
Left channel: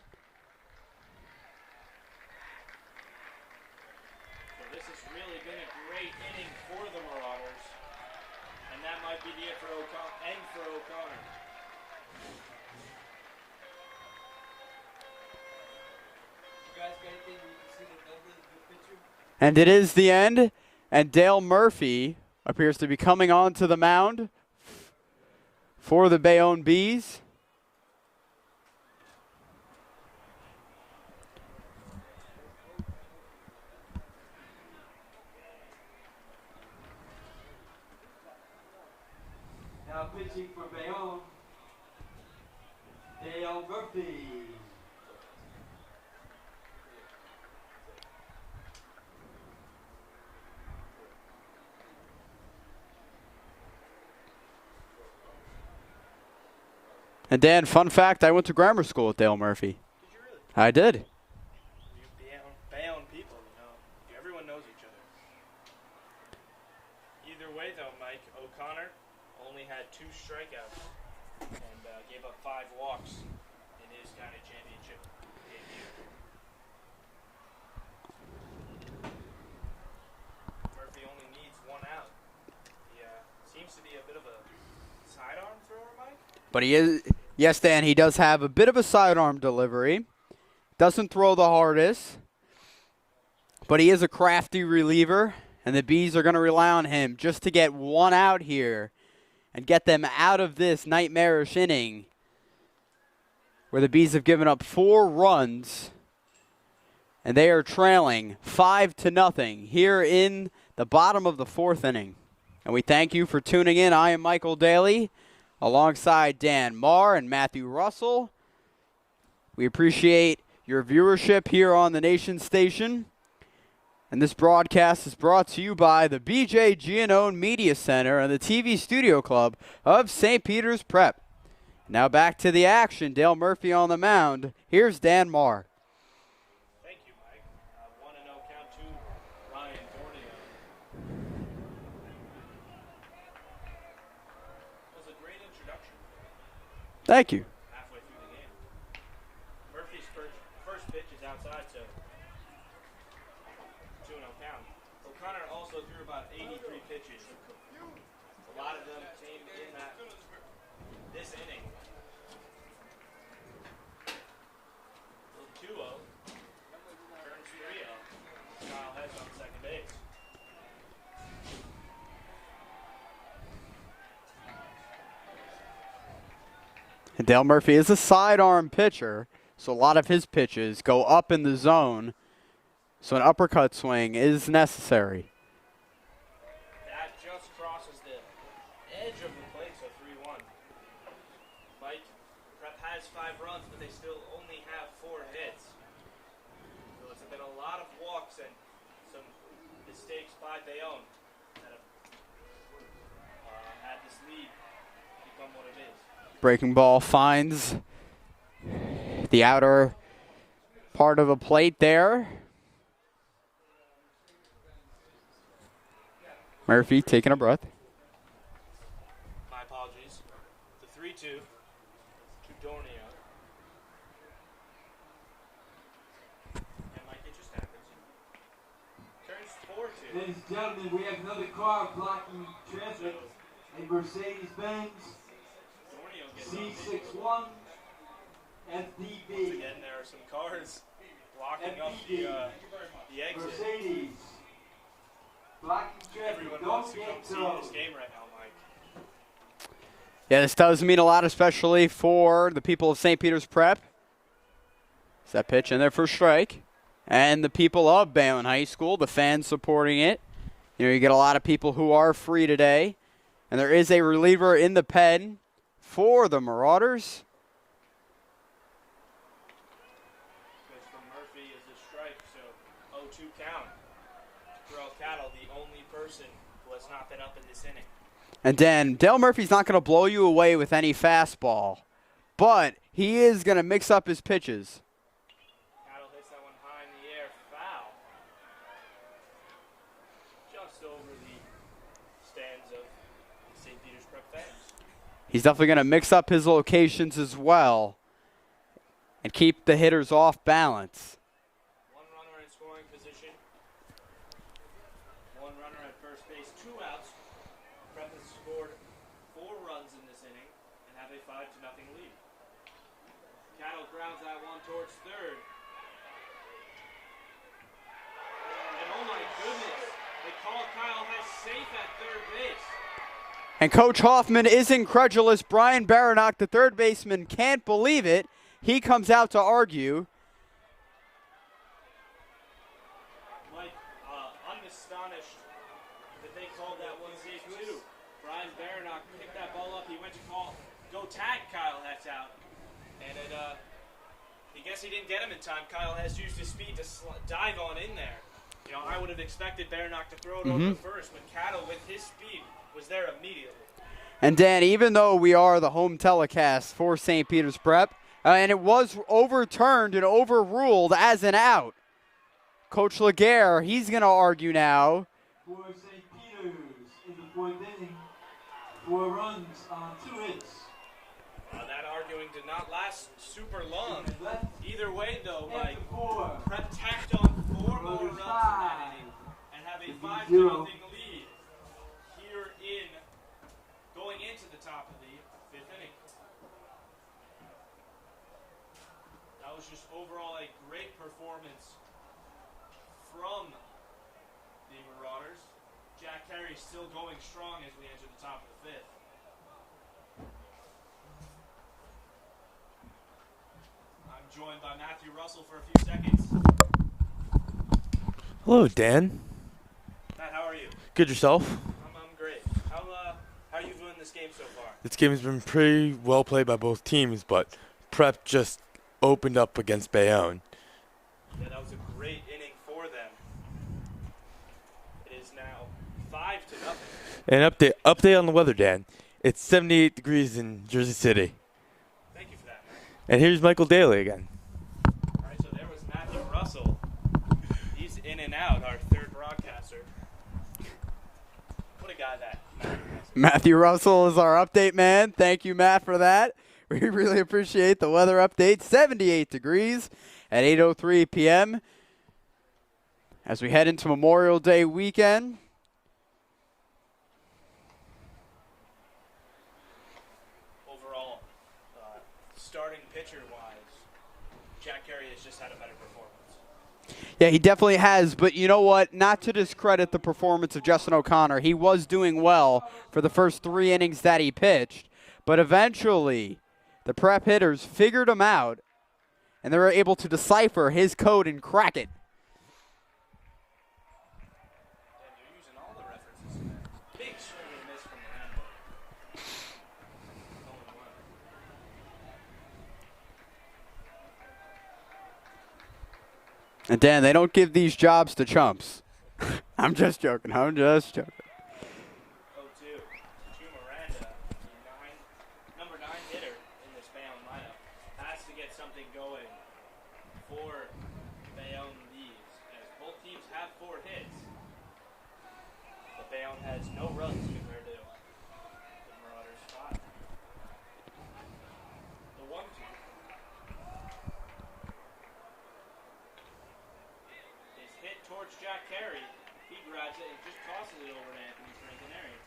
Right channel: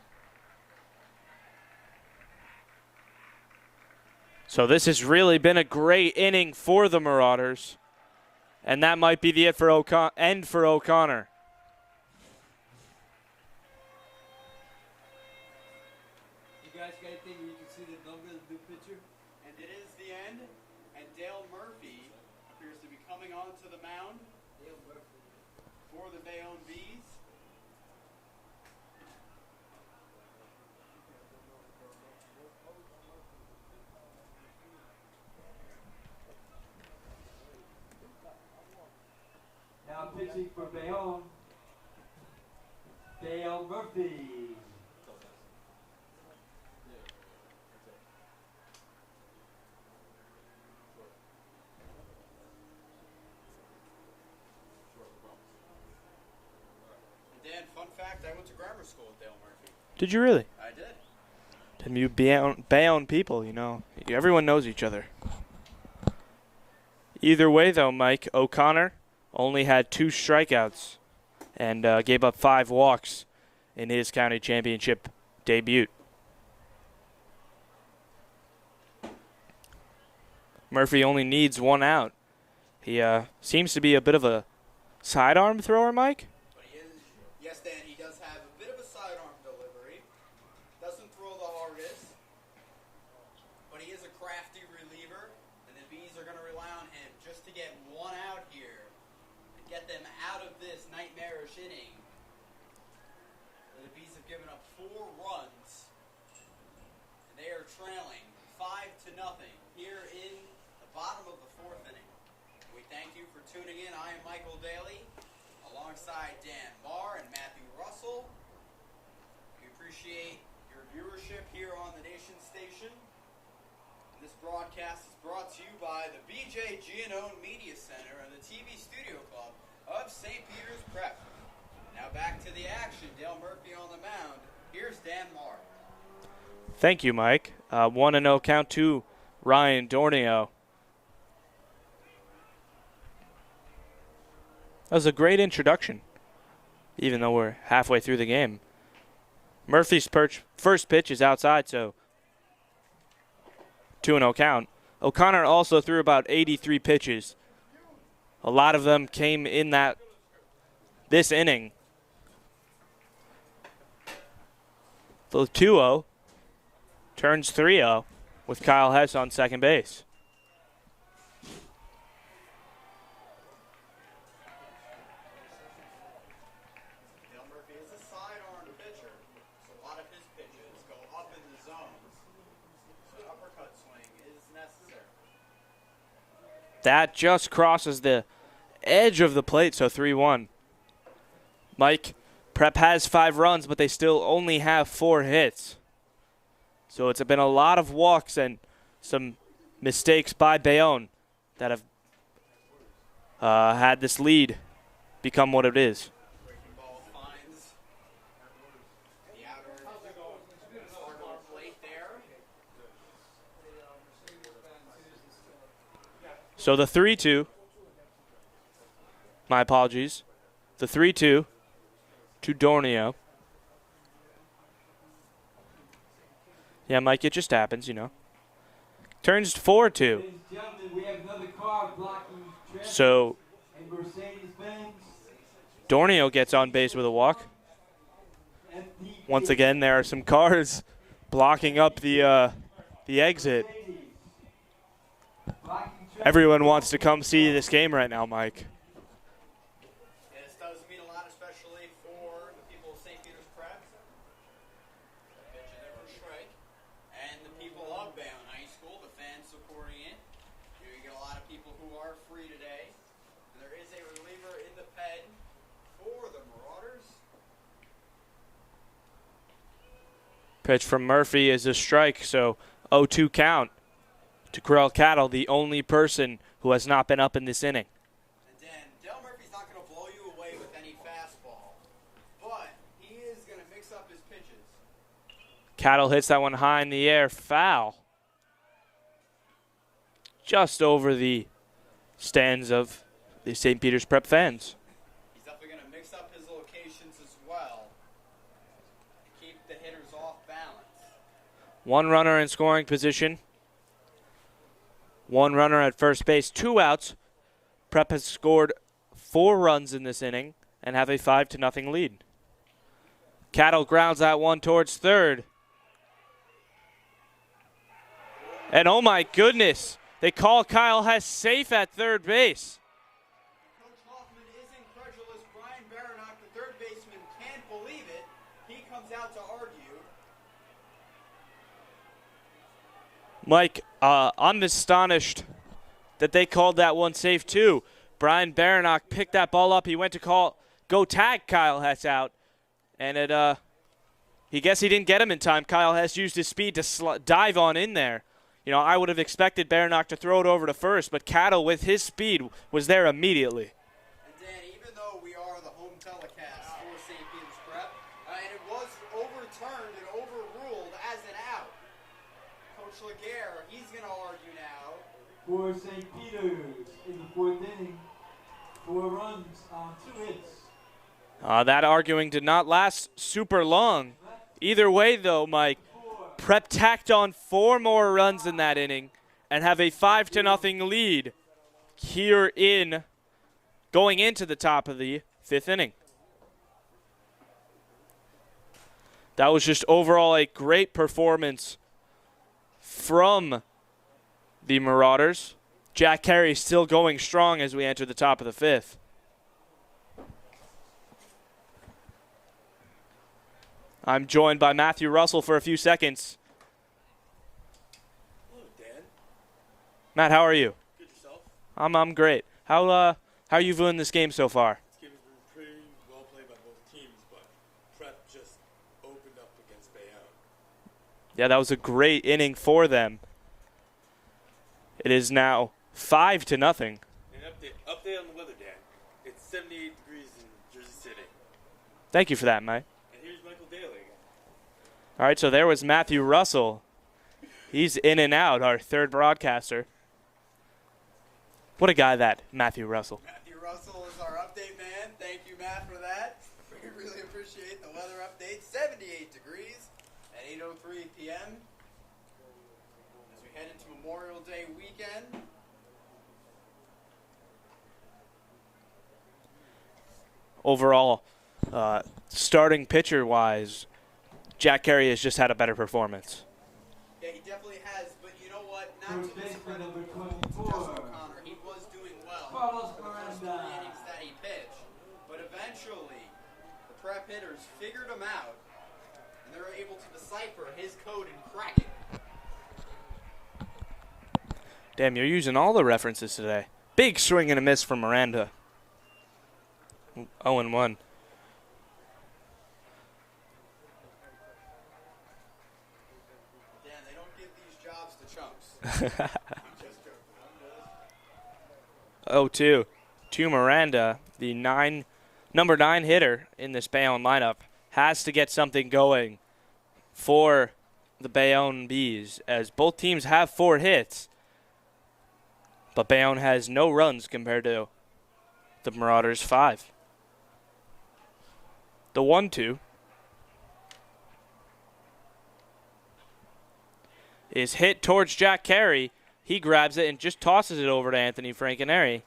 So this has really been a great inning for the Marauders. And that might be the end for O'Connor. And it is the end. And Dale Murphy appears to be coming onto the mound for the Bayonne Bees. Now pitching for Bayonne, Dale Murphy. And Dan, fun fact, I went to grammar school with Dale Murphy. Did you really? I did. And you Bayonne people, you know. Everyone knows each other. Either way, though, Mike, O'Connor only had 2 strikeouts and gave up 5 walks in his county championship debut. Murphy only needs 1 out. He seems to be a bit of a sidearm thrower, Mike. But he is, yes, Dan, he does have a bit of a sidearm delivery. Doesn't throw the hardest. But he is a crafty reliever, and the Bees are going to rely on him just to get 1 out here and get them out of this nightmarish inning where the Bees have given up 4 runs and they are trailing 5-0 here in the bottom of the 4th inning. And we thank you for tuning in. I am Michael Daly alongside Dan Marr and Matthew Russell. We appreciate your viewership here on the Nation Station. And this broadcast is brought to you by the B.J. Giannone Media Center and the TV Studio Club of St. Peter's Prep. Now back to the action. Dale Murphy on the mound. Here's Dan Marr. Thank you, Mike. 1-0 count to Ryan Dornio. That was a great introduction, even though we're halfway through the game. Murphy's first pitch is outside, so 2-0 count. O'Connor also threw about 83 pitches. A lot of them came in this inning. The 2-0 turns 3-0 with Kyle Hess on second base. And Dale Murphy is a sidearm pitcher, so a lot of his pitches go up in the zone, so an uppercut swing is necessary. That just crosses the edge of the plate, so 3-1. Mike, Prep has 5 runs, but they still only have 4 hits. So it's been a lot of walks and some mistakes by Bayonne that have had this lead become what it is. Breaking ball finds the outer part of the plate there. So Murphy the 3-2. taking a breath. My apologies. The 3-2 to Dornio. Yeah, Mike, it just happens, you know. Turns 4-2. So Dornio gets on base with a walk. Once again, there are some cars blocking up the exit. Everyone wants to come see this game right now, Mike. Yeah, this does mean a lot, especially for the people of St. Peter's Prep. Is that pitch in there for strike? And the people of Bayonne High School, the fans supporting it. You know, you get a lot of people who are free today. And there is a reliever in the pen for the Marauders. Pitch from Murphy is a strike, so 0-2 count to Corral Cattle, the only person who has not been up in this inning. And then Dale Murphy's not going to blow you away with any fastball, but he is going to mix up his pitches. Cattle hits that one high in the air, foul. Just over the stands of the St. Peter's Prep fans. He's definitely going to mix up his locations as well and keep the hitters off balance. 1 runner in scoring position. 1 runner at first base, 2 outs. Prep has scored 4 runs in this inning and have a 5-0 lead. Cattle grounds that one towards third. And oh my goodness, they call Kyle Hess safe at third base. And Coach Hoffman is incredulous. Brian Baranock, the third baseman, can't believe it. He comes out to argue. Mike, I'm astonished that they called that one safe too. Brian Baranock picked that ball up. He went to go tag Kyle Hess out. And he didn't get him in time. Kyle Hess used his speed to dive on in there. You know, I would have expected Baranock to throw it over to first, but Cattle, with his speed, was there immediately. And Dan, even though we are the home telecast for St. Peter's Prep, and it was overturned and overruled as an out, Coach Laguerre, he's going to argue now. For St. Peter's in the 4th inning, 4 runs on 2 hits. That arguing did not last super long. Either way, though, Mike, Prep tacked on 4 more runs in that inning and have a 5-0 lead here going into the top of the 5th inning. That was just overall a great performance from the Marauders. Jack Carey still going strong as we enter the top of the 5th. I'm joined by Matthew Russell for a few seconds. Hello, Dan. Matt, how are you? Good yourself? I'm great. How are you viewing this game so far? This game has been pretty well played by both teams, but Prep just opened up against Bayonne. Yeah, that was a great inning for them. It is now 5-0. An update on the weather, Dan. It's 78 degrees in Jersey City. Thank you for that, Mike. And here's Michael Daly again. All right, so there was Matthew Russell. He's in and out, our third broadcaster. What a guy that Matthew Russell. Matthew Russell is our update man. Thank you, Matt, for that. We really appreciate the weather update. 78 degrees at 8:03 p.m. as we head into Memorial Day weekend. Overall, starting pitcher-wise, Jack Carey has just had a better performance. Yeah, he definitely has, but you know what? Not to discredit the performance of Justin O'Connor. He was doing well for the first 3 innings that he pitched, but eventually the Prep hitters figured him out, and they were able to decipher his code and crack it. Damn, you're using all the references today. Big swing and a miss from Miranda. 0-1. And Dan, they don't give these jobs to chumps. I'm just joking. 0-2 to Miranda, the number 9 hitter in this Bayonne lineup, has to get something going for the Bayonne Bees, as both teams have 4 hits, but Bayonne has no runs compared to the Marauders' 5. The 1-2 is hit towards Jack Carey. He grabs it and just tosses it over to Anthony Francaneri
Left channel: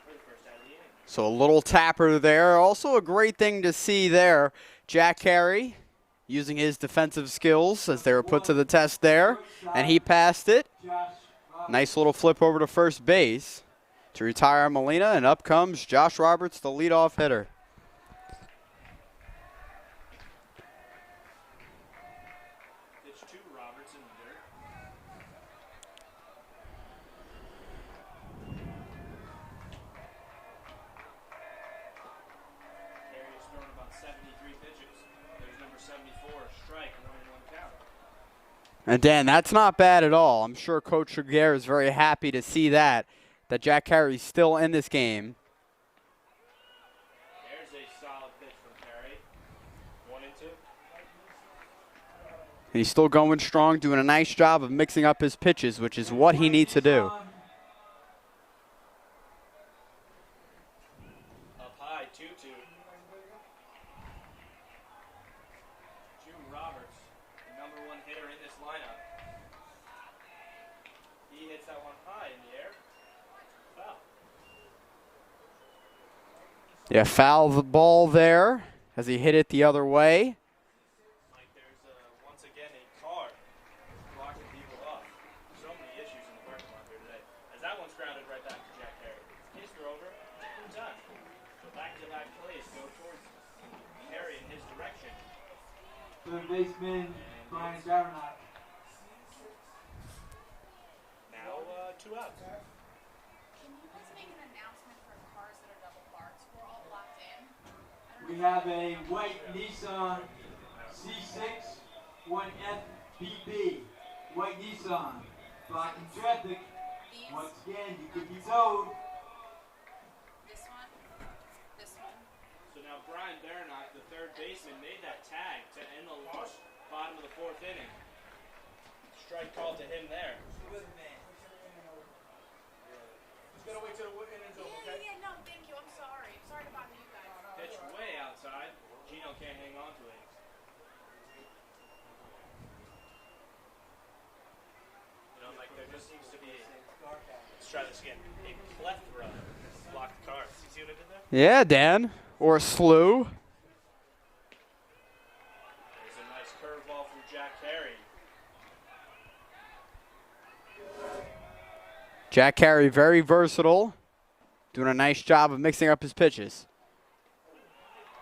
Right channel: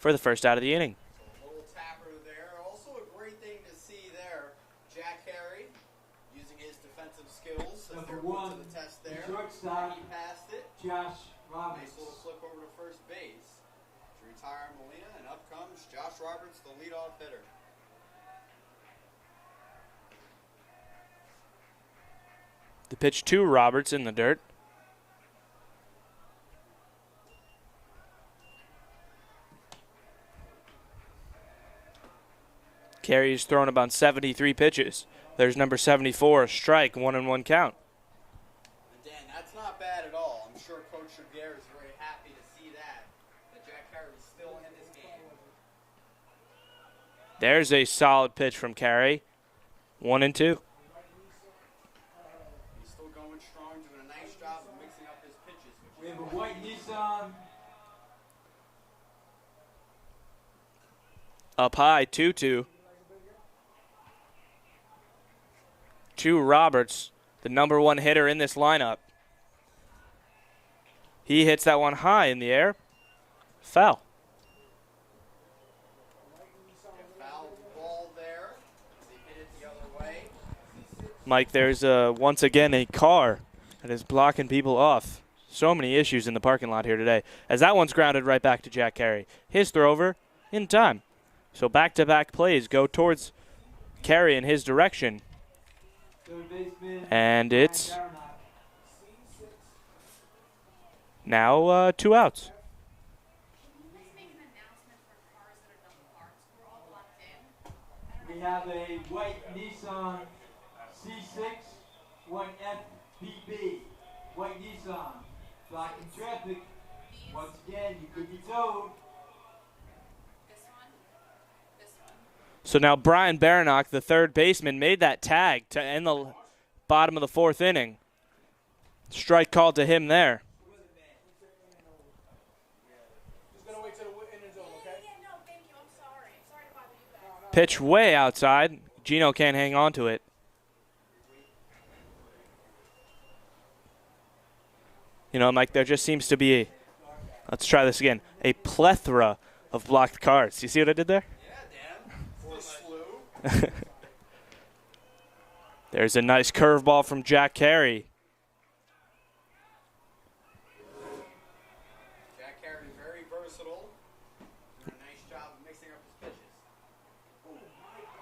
for the first out of the inning. So a little tapper there. Also a great thing to see there. Jack Carey using his defensive skills as they were put to the test there. And he passed it. Nice little flip over to first base to retire Medina. And up comes Josh Roberts, the leadoff hitter. The pitch to Roberts in the dirt. Carey's thrown about 73 pitches. There's number 74, a strike, 1-1 count. And Dan, that's not bad at all. I'm sure Coach Regier is very happy to see that Jack Carey's still in this game. There's a solid pitch from Carey. 1-2. And he's still going strong, doing a nice job of mixing up his pitches, which is what he needs to do. Up high, 2-2. To Roberts, the number 1 hitter in this lineup. He hits that one high in the air. Foul. Yeah, foul the ball there as he hit it the other way. Mike, there's once again a car that is blocking people off. So many issues in the parking lot here today, as that one's grounded right back to Jack Carey. His throw over in time. So back-to-back plays go towards Carey in his direction. And it's now 2 outs. We have a white Nissan C6, 1FPP, white Nissan, blocking traffic. Once again, you could be towed. So now Brian Baranock, the third baseman, made that tag to end the bottom of the 4th inning. Strike called to him there. Pitch way outside. Gino can't hang on to it. You know, Mike, there just seems to be let's try this again, a plethora of blocked cards. You see what I did there? Yeah, Dan. Or a slew. There's a nice curveball from Jack Carey. Jack Carey, very versatile. Doing a nice job of mixing up his pitches.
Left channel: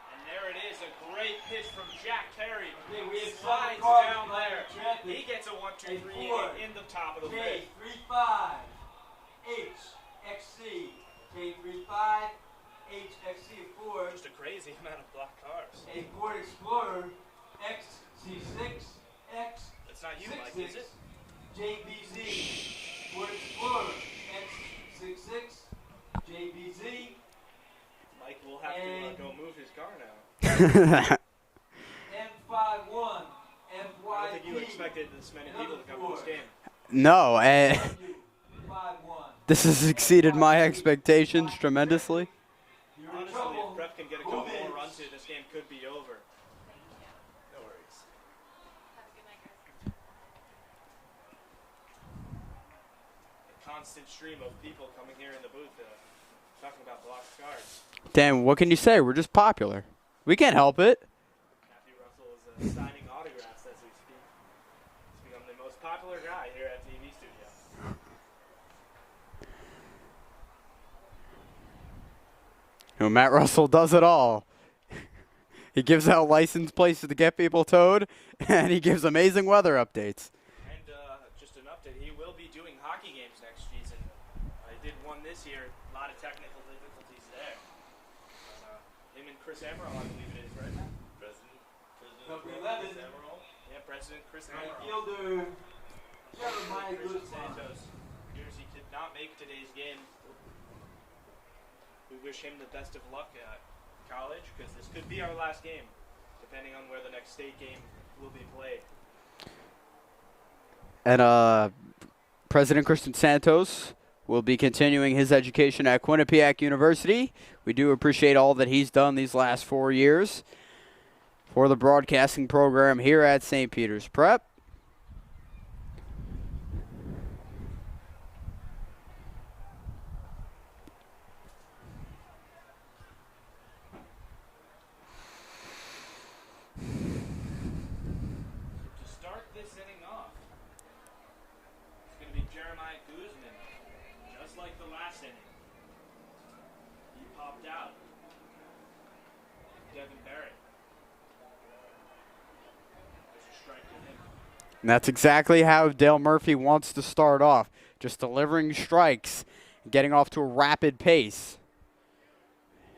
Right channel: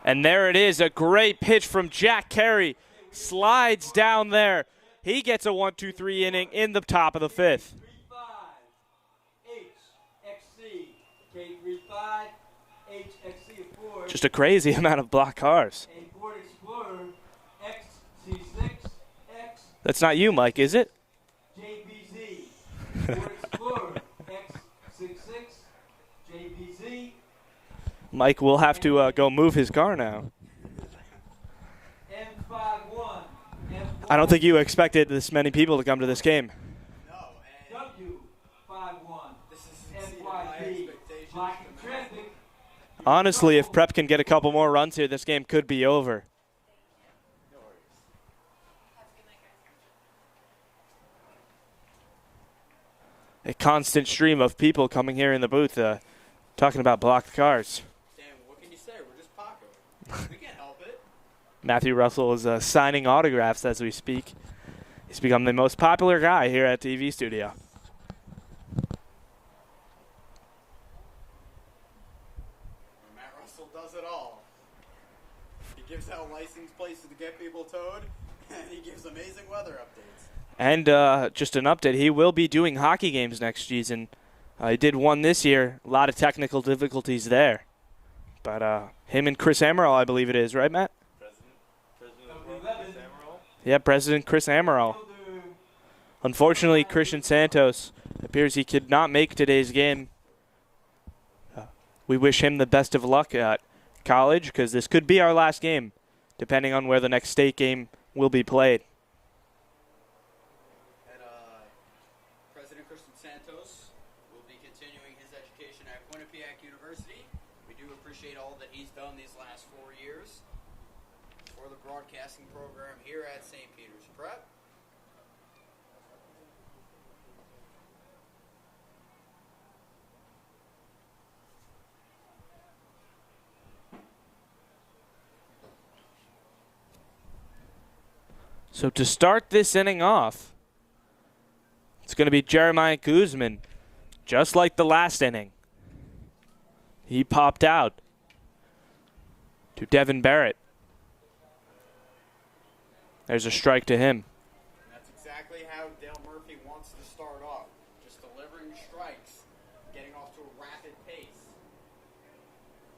And there it is, a great pitch from Jack Carey. Slides down there. He gets a 1-2-3 inning in the top of the fifth. Just a crazy amount of blocked cars. That's not you, Mike, is it? Mike will have to go move his car now. I don't think you expected this many people to come to this game. No, this has exceeded my expectations tremendously. Honestly, if Prep can get a couple more runs here, this game could be over. A constant stream of people coming here in the booth talking about blocked cars. Dan, what can you say? We're just popular. We can't help it. Matthew Russell is signing autographs as we speak. He's become the most popular guy here at TV Studio. You know, Matt Russell does it all. He gives out license plates to get people towed, and he gives amazing weather updates. And just an update, he will be doing hockey games next season. He did one this year. A lot of technical difficulties there. But him and Chris Amaral, I believe it is, right, Matt? Yeah, President Chris Amaral. Unfortunately, Christian Santos appears he could not make today's game. We wish him the best of luck at college because this could be our last game, depending on where the next state game will be played. And President Christian Santos will be continuing his education at Quinnipiac University. We do appreciate all that he's done these last 4 years for the broadcasting program here at St. Peter's Prep. So to start this inning off, it's going to be Jeremiah Koosman, just like the last inning. He popped out to Devon Barrett. There's a strike to him. And that's exactly how Dale Murphy wants to start off, just delivering strikes, getting off to a rapid pace.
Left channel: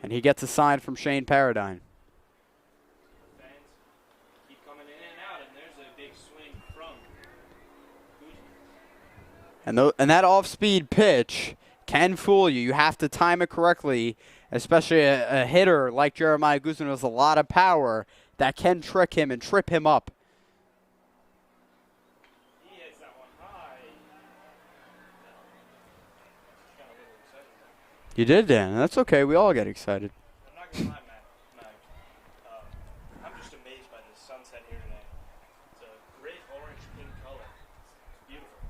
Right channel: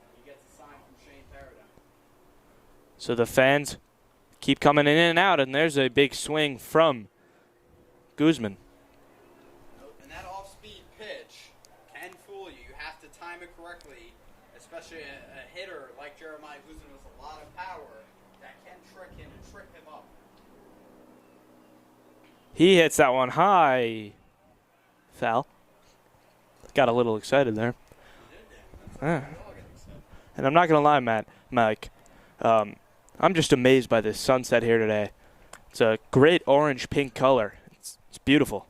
And he gets a sign from Shane Paradine. So the fans keep coming in and out, and there's a big swing from Koosman. And that off-speed pitch can fool you. You have to time it correctly, especially a hitter like Jeremiah Koosman has a lot of power that can trick him and trip him up. He hits that one high. Foul. Got a little excited there. You did, Dan. That's okay. Yeah. We all get excited. And I'm not going to lie, Mike. I'm just amazed by this sunset here today. It's a great orange-pink color. It's beautiful.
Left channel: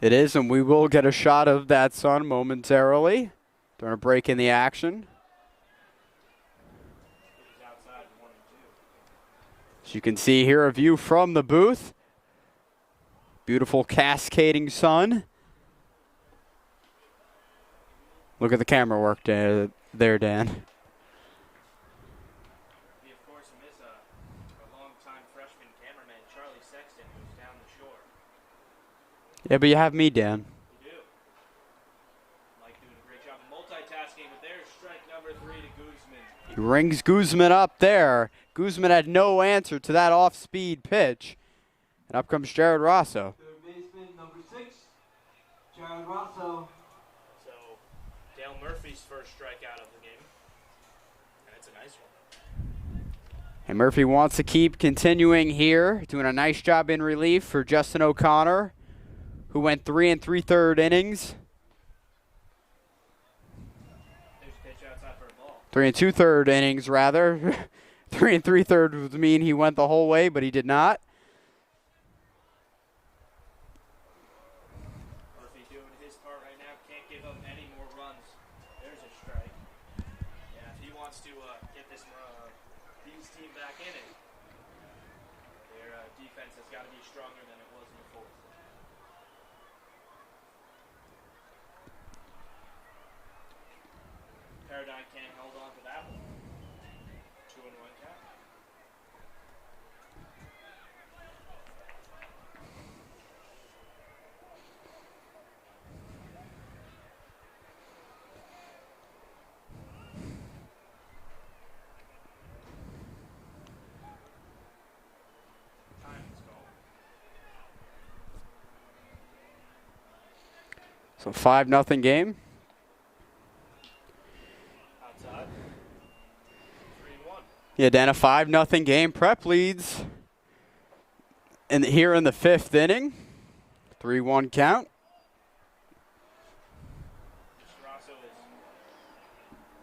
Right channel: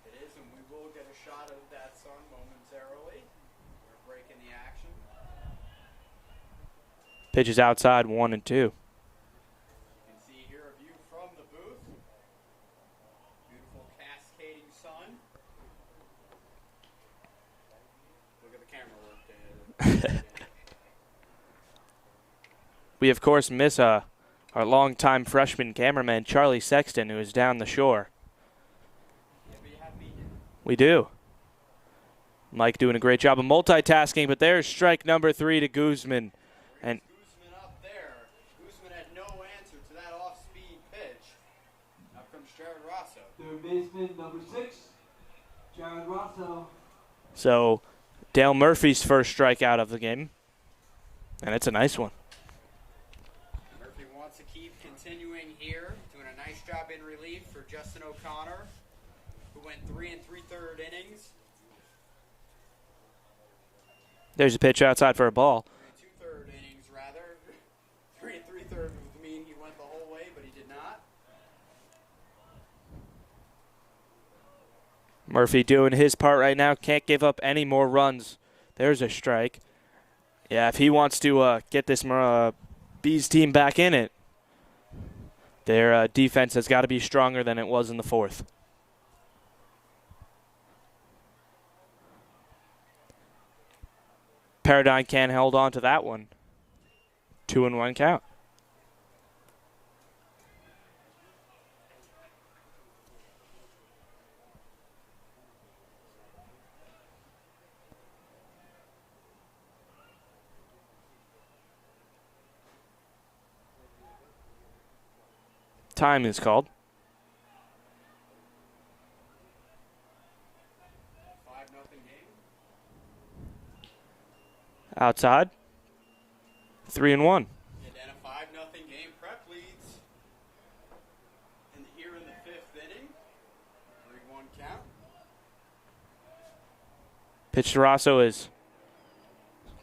It is, and we will get a shot of that sun momentarily during a break in the action. Pitches outside 1-2. As you can see here, a view from the booth. Beautiful cascading sun. Look at the camera work there, Dan. We, of course, miss our longtime freshman cameraman, Charlie Sexton, who is down the shore. Yeah, but you have me, Dan. We do. Mike doing a great job of multitasking, but there's strike number 3 to Koosman. He rings Koosman up there. Koosman had no answer to that off-speed pitch. And up comes Jared Rosso. Third baseman, number 6, Jared Rosso. So Dale Murphy's first strikeout of the game, and it's a nice one. And Murphy wants to keep continuing here, doing a nice job in relief for Justin O'Connor, who went 3 3/3 innings. There's a pitch outside for a ball. 3 2/3 innings, rather. 3 3/3 would mean he went the whole way, but he did not. Murphy doing his part right now. Can't give up any more runs. There's a strike. Yeah, if he wants to get this Bees team back in it, their defense has got to be stronger than it was in the 4th. Paradine can't hold on to that one. 2-1 count. Time is called. So 5-0 game. Outside. 3-1. Yeah, Dan, a 5-0 game. Prep leads here in the 5th inning. 3-1 count. Pitch to Rosso is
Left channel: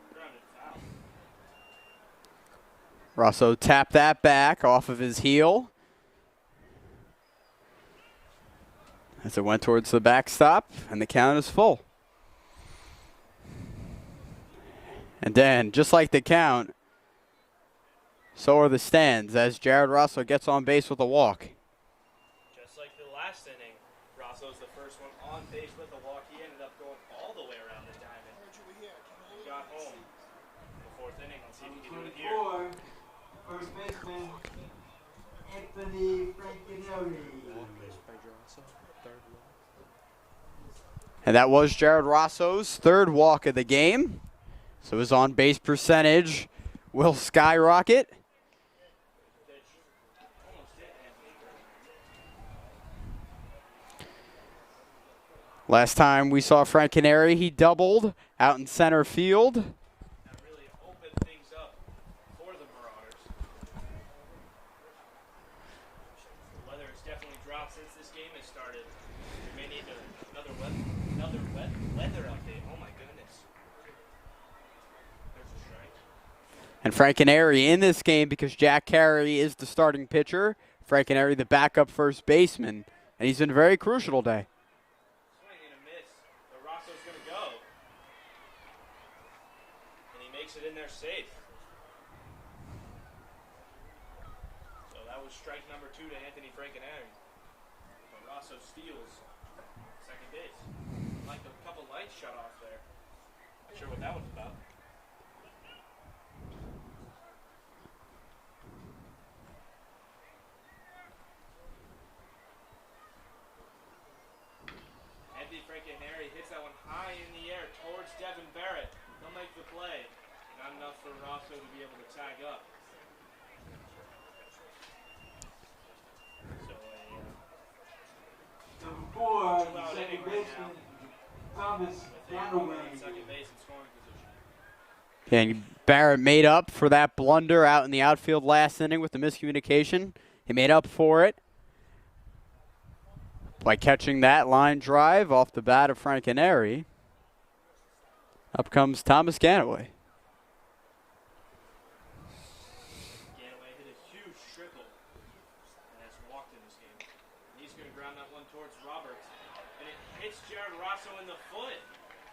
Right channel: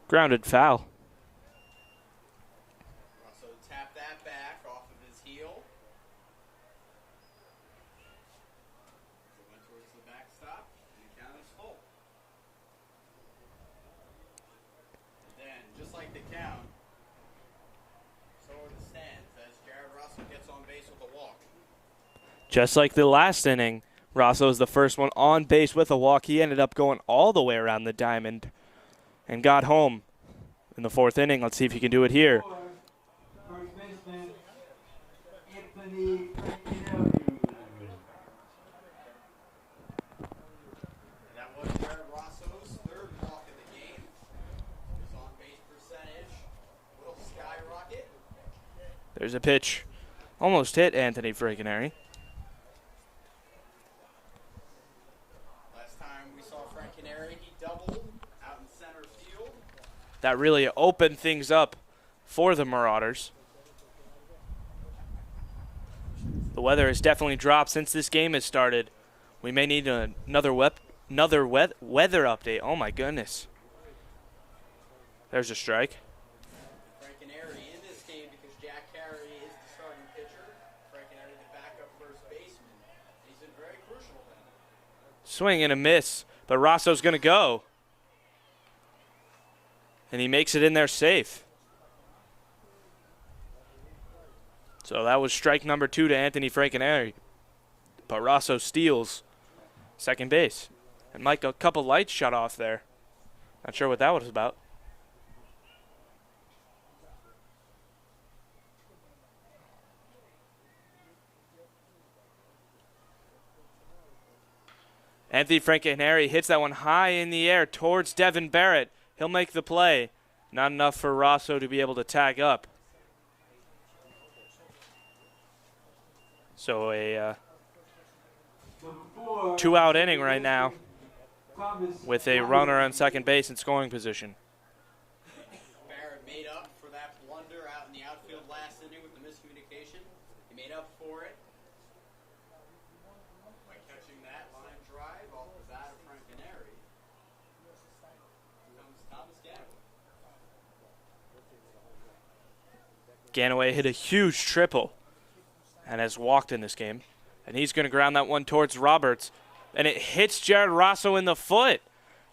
grounded foul. Rosso tapped that back off of his heel as it went towards the backstop, and the count is full. And then, just like the count, so are the stands as Jared Rosso gets on base with a walk. Just like the last inning, Rosso is the first one on base with a walk. He ended up going all the way around the diamond and got home in the 4th inning. Let's see if he can do it here. First baseman, Anthony Frankinelli. And that was Jared Rosso's 3rd walk of the game. So his on-base percentage will skyrocket. There's a pitch. Almost hit Anthony Frankinelli. Last time we saw Frankinelli, he doubled out in center field. That really opened things up for the Marauders. The weather has definitely dropped since this game has started. We may need another weather update. Oh my goodness. There's a strike. And Frankinelli in this game because Jack Carey is the starting pitcher. Frankinelli the backup first baseman. And he's been very crucial today. Swing and a miss, but Rosso's going to go. And he makes it in there safe. So that was strike number 2 to Anthony Frankinelli. But Rosso steals second base. And Mike, a couple lights shut off there. Not sure what that was about. Anthony Frankinelli hits that one high in the air towards Devon Barrett. He'll make the play. Not enough for Rosso to be able to tag up. So a 2-out inning right now with a runner on second base in scoring position. And Barrett made up for that blunder out in the outfield last inning with the miscommunication. He made up for it by catching that line drive off the bat of Frankinelli. Up comes Thomas Ganaway. Ganaway hit a huge triple and has walked in this game. And he's going to ground that one towards Roberts. And it hits Jared Rosso in the foot.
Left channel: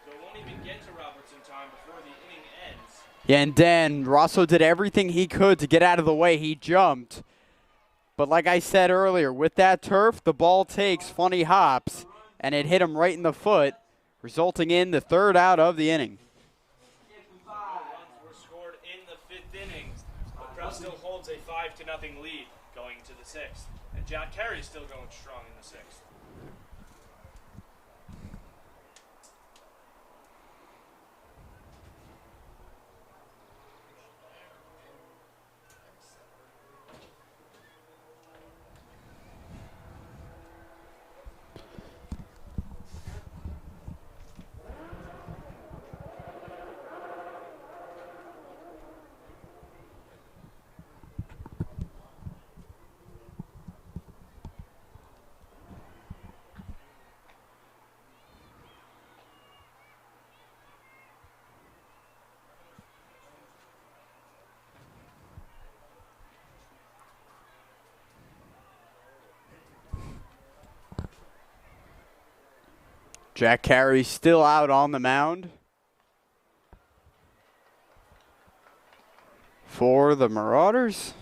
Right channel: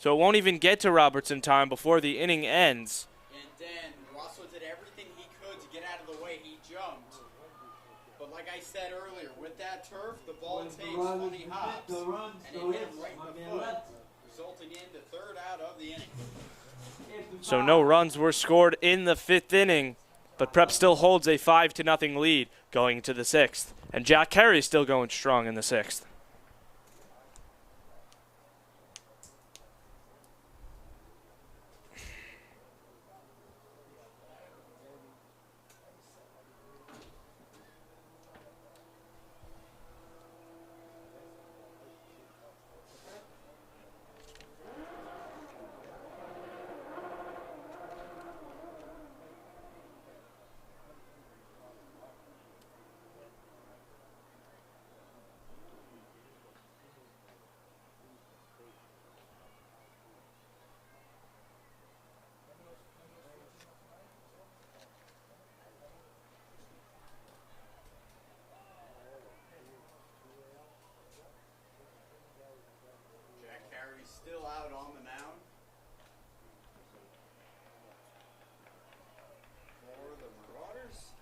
So it won't even get to Roberts in time before the inning ends. Yeah, and then Rosso did everything he could to get out of the way. He jumped. But like I said earlier, with that turf, the ball takes funny hops, and it hit him right in the foot, resulting in the 3rd out of the inning. So no runs were scored in the 5th inning, but Prep still holds a 5-0 lead going to the 6th. And Jack Carey's still going strong in the 6th. Jack Carey still out on the mound for the Marauders.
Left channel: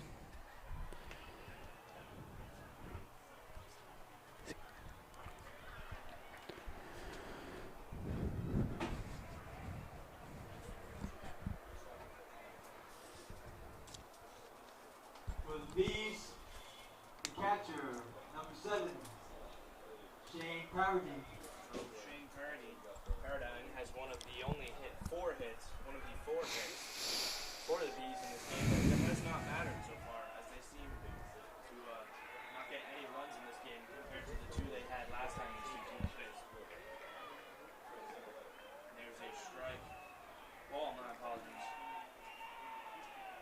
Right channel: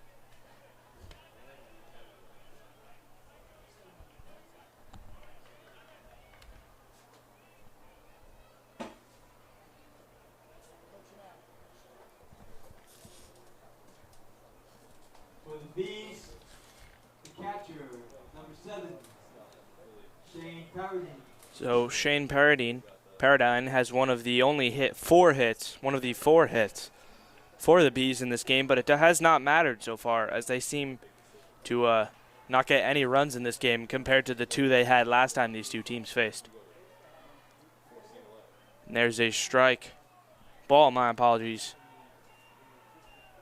7, Shane Paradine. So Shane Paradine has one of the four hits for the Bees in this game, but it has not mattered so far, as they seem to not get any runs in this game compared to the 2 they had last time these two teams faced. And there's a strike. Ball, my apologies.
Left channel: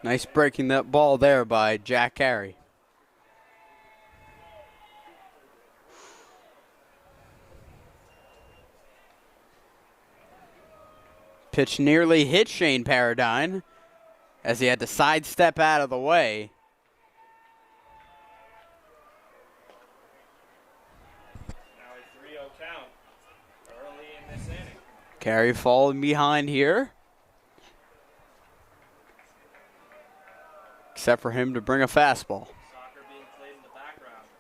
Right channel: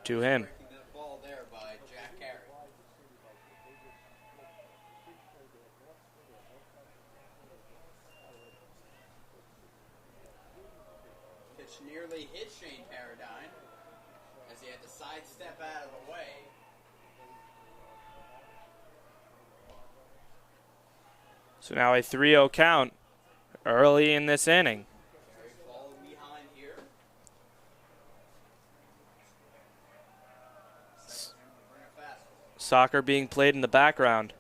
Nice breaking that ball there by Jack Carey. Pitch nearly hit Shane Paradine as he had to sidestep out of the way. So now a 3-0 count early in this inning. Carey falling behind here. Except for him to bring a fastball. Soccer being played in the background.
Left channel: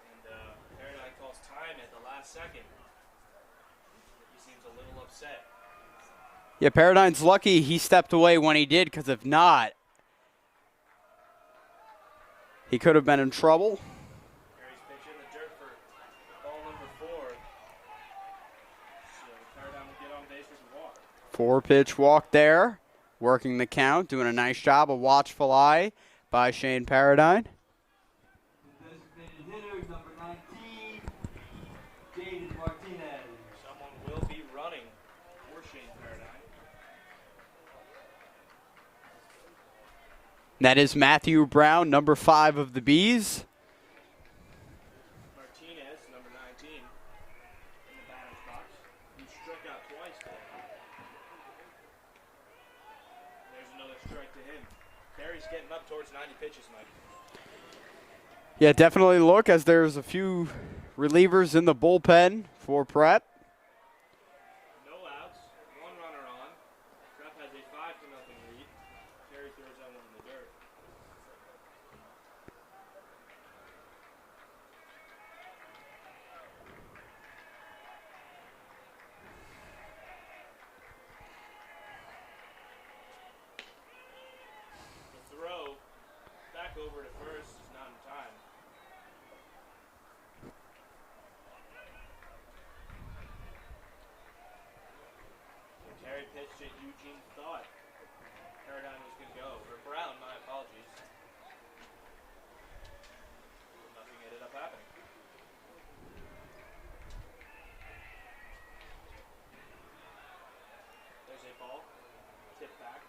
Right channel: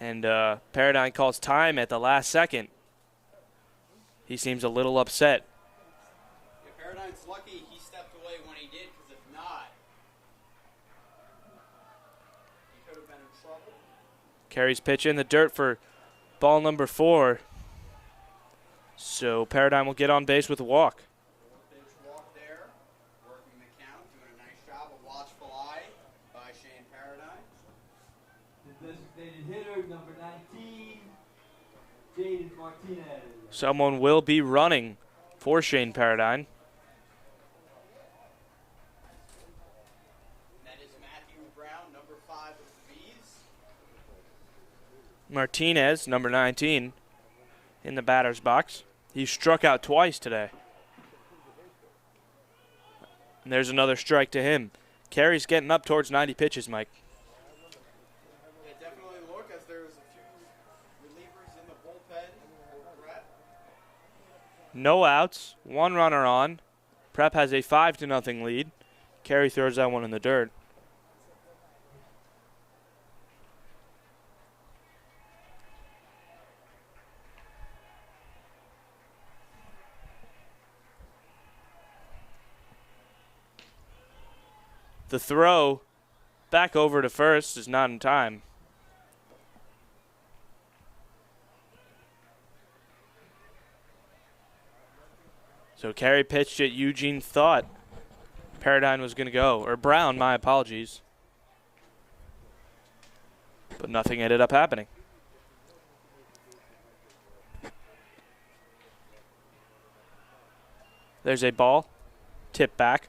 And Paradine calls time at the last second. He seems a little upset. Yeah, Paradine's lucky he stepped away when he did, because if not, he could have been in trouble. Carey's pitch in the dirt for ball number 4. So Paradine will get on base with a walk. 4-pitch walk there. Working the count, doing a nice job, a watchful eye by Shane Paradine. The designated hitter, number 19, Jaden Martinez. Someone will be running for Shane Paradine. That is Matthew Brown, number 5 of the Bees. Martinez, number 19, in the batter's box. He struck out twice today. And there's another strike to him. Carey's getting up towards 90 pitches, Mike. Yeah, definitely look, as there's a few relievers in the bullpen for Prep. No outs, 1 runner on. Prep has a 5-0 lead. Carey throws that one in the dirt. The throw back over to first is not in time. So Carey pitched it. Eugene thought Paradine was going to go, or Brown, my apologies. But nothing ended up happening. There's a ball, tip back.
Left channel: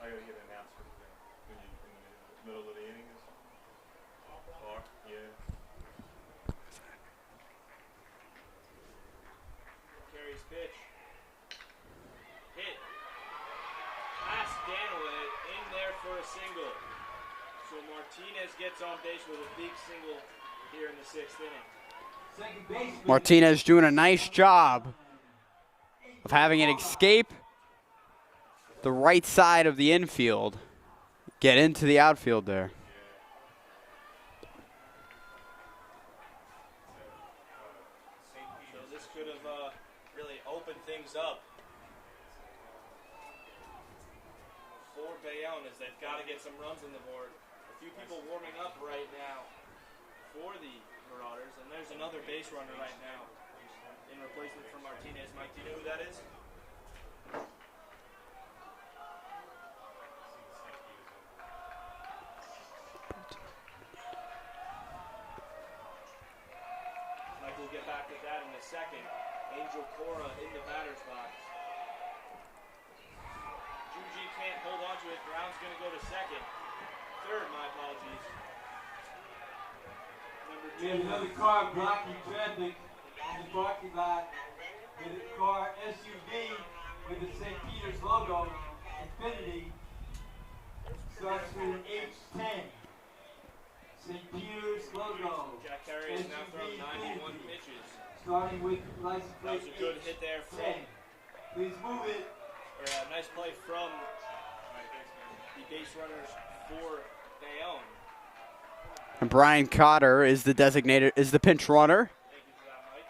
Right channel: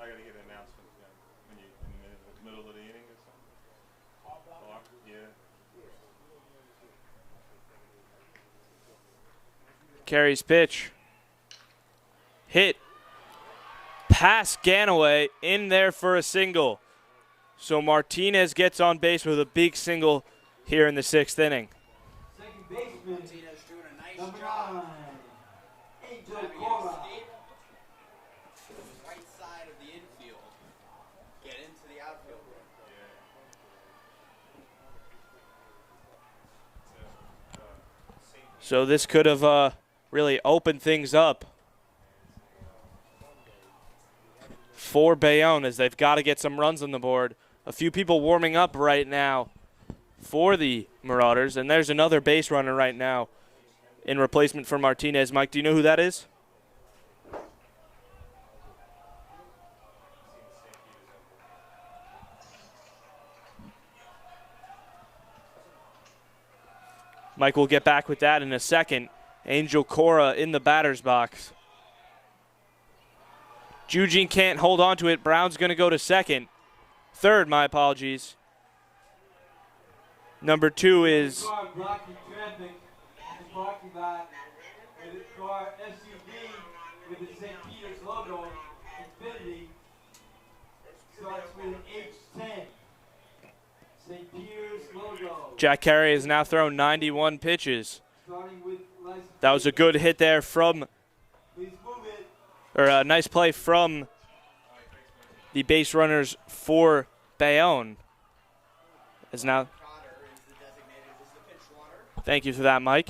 I gotta get an announcement when you in the middle of the inning. Yeah. Carey's pitch. Hit. Past Ganaway, in there for a single. So Martinez gets on base with a big single here in the 6th inning. Martinez doing a nice job of having it escape the right side of the infield, get into the outfield there. So this could have really opened things up for Bayonne, as they've got to get some runs on the board. A few people warming up right now for the Marauders, and there's another base runner right now in replacement for Martinez. Mike, do you know who that is? Mike will get back with that in a second. Angel Cora in the batter's box. Eugene can't hold on to it. Brown's going to go to third, my apologies. Number 2 is Car blocking traffic in the parking lot with a car SUV with the St. Peter's logo, Infinity, starts with H10. St. Peter's logo. Jack Carey has now thrown 91 pitches. Starting with license That was a good hit there from, Please move it. or a nice play from the base runners for Bayonne. And Brian Cotter is the pinch runner. Thank you for that, Mike.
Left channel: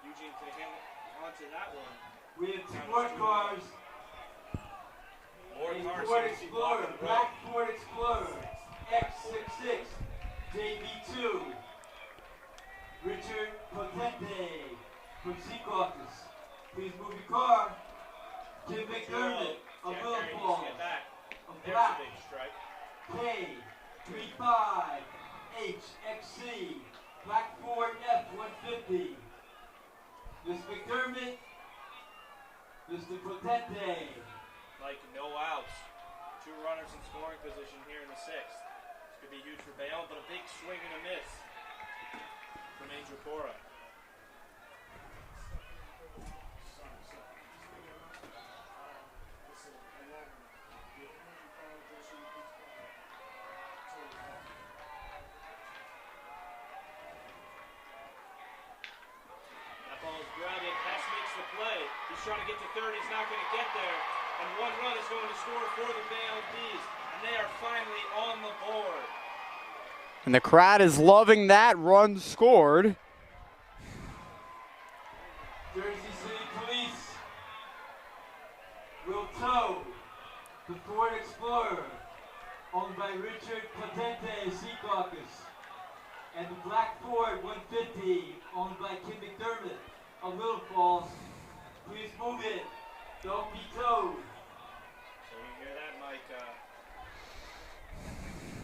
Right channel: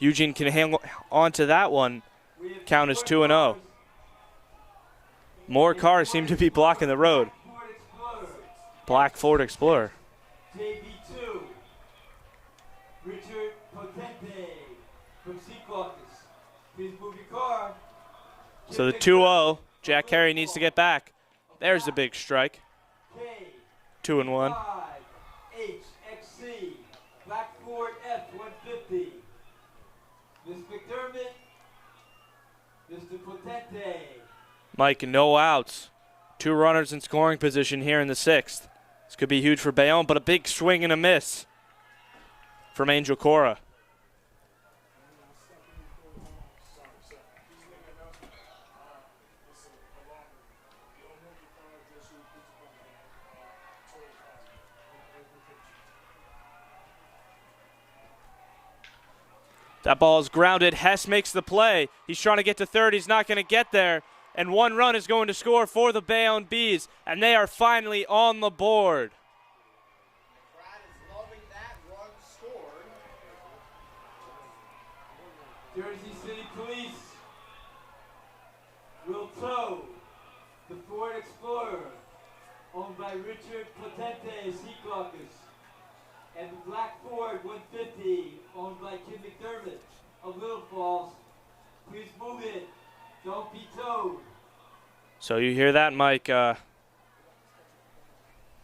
Eugene can hang on to that one. Count is 2-0. More cars seem to be blocking the road. Ford Explorer. Black Ford Explorer. JB2, Richard Potente from Secaucus. Please move your car. So the 2-0, Jack Carey needs to get back. There's the big strike. 2-1. HXC, Black Ford F-150. Ms. McDermott, Mr. Potente. Mike, no outs. 2 runners in scoring position here in the 6th. This could be huge for Bayonne, but a big swing and a miss from Angel Cora. That ball is grounded. Hess makes the play. He's trying to get to third. He's not going to get there. And 1 run is going to score for the Bayonne Bees. And they are finally on the board. And the crowd is loving that run scored. Jersey City Police will tow the Ford Explorer owned by Richard Potente, Secaucus, and the Black Ford 150 owned by Kim McDermott of Little Falls. Please move it. Don't be towed. So you hear that, Mike?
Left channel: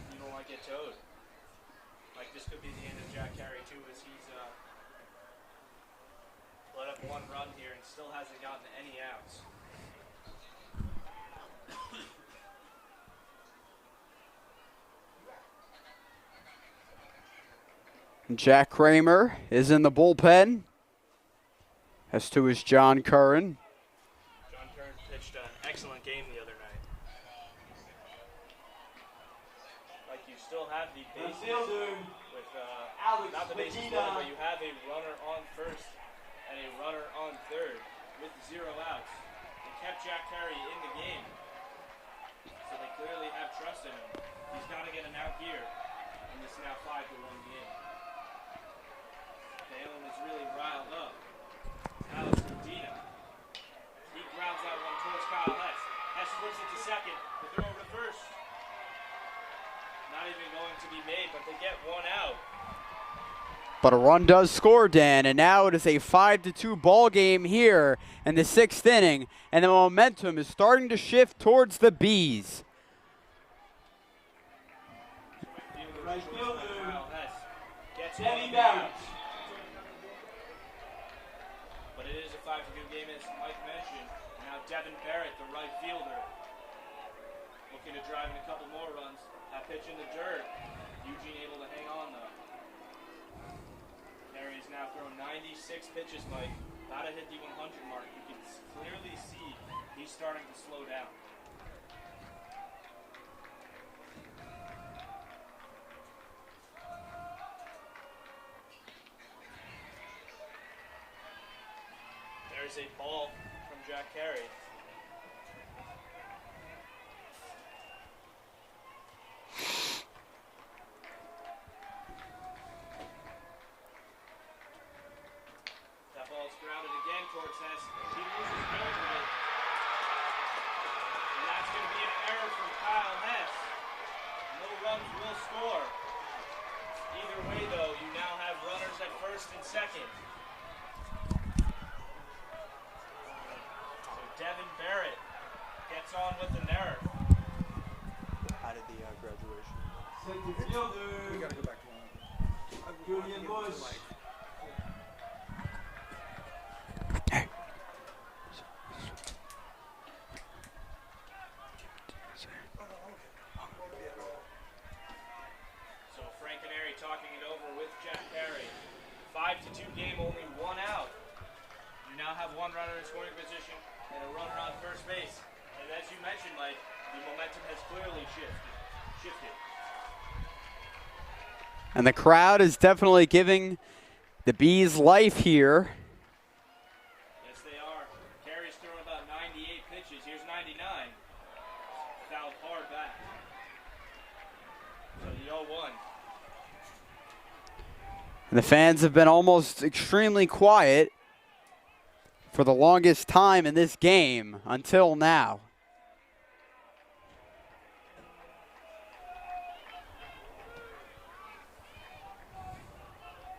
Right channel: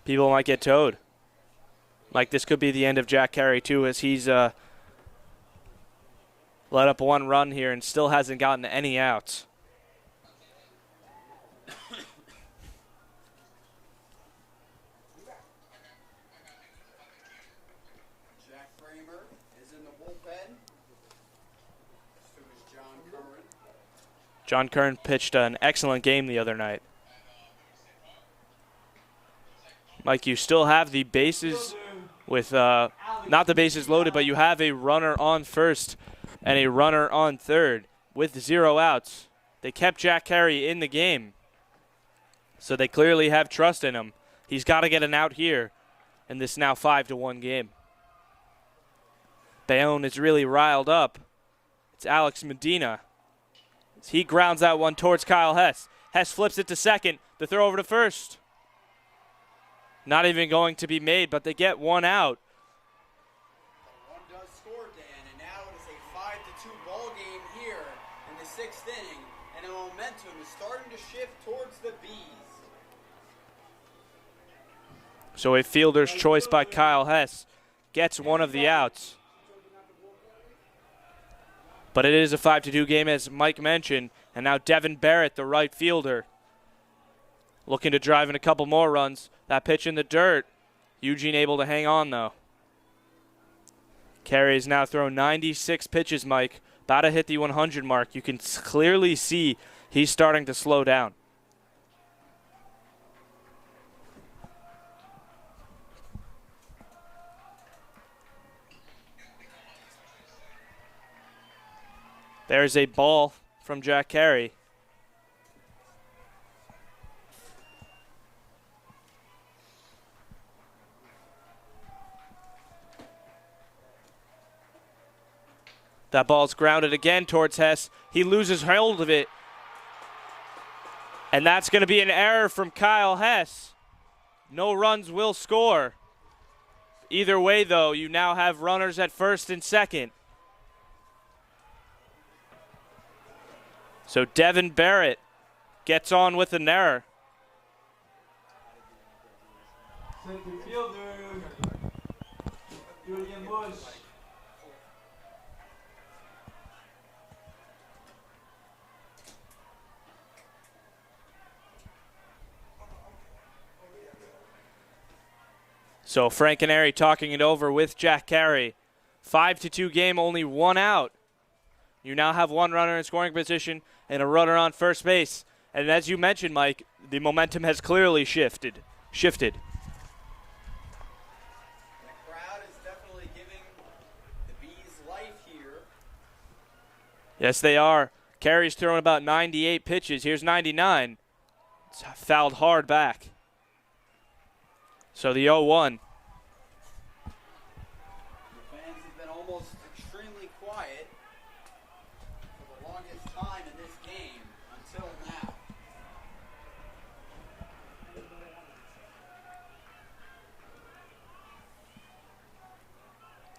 People might get towed. Mike, this could be the end of Jack Carey, too, as he's let up 1 run here and still hasn't gotten any outs. Jack Kramer is in the bullpen. As to is John Curran. John Curran pitched an excellent game the other night. Mike, you still have the bases with, not the bases loaded, but you have a runner on first and a runner on third with 0 outs. They kept Jack Carey in the game, so they clearly have trust in him. He's got to get an out here in this now 5-1 game. Bayonne is really riled up. It's Alex Medina. He grounds that one towards Kyle Hess. Hess flips it to second. The throw over to first. Not even going to be made, but they get 1 out. But a run does score, Dan, and now it is a 5-2 ball game here in the 6th inning, and the momentum is starting to shift towards the Bees. So a fielder's choice by Kyle Hess gets 1 of the outs. But it is a 5-2 game, as Mike mentioned, and now Devon Barrett, the right fielder, looking to drive in a couple more runs. That pitch in the dirt. Eugene able to hang on, though. Carey has now thrown 96 pitches, Mike. About to hit the 100 mark. You can clearly see he's starting to slow down. There's a ball from Jack Carey. That ball's grounded again towards Hess. He loses hold of it. And that's going to be an error from Kyle Hess. No runs will score. Either way, though, you now have runners at first and second. So Devon Barrett gets on with an error. Center fielder, Julian Bush. So Frank Canary talking it over with Jack Carey. 5-2 game, only 1 out. You now have 1 runner in scoring position and a runner on first base. And as you mentioned, Mike, the momentum has clearly shifted. And the crowd is definitely giving the Bees life here. Yes, they are. Carey's thrown about 98 pitches. Here's 99. It's fouled hard back. So the 0-1. And the fans have been almost extremely quiet for the longest time in this game until now.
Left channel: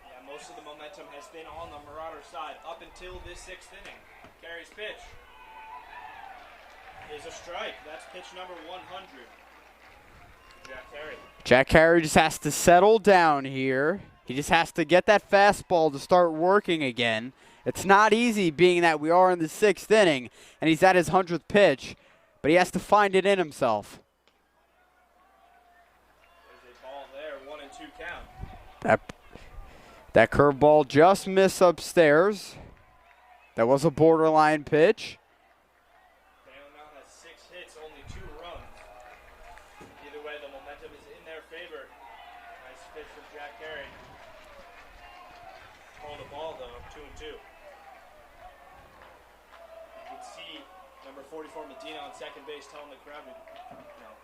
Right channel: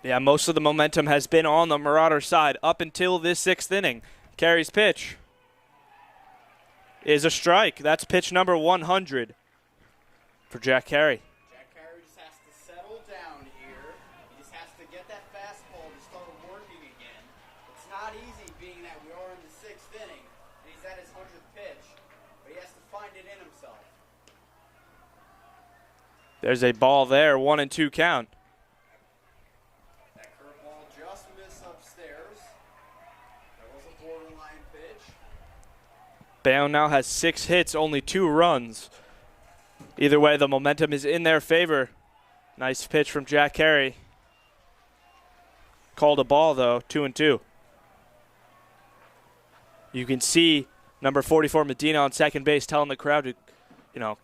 Yeah, most of the momentum has been on the Marauder side up until this 6th inning. Carey's pitch is a strike. That's pitch number 100 for Jack Carey. Jack Carey just has to settle down here. He just has to get that fastball to start working again. It's not easy being that we are in the 6th inning and he's at his 100th pitch, but he has to find it in himself. There's a ball there, 1-2 count. That curveball just missed upstairs. That was a borderline pitch. Bayonne now has 6 hits, only 2 runs. Either way, the momentum is in their favor. Nice pitch from Jack Carey. Called a ball, though, 2-2. You can see number 44 Medina on second base telling the crowd to,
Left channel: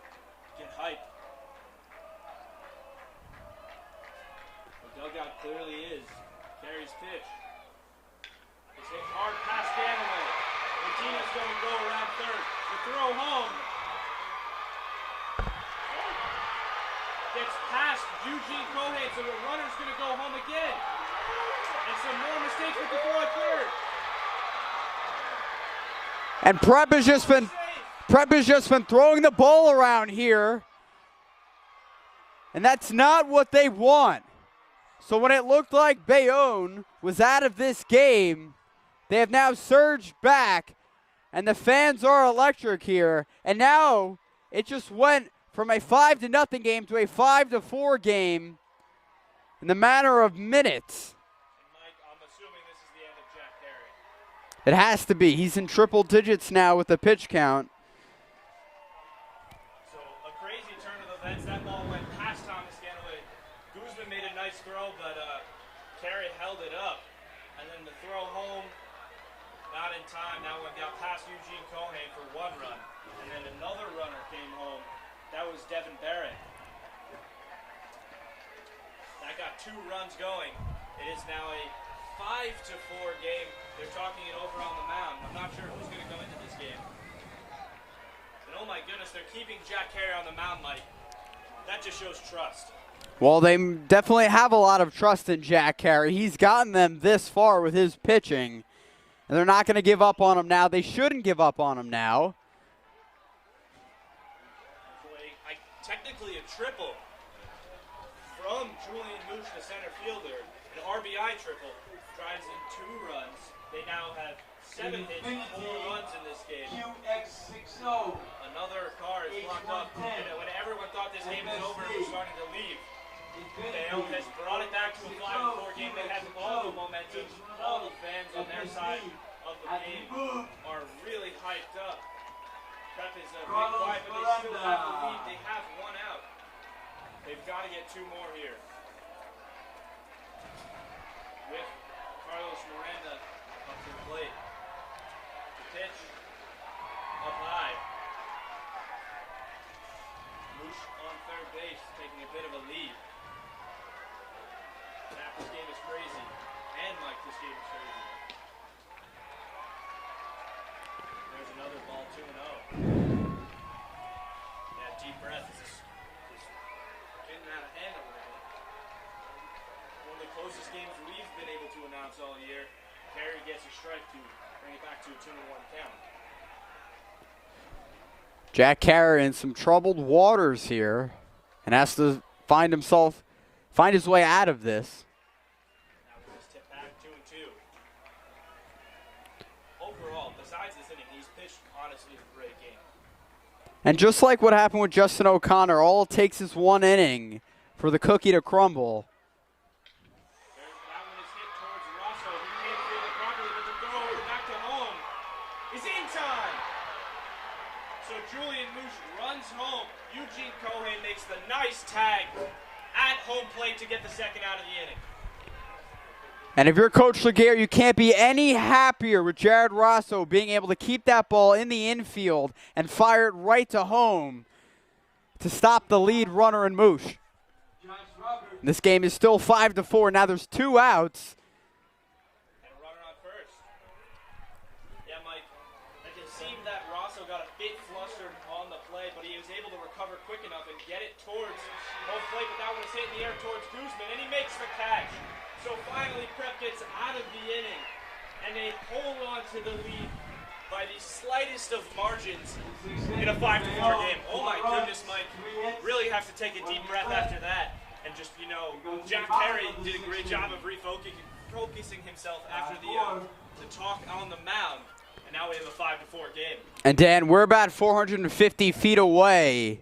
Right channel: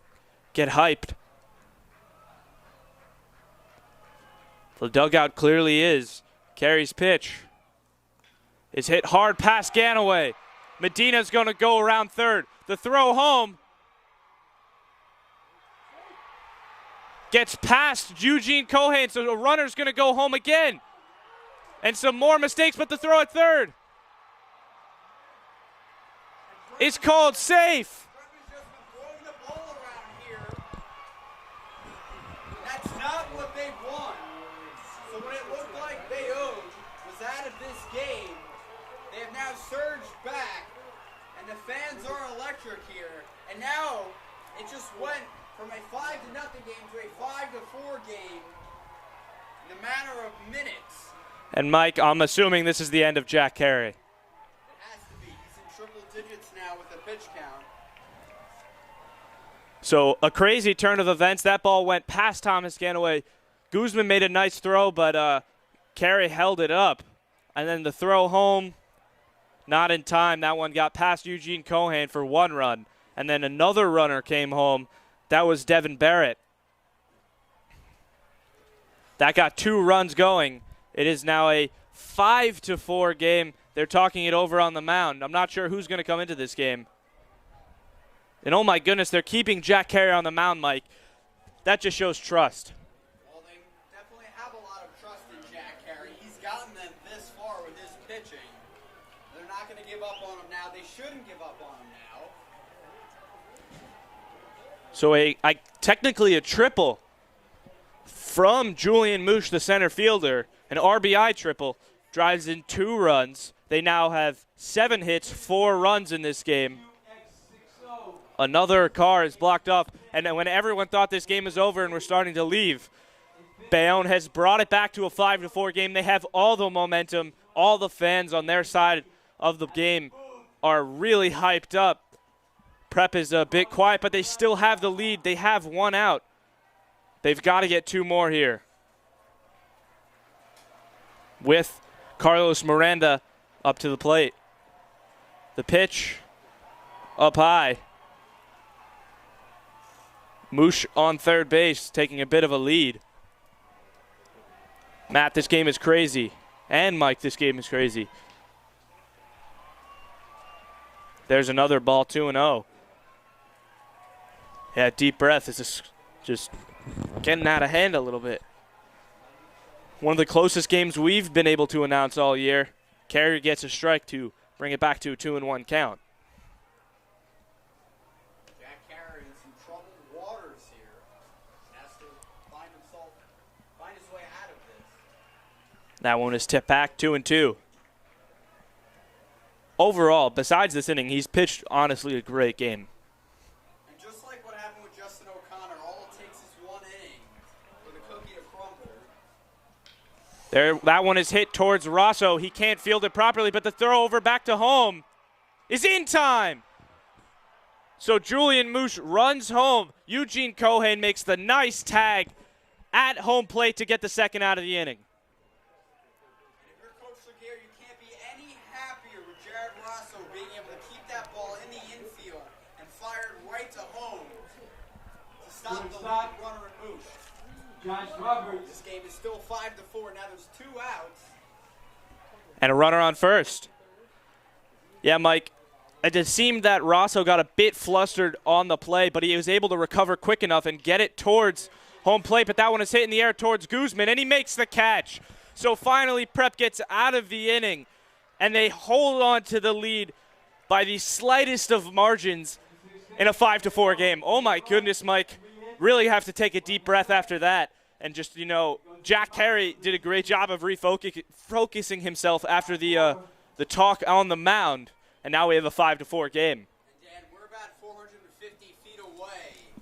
get hyped. The dugout clearly is. Carey's pitch is hit hard past Ganaway. Medina's going to go around third. The throw home gets past Eugene Cohen, so the runner's going to go home again. And some more mistakes, but the throw at third. And Prep It's has just called been safe. Prep has just been throwing the ball around here. And that's not what they want. So when it looked like Bayonne was out of this game, they have now surged back, and the fans are electric here. And now it just went from a 5-0 game to a 5-4 game in the matter of minutes. And Mike, I'm assuming this is the end of Jack Carey. It has to be. He's in triple digits now with the pitch count. So a crazy turn of events. That ball went past Thomas Ganaway. Koosman made a nice throw, but Carey held it up. And then the throw home, not in time. That one got past Eugene Cohen for 1 run. And then another runner came home. That was Devon Barrett. That got 2 runs going. It is now a 5-4 game. They're talking it over on the mound. I'm not sure who's going to come into this game. And oh my goodness, they're keeping Jack Carey on the mound, Mike. That just shows trust. Well, they definitely have a lot of trust in Jack Carey. He's gotten them this far with his pitching. And they're not going to give up on him now. They shouldn't give up on him now. So technically a triple from Julian Moosh, the center fielder. An RBI triple drives in 2 runs. They now have 7 hits, 4 runs in this game. Another car is blocked up, and then when everyone thought this game was over and we're starting to leave, Bayonne has brought it back to a 5-4 game. They have all the momentum. All the fans on their side of the game are really hyped up. Prep is a bit quiet, but they still have the lead. They have 1 out. They've got to get 2 more here. With Carlos Miranda up to the plate. The pitch up high. Moosh on third base, taking a bit of a lead. Matt, this game is crazy. And Mike, this game is crazy. There's another ball, 2-0. Yeah, deep breath. This is just getting out of hand a little bit. One of the closest games we've been able to announce all year. Carey gets a strike to bring it back to a 2-1 count. Jack Carey in some troubled waters here and has to find his way out of this. That one is tipped back, 2-2. Overall, besides this inning, he's pitched honestly a great game. And just like what happened with Justin O'Connor, all it takes is 1 inning for the cookie to crumble. That one is hit towards Rosso. He can't field it properly, but the throw over back to home is in time. So Julian Moosh runs home. Eugene Cohen makes the nice tag at home plate to get the 2nd out of the inning. And if you're Coach Laguerre, you can't be any happier with Jared Rosso being able to keep that ball in the infield and fire it right to home to stop the lead runner in Moosh. This game is still 5-4. Now there's 2 outs. And a runner on first. Yeah, Mike, it just seemed that Rosso got a bit flustered on the play, but he was able to recover quick enough and get it towards home plate. But that one is hit in the air towards Koosman, and he makes the catch. So finally, Prep gets out of the inning, and they hold on to the lead by the slightest of margins in a 5-4 game. Oh my goodness, Mike. Really have to take a deep breath after that. And just, you know, Jack Terry did a great job of refocusing himself after the talk on the mound. And now we have a 5-4 game. And Dan, we're about 450 feet away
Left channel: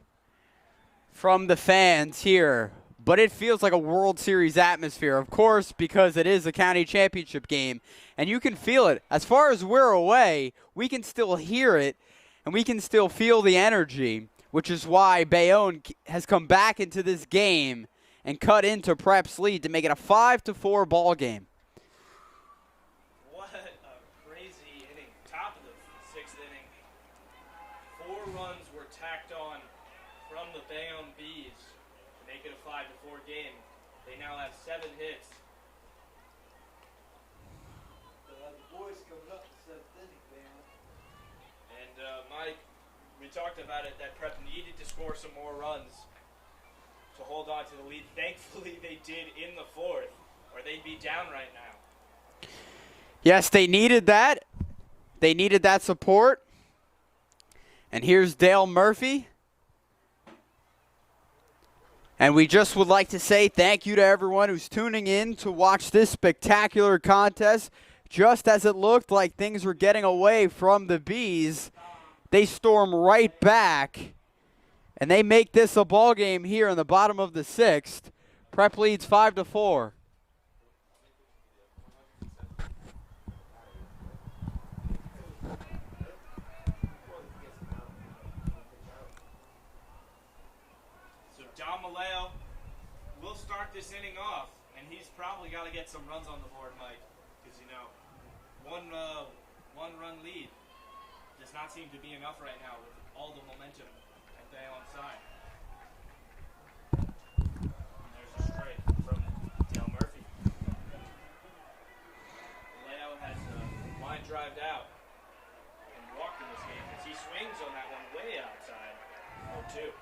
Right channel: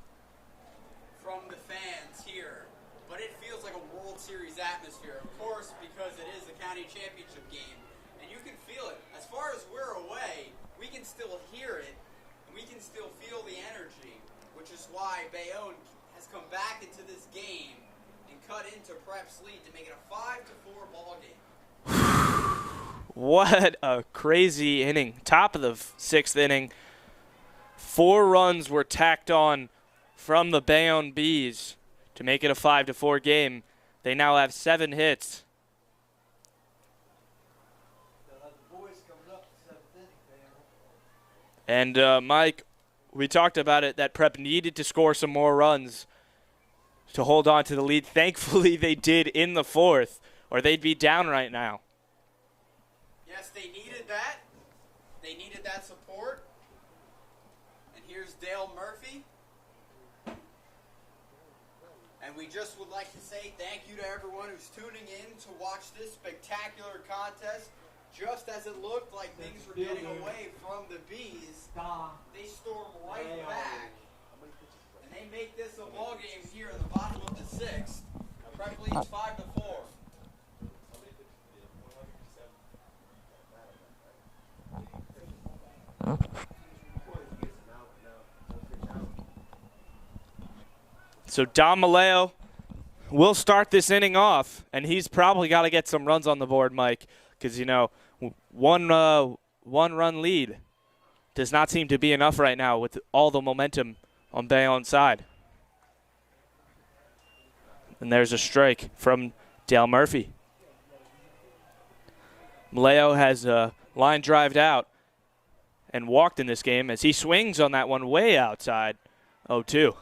from the fans here, but it feels like a World Series atmosphere, of course, because it is a county championship game, and you can feel it. As far as we're away, we can still hear it, and we can still feel the energy, which is why Bayonne has come back into this game and cut into Prep's lead to make it a 5-4 ball game. What a crazy inning. Top of the 6th inning. 4 runs were tacked on from the Bayonne Bees to make it a 5-4 game. They now have 7 hits. And Mike, we talked about it, that Prep needed to score some more runs to hold on to the lead. Thankfully, they did in the 4th, or they'd be down right now. Yes, they needed that. They needed that support. And here's Dale Murphy. And we just would like to say thank you to everyone who's tuning in to watch this spectacular contest. Just as it looked like things were getting away from the Bees, they storm right back. And they make this a ball game here in the bottom of the 6th. Prep leads 5-4. So Dom Maleo will start this inning off, and he's probably got to get some runs on the board, Mike, because, you know, one run lead does not seem to be enough right now with all the momentum on Bayonne's side. And there's a strike from Dale Murphy. Maleo has line drived out and walked in this game as he swings on that one way outside. 0-2.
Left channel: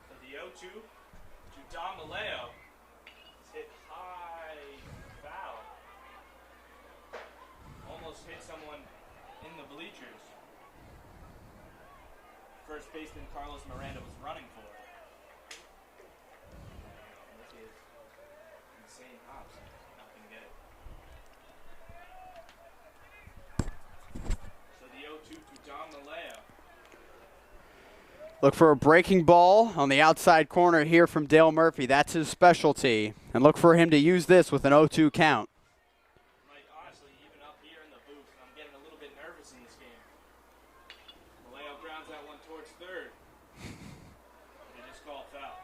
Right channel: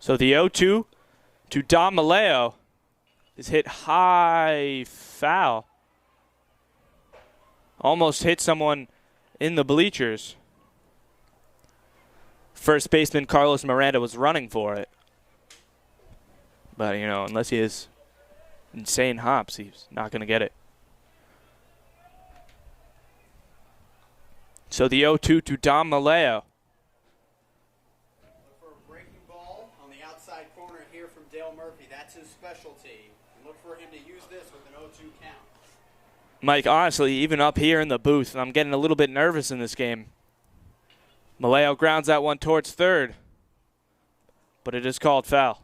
So the 0-2 to Dom Maleo is hit high foul. Almost hit someone in the bleachers. First baseman Carlos Miranda was running for it. But, you know, unless he has insane hops, he's not going to get it. So the 0-2 to Dom Maleo. Look for a breaking ball on the outside corner here from Dale Murphy. That's his specialty. And look for him to use this with an 0-2 count. Mike, honestly, even up here in the booth, I'm getting a little bit nervous in this game. Maleo grounds that one towards third, but it is called foul.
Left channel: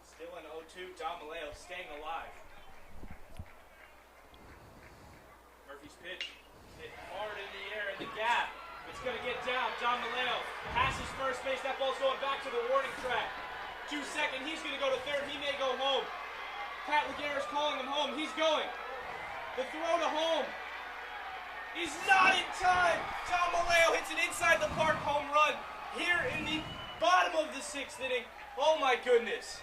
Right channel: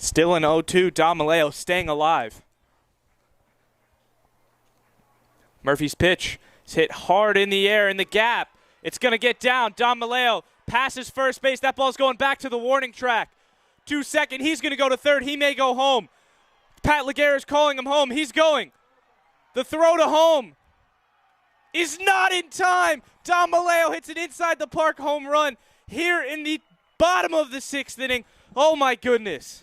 Still an 0-2, Dom Maleo staying alive. Murphy's pitch is hit hard in the air in the gap. It's going to get down. Dom Maleo passes first base. That ball's going back to the warning track. 2 second. He's going to go to third. He may go home. Pat Laguerre is calling him home. He's going. The throw to home is not in time. Dom Maleo hits an inside the park home run here in the bottom of the 6th inning. Oh, my goodness.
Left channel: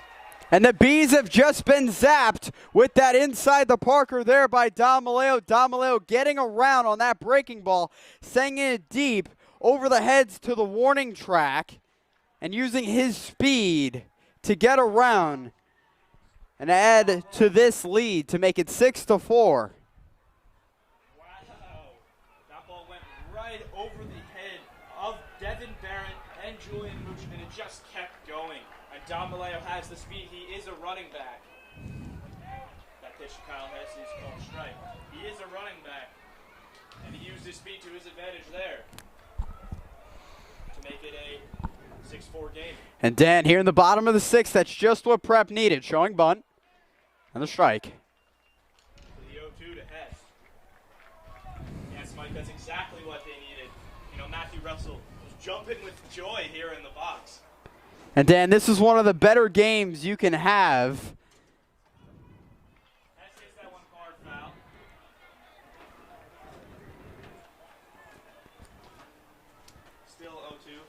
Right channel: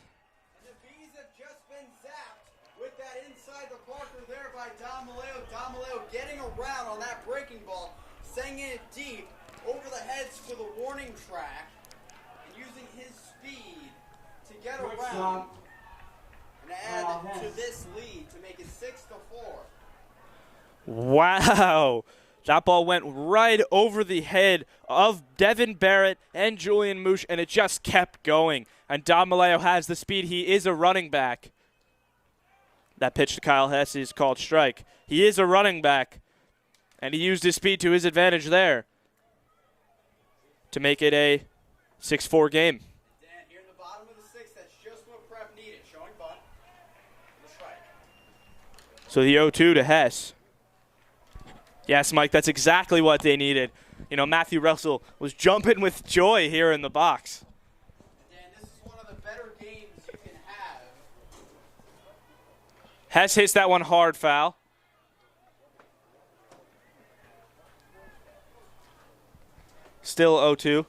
And the Bees have just been zapped with that inside the Parker there by Dom Maleo. Dom Maleo getting around on that breaking ball, sending it deep over the heads to the warning track and using his speed to get around and add to this lead to make it 6-4. Wow. That ball went right over the head of Devon Barrett and Julian Moosh, and it just kept going. And Dom Maleo has the speed. He is a running back. That pitch to Kyle Hesse is called strike. He is a running back, and he used his speed to his advantage there to make it a 6-4 game. And Dan, here in the bottom of the 6th, that's just what Prep needed. Showing bunt and the strike. So the 0-2 to Hess. Yes, Mike, that's exactly what they needed. You know, Matthew Russell was jumping with joy here in the box. And Dan, this is one of the better games you can have. Hess hits that one hard foul. Still 0-2.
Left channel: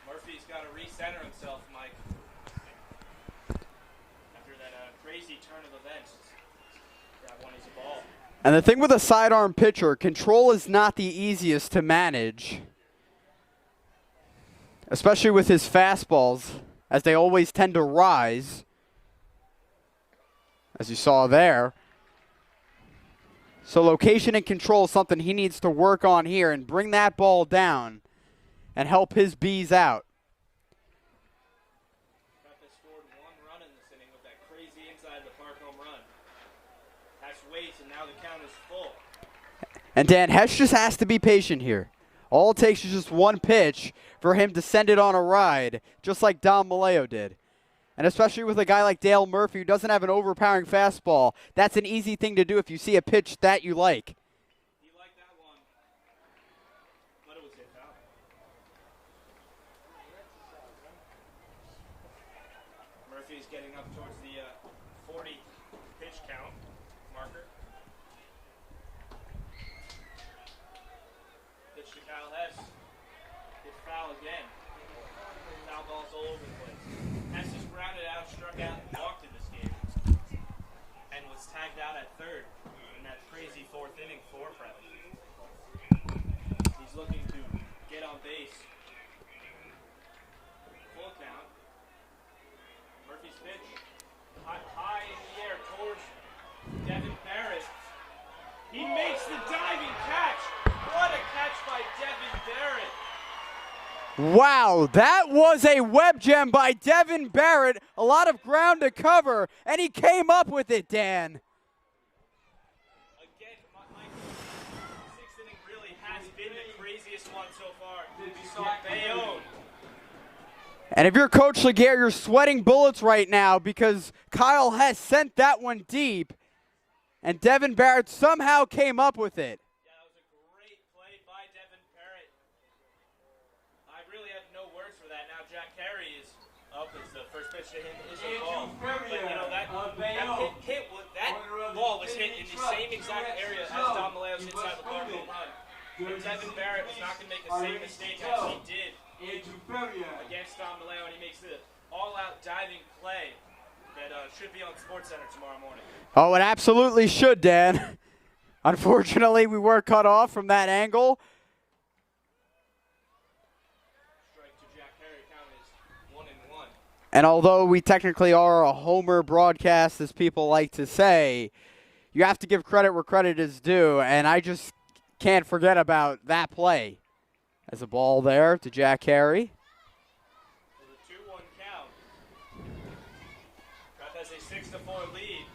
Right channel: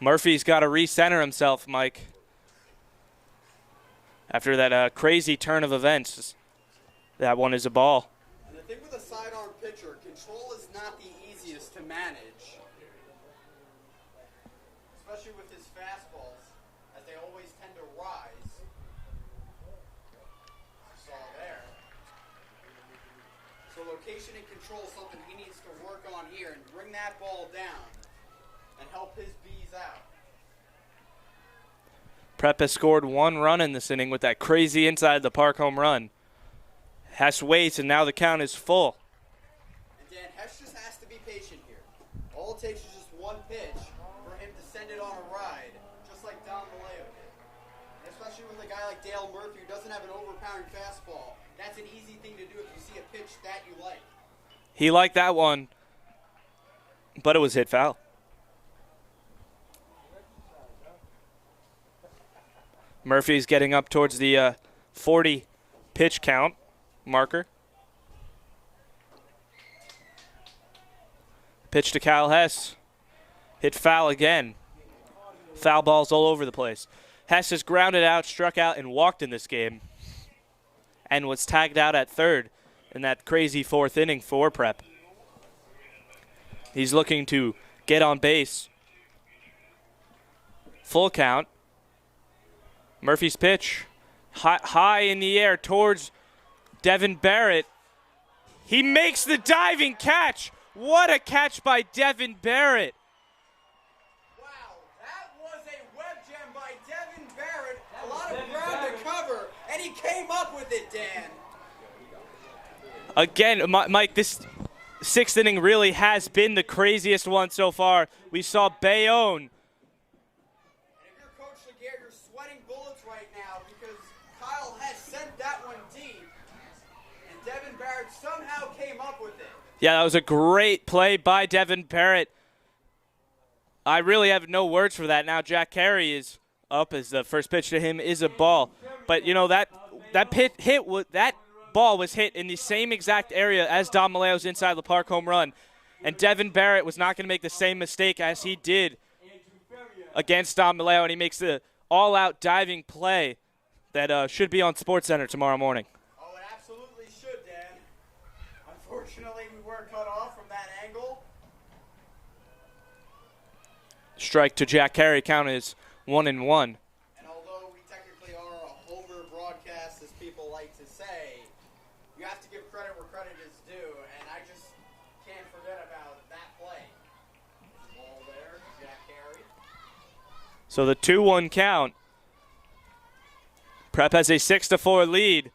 Murphy's got to recenter himself, Mike. After that crazy turn of events, that one is a ball. And the thing with a sidearm pitcher, control is not the easiest to manage, especially with his fastballs, as they always tend to rise, as you saw there. So location and control is something he needs to work on here and bring that ball down and help his bees out. Prep has scored 1 run in this inning with that crazy inside the park home run. Hess waits, and now the count is full. And Dan, Hess just has to be patient here. All it takes is just one pitch for him to send it on a ride, just like Dom Maleo did. And especially with a guy like Dale Murphy who doesn't have an overpowering fastball, that's an easy thing to do if you see a pitch that you like. He liked that one, but it was hit foul. Murphy's getting up towards the 40 pitch count marker. Pitch to Kyle Hess. Hit foul again. Foul balls all over the place. Hess has grounded out, struck out, and walked in this game, and was tagged out at third in that crazy 4th inning for Prep. He's looking to get on base. Full count. Murphy's pitch, high in the air towards Devon Barrett. He makes the diving catch. What a catch by Devon Barrett. Wow, that was a web gem by Devon Barrett. A lot of ground to cover, and he came up with it, Dan. Again, Mike, this 6th inning really has been the craziest one so far. We saw Bayonne. And if you're Coach Laguerre, you're sweating bullets right now because Kyle Hess sent that one deep, and Devon Barrett somehow came up with it. Yeah, that was a great play by Devon Barrett. I really have no words for that. Now Jack Carey is up as the first pitch to him is a ball. But, you know, that ball was hit in the same exact area as Dom Maleo's inside the park home run. And Devon Barrett was not going to make the same mistake as he did against Dom Maleo, and he makes the all-out diving play that should be on SportsCenter tomorrow morning. Oh, it absolutely should, Dan. Unfortunately, we were cut off from that angle. Strike to Jack Carey. Count is 1-1. And although we technically are a homer broadcast, as people like to say, you have to give credit where credit is due, and I just can't forget about that play. As a ball there to Jack Carey. So the 2-1 count. Prep has a 6-4 lead.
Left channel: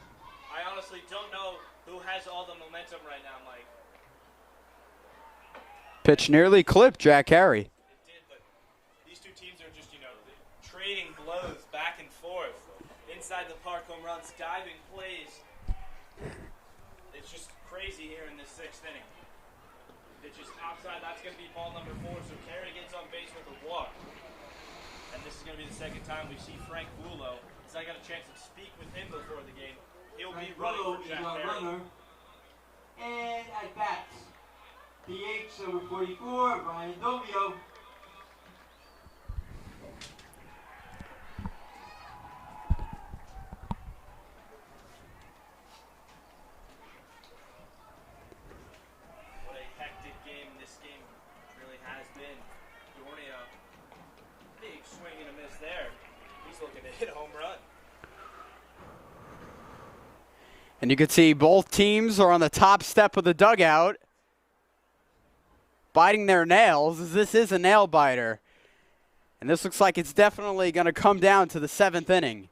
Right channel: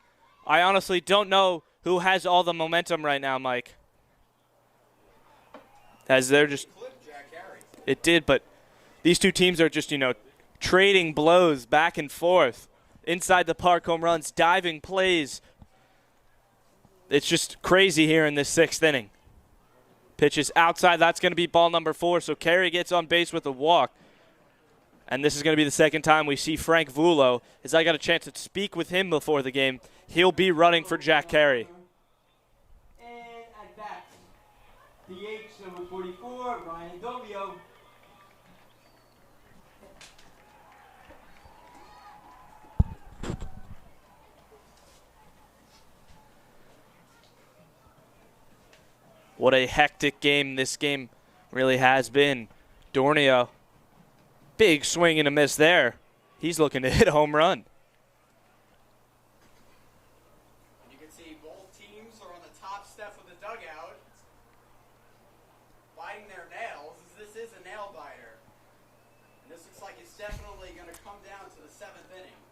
I honestly don't know who has all the momentum right now, Mike. Pitch nearly clipped Jack Carey. It did, but these two teams are just, you know, trading blows back and forth. Inside the park home runs, diving plays. It's just crazy here in this 6th inning. Pitch is outside. That's going to be ball number 4. So Carey gets on base with a walk. And this is going to be the second time we see Frank Vulo. As I got a chance to speak with him before the game, he'll be running for Jack Carey. And at bats, DH number 44, Ryan Domio. What a hectic game this game really has been. Dornio, big swing and a miss there. He's looking to hit a home run. And you can see both teams are on the top step of the dugout, biting their nails, as this is a nail biter. And this looks like it's definitely going to come down to the 7th inning.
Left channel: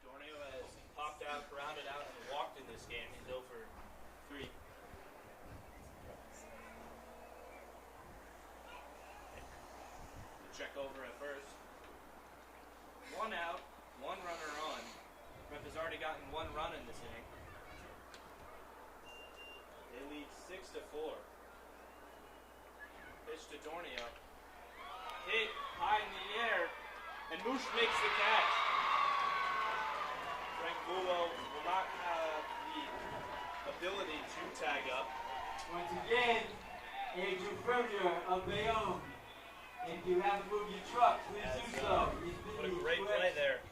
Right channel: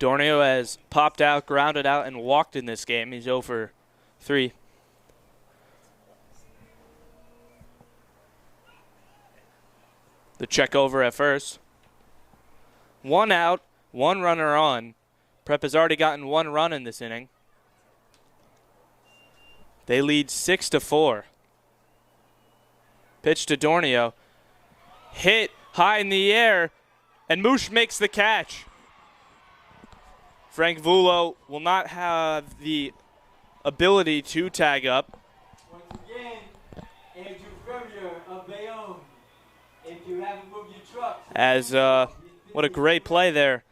Dornio has popped out, grounded out, and walked in this game. He's 0 for 3. The check over at first. 1 out, 1 runner on. Prep has already gotten 1 run in this inning. They lead 6-4. Pitch to Dornio. Hit high in the air, and Moosh makes the catch. Frank Vulo will not have the ability to tag up. Once again, Andrew Premier of Bayonne. If you haven't moved your truck, As what a great play there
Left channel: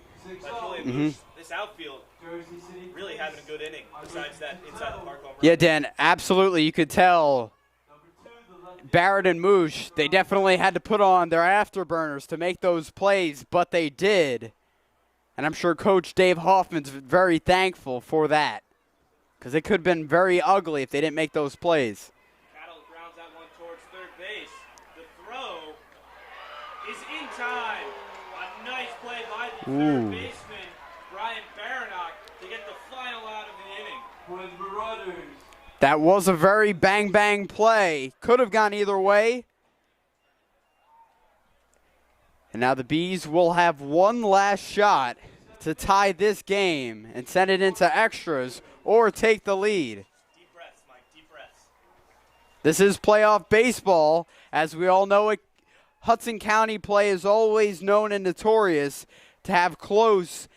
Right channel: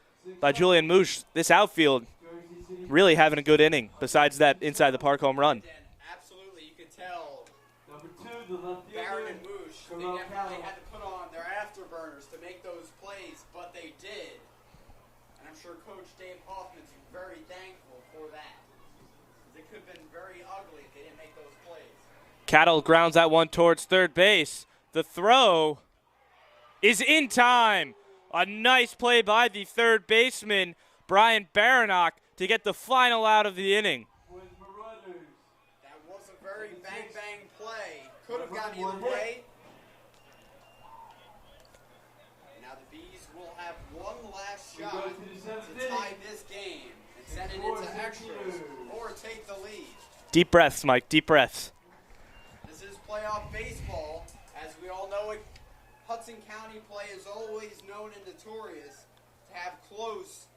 by Julian Moosh. This outfield really having a good inning besides that inside the park home run. Yeah, Dan, absolutely. You could tell Barrett and Moosh, they definitely had to put on their afterburners to make those plays, but they did. And I'm sure Coach Dave Hoffman's very thankful for that, because it could have been very ugly if they didn't make those plays. Cattle grounds that one towards third base. The throw is in time. A nice play by the third baseman, Brian Baranach, to get the final out of the inning. for the Marauders. That was a very bang-bang play. Could have gone either way. And now the Bees will have one last shot to tie this game and send it into extras or take the lead. Deep breaths, Mike, deep breaths. This is playoff baseball. As we all know, Hudson County play is always known and notorious to have close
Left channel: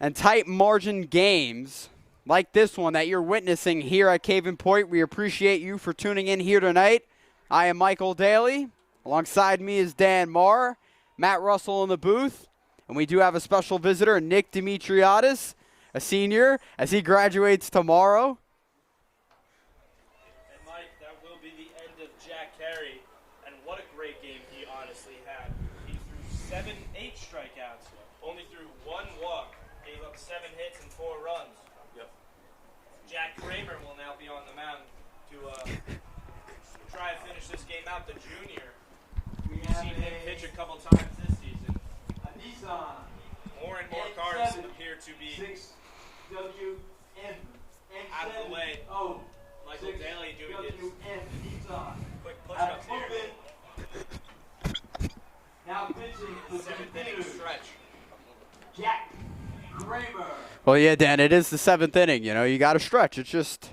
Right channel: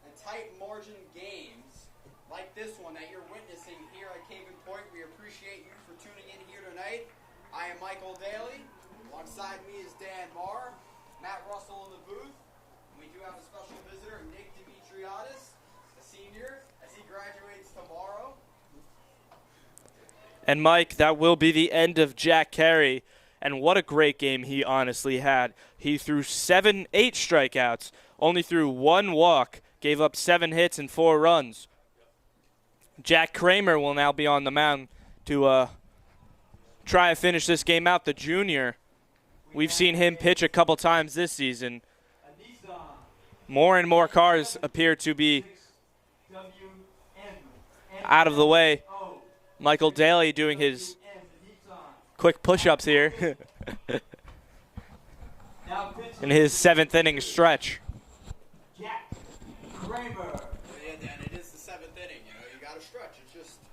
and tight margin games like this one that you're witnessing here at Caven Point. We appreciate you for tuning in here tonight. I am Michael Daly. Alongside me is Dan Marr, Matt Russell in the booth, and we do have a special visitor, Nick Dimitriadis, a senior, as he graduates tomorrow. And Mike, that will be the end of Jack Carey. And what a great game he honestly had. He threw 8 strikeouts, only threw 1 walk, gave up 7 hits and 4 runs. Yep. Jack Kramer will now be on the mound to try to finish this game out, the junior. We've seen him pitch a couple times this season. More and more cars appear to be out of the way. Michael Daly doing his quick push-ups here in his 7th inning stretch. Well, yeah, Dan, it is the 7th inning. You know, you got to stretch. It's just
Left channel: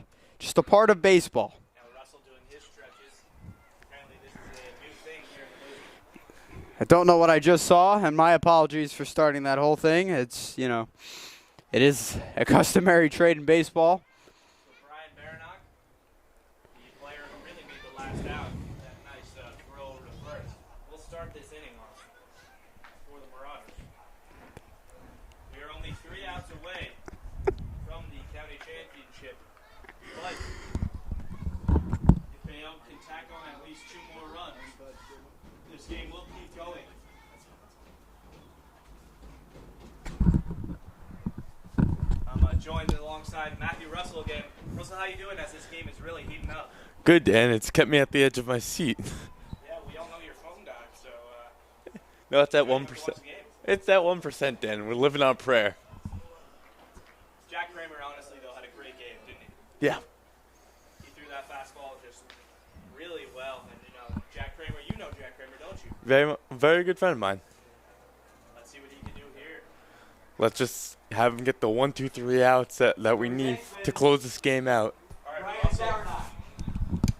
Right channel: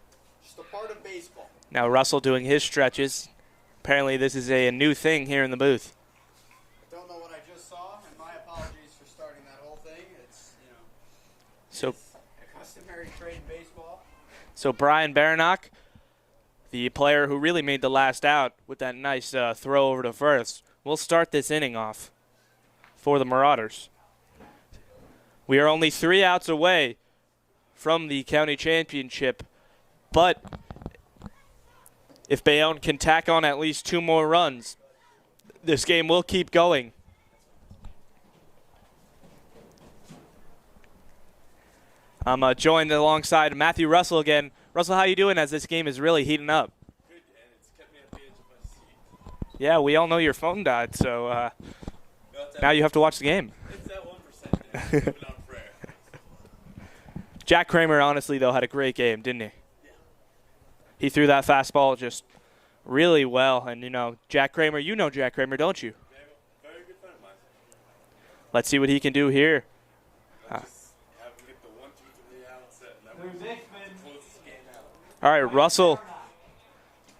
a part of baseball. Now Russell doing his stretches. Apparently this is a new thing here in the booth. I don't know what I just saw, and my apologies for starting that whole thing. It's, you know, it is a customary trade in baseball. So Brian Baranach, the player who really made the last out with that nice throw over to first, will start this inning off for the Marauders. We are only 3 outs away from the county championship, but if Bayonne can tack on at least 2 more runs, this game will keep going. I'm joined alongside Matthew Russell again. Russell, how you doing as this game is really heating up? Good, Dan. It's kept me at the edge of my seat. Yeah, we all know your phone died, so No, it's that now 1%. you have to watch the game. It's that 1%, Dan. We're living on prayer. Jack Kramer, honestly, though, had a great game, didn't he? Yeah. He threw that fastball just really well. And, you know, Jack Kramer, you know Jack Kramer, don't you? Very good friend of mine. Let's see what he can do here. Let's just have him get the 1, 2, 3 outs that we need to close this game out. All right, Russell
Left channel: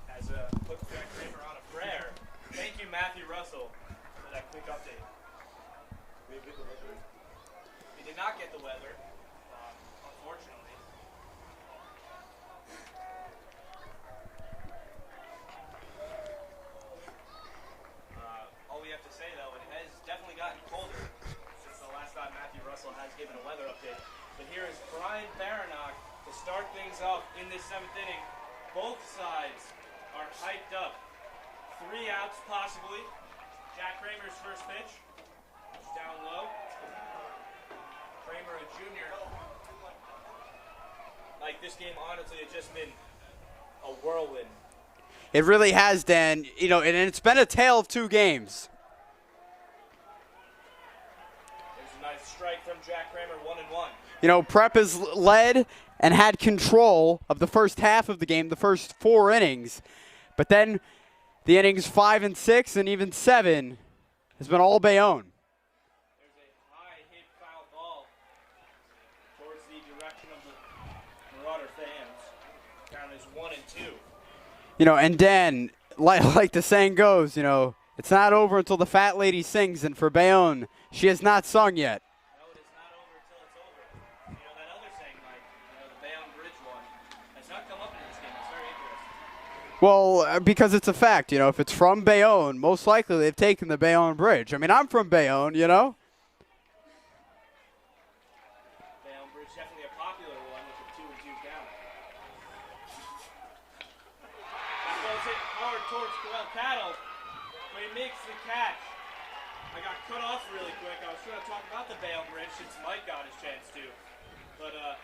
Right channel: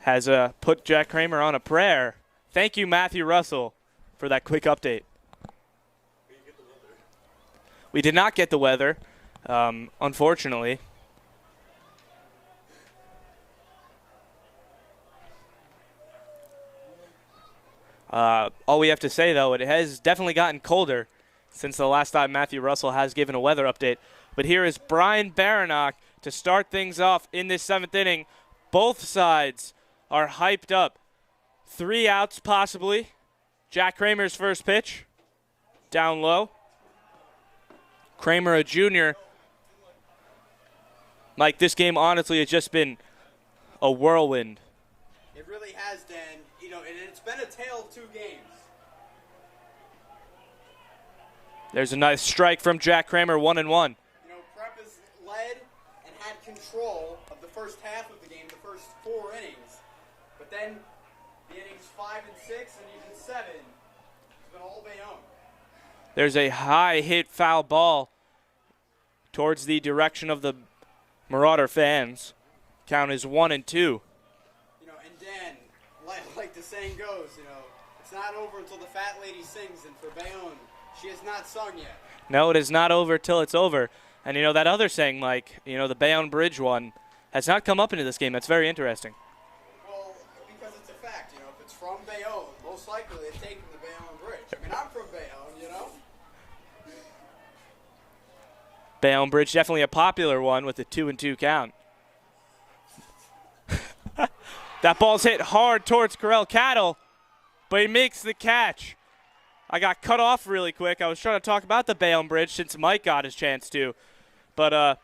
has put Jack Kramer on a prayer. Thank you, Matthew Russell, for that quick update. We did not get the weather, unfortunately. All we have to say, though, it has definitely gotten colder since the last time Matthew Russell has given a weather update. But here is Brian Baranach to start things off in this 7th inning. Both sides are hyped up. 3 outs, possibly. Jack Kramer's first pitch. Down low. Kramer, a junior. Mike, this game, honestly, has just been a whirlwind. It really has, Dan. You know, and it's been a tale of 2 games. There's a nice strike from Jack Kramer, 1-1. You know, Prep has led and had control of the first half of the game, the first 4 innings. But then the innings 5 and 6 and even 7 has been all Bayonne. There's a high hit foul ball towards the direction of the Marauder fans. Count is 1-2. You know, and Dan, like the saying goes, you know, it's not over until the fat lady sings, and for Bayonne, she has not sung yet. No, it is not over till it's over. And, you know, that other saying, Mike, you know, the Bayonne Bridge one, has not come up into this game. That's very interesting. Well, because it's a fact, you know, if it's from Bayonne, most likely they've taken the Bayonne Bridge. I mean, I'm from Bayonne, you know. Bayonne Bridge, definitely a popular one with a 2-2 count. That ball's hit hard towards Corell Cattle, but he makes the catch. I got cut off really quick. I was trying to talk about the Bayonne Bridge since Mike got his chance to. But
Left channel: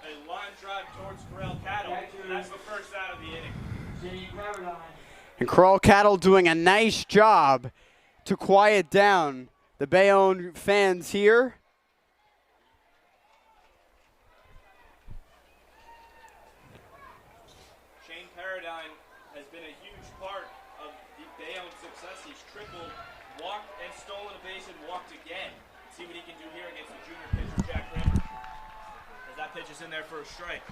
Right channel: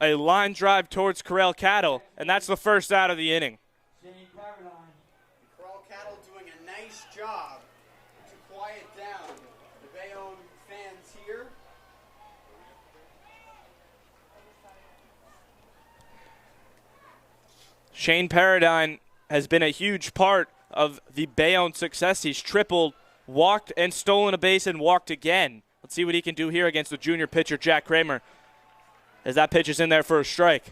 a line drive towards Corell Cattle, and that's the first out of the inning. And Corell Cattle doing a nice job to quiet down the Bayonne fans here. Shane Paradine has been a huge part of the Bayonne success. He's tripled, walked and stolen a base and walked again. Let's see what he can do here against the junior pitcher, Jack Kramer, as that pitch is in there for a strike.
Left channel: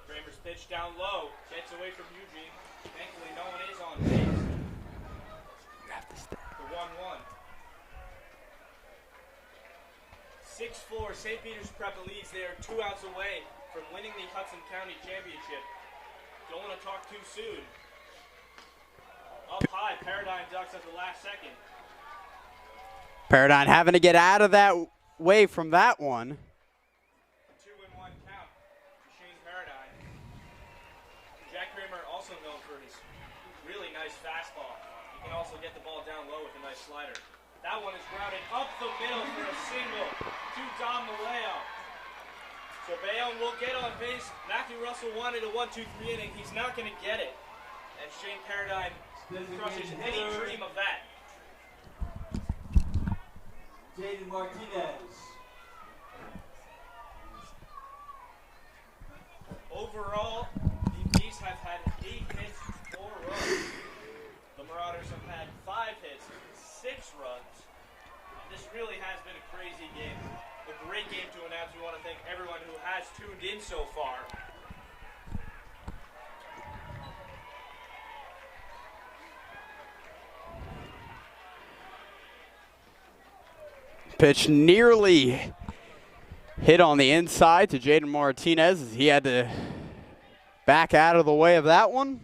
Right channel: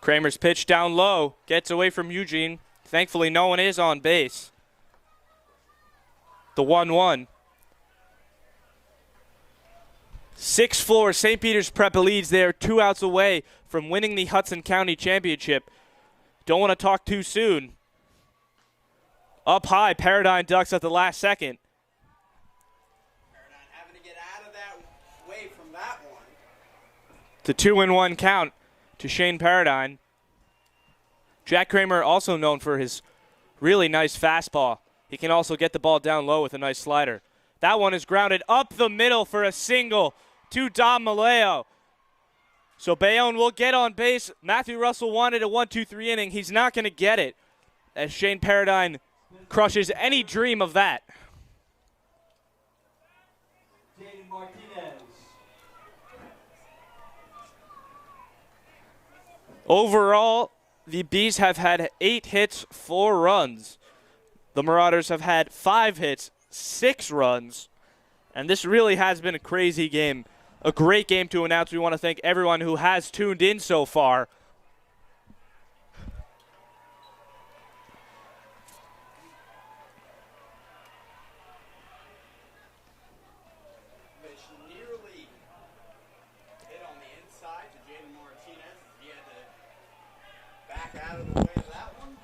Kramer's pitch down low, gets away from Eugene. Thankfully, no one is on base. The 1-1. 6-4, St. Peter's Prep leads there, 2 outs away from winning the Hudson County Championship. Don't want to talk too soon. Up high, Paradine ducks at the last second. Paradine having to get out of that way from that one. The 2-1 count to Shane Paradine. Jack Kramer also known for his really nice fastball. He can also get the ball down low with a nice slider. That one is grounded up the middle for a single to Dom Maleo. So Bayonne will get on base. Matthew Russell wanted a 1-2-3 inning. He's not going to get it as Shane Paradine crushes any dream of that. Jaden Martinez. Overall, the Bees have had 8 hits, 4 runs. The Marauders have had 5 hits, 6 runs. And this really has been a crazy game. A great game to announce. We want to thank everyone who has tuned in so far. Pitch nearly hit on the inside to Jaden Martinez as he had to back out of the way of that one.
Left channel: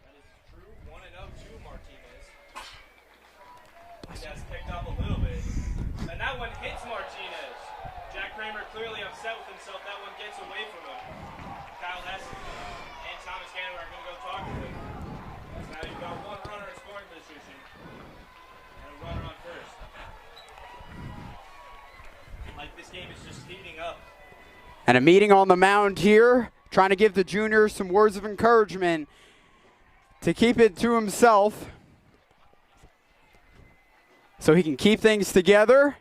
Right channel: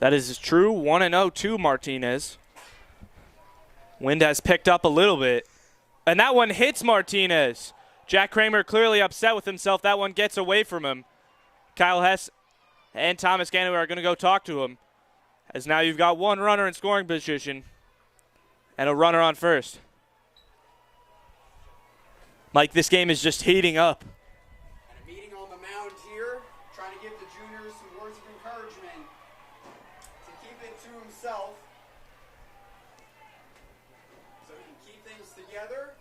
That is true. 1-0 to Martinez. Wind has picked up a little bit. And that one hits Martinez. Jack Kramer clearly upset with himself. That one gets away from him. Kyle Hess and Thomas Ganaway are going to go talk to him. As now you've got 1 runner in scoring position and a runner on first. Mike, this game is just heating up. And a meeting on the mound here, trying to give the junior some words of encouragement to keep it to himself so he can keep things together.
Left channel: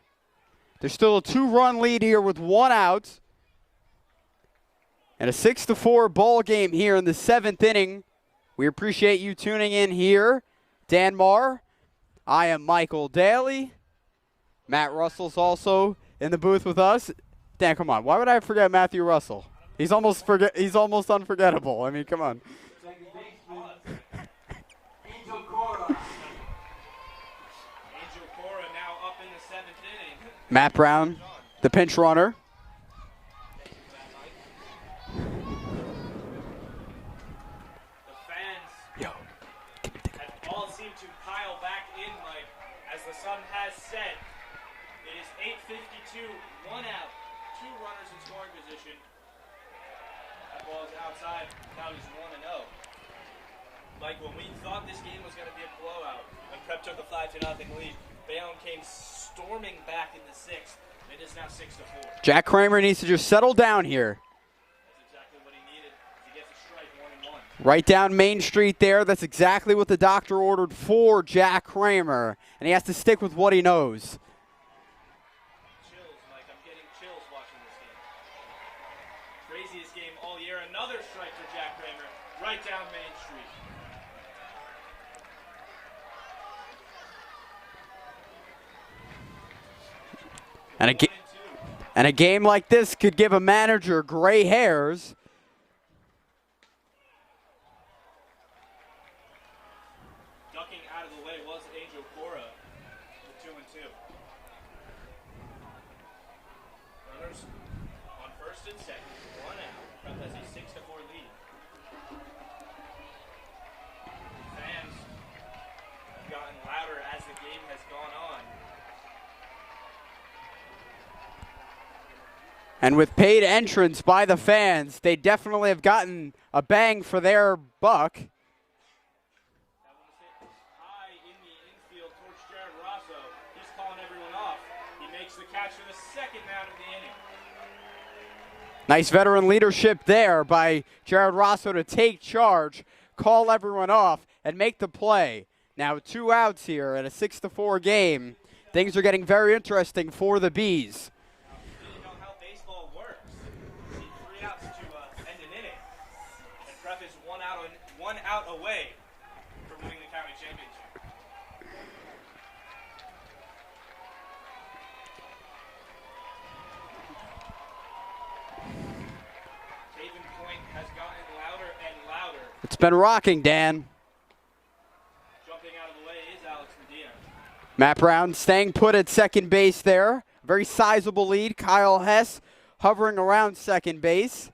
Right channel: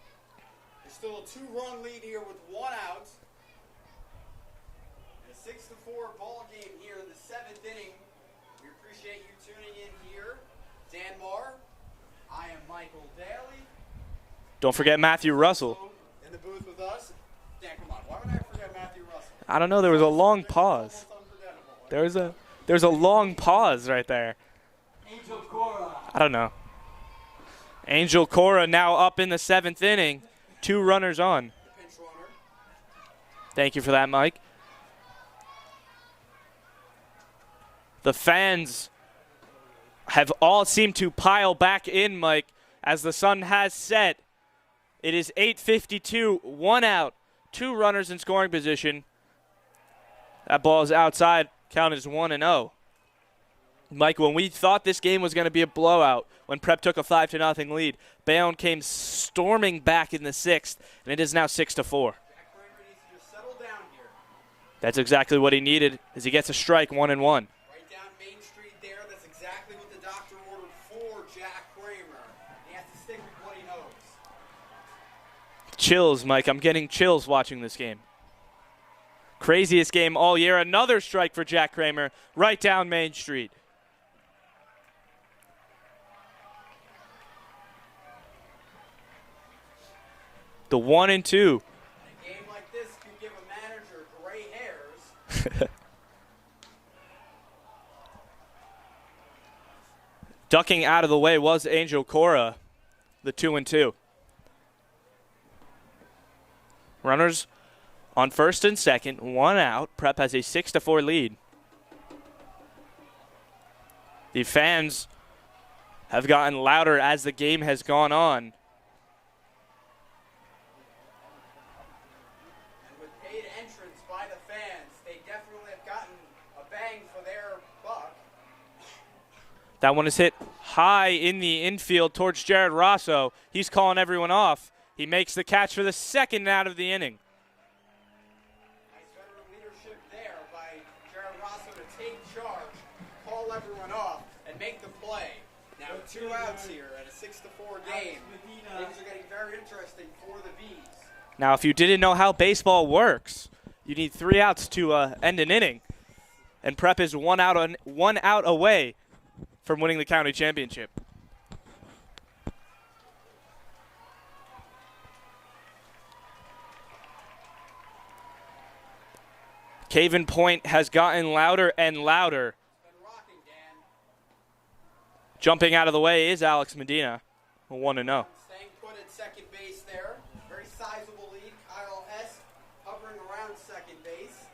There's still a 2-run lead here with 1 out. And a 6-4 ball game here in the 7th inning. We appreciate you tuning in here. Dan Marr, I am Michael Daly. Don't forget Matthew Russell's Russell. Also in the booth with us. Dan, come on. Why would I forget Matthew Russell? I don't know. He's There was a long He's pause. almost unforgettable. I mean, come on. There's a long pause right there. Angel Cora. I don't know. Angel Cora now up in the 7th inning. Matt 2 Brown, runners on. the pinch runner. Thank you for that, Mike. The fans have all seemed to pile back in, Mike, as the sun has set. It is 8:52, 1 out, 2 runners in scoring position. That ball is outside. Count is 1-0. Mike, when we thought this game was going to be a blowout, when Prep took a 5-0 lead, Bayonne came storming back in the 6th, and it is now 6-4. Jack Kramer needs to just settle down here. That's exactly what he needed as he gets a strike, 1-1. Right down Main Street there. That's exactly what the doctor ordered for Jack Kramer. And he has to stick with what he knows. Chills, Mike. I'm getting chills watching this game. Craziest game all year. Another strike for Jack Kramer right down Main Street. The 1 and 2. And a game like this could give a manager gray hairs. Ducking out of the way was Angel Cora, the 2 and 2. Runners on first and second, 1 out. Prep has a 6-4 lead. The fans have gotten louder as the game has gone on. And with paid entrance by the fans, they definitely have gotten a bang for their buck. That one is hit high in the infield towards Jared Rosso. He's calling everyone off. He makes the catch for the second out of the inning. Nice veteran leadership there by Jared Rosso to take charge, call everyone off, and make the play. Now 2 outs here in a 6-4 game. Things are getting very interesting for the Bees. Now, if you didn't know how baseball works, you need 3 outs to end an inning. And Prep is 1 out away from winning the county championship. Caven Point has gotten louder and louder. It's been rocking, Dan. Jumping out of the way is Alex Medina. Matt Brown staying put at second base there. Very sizable lead. Kyle Hess hovering around second base.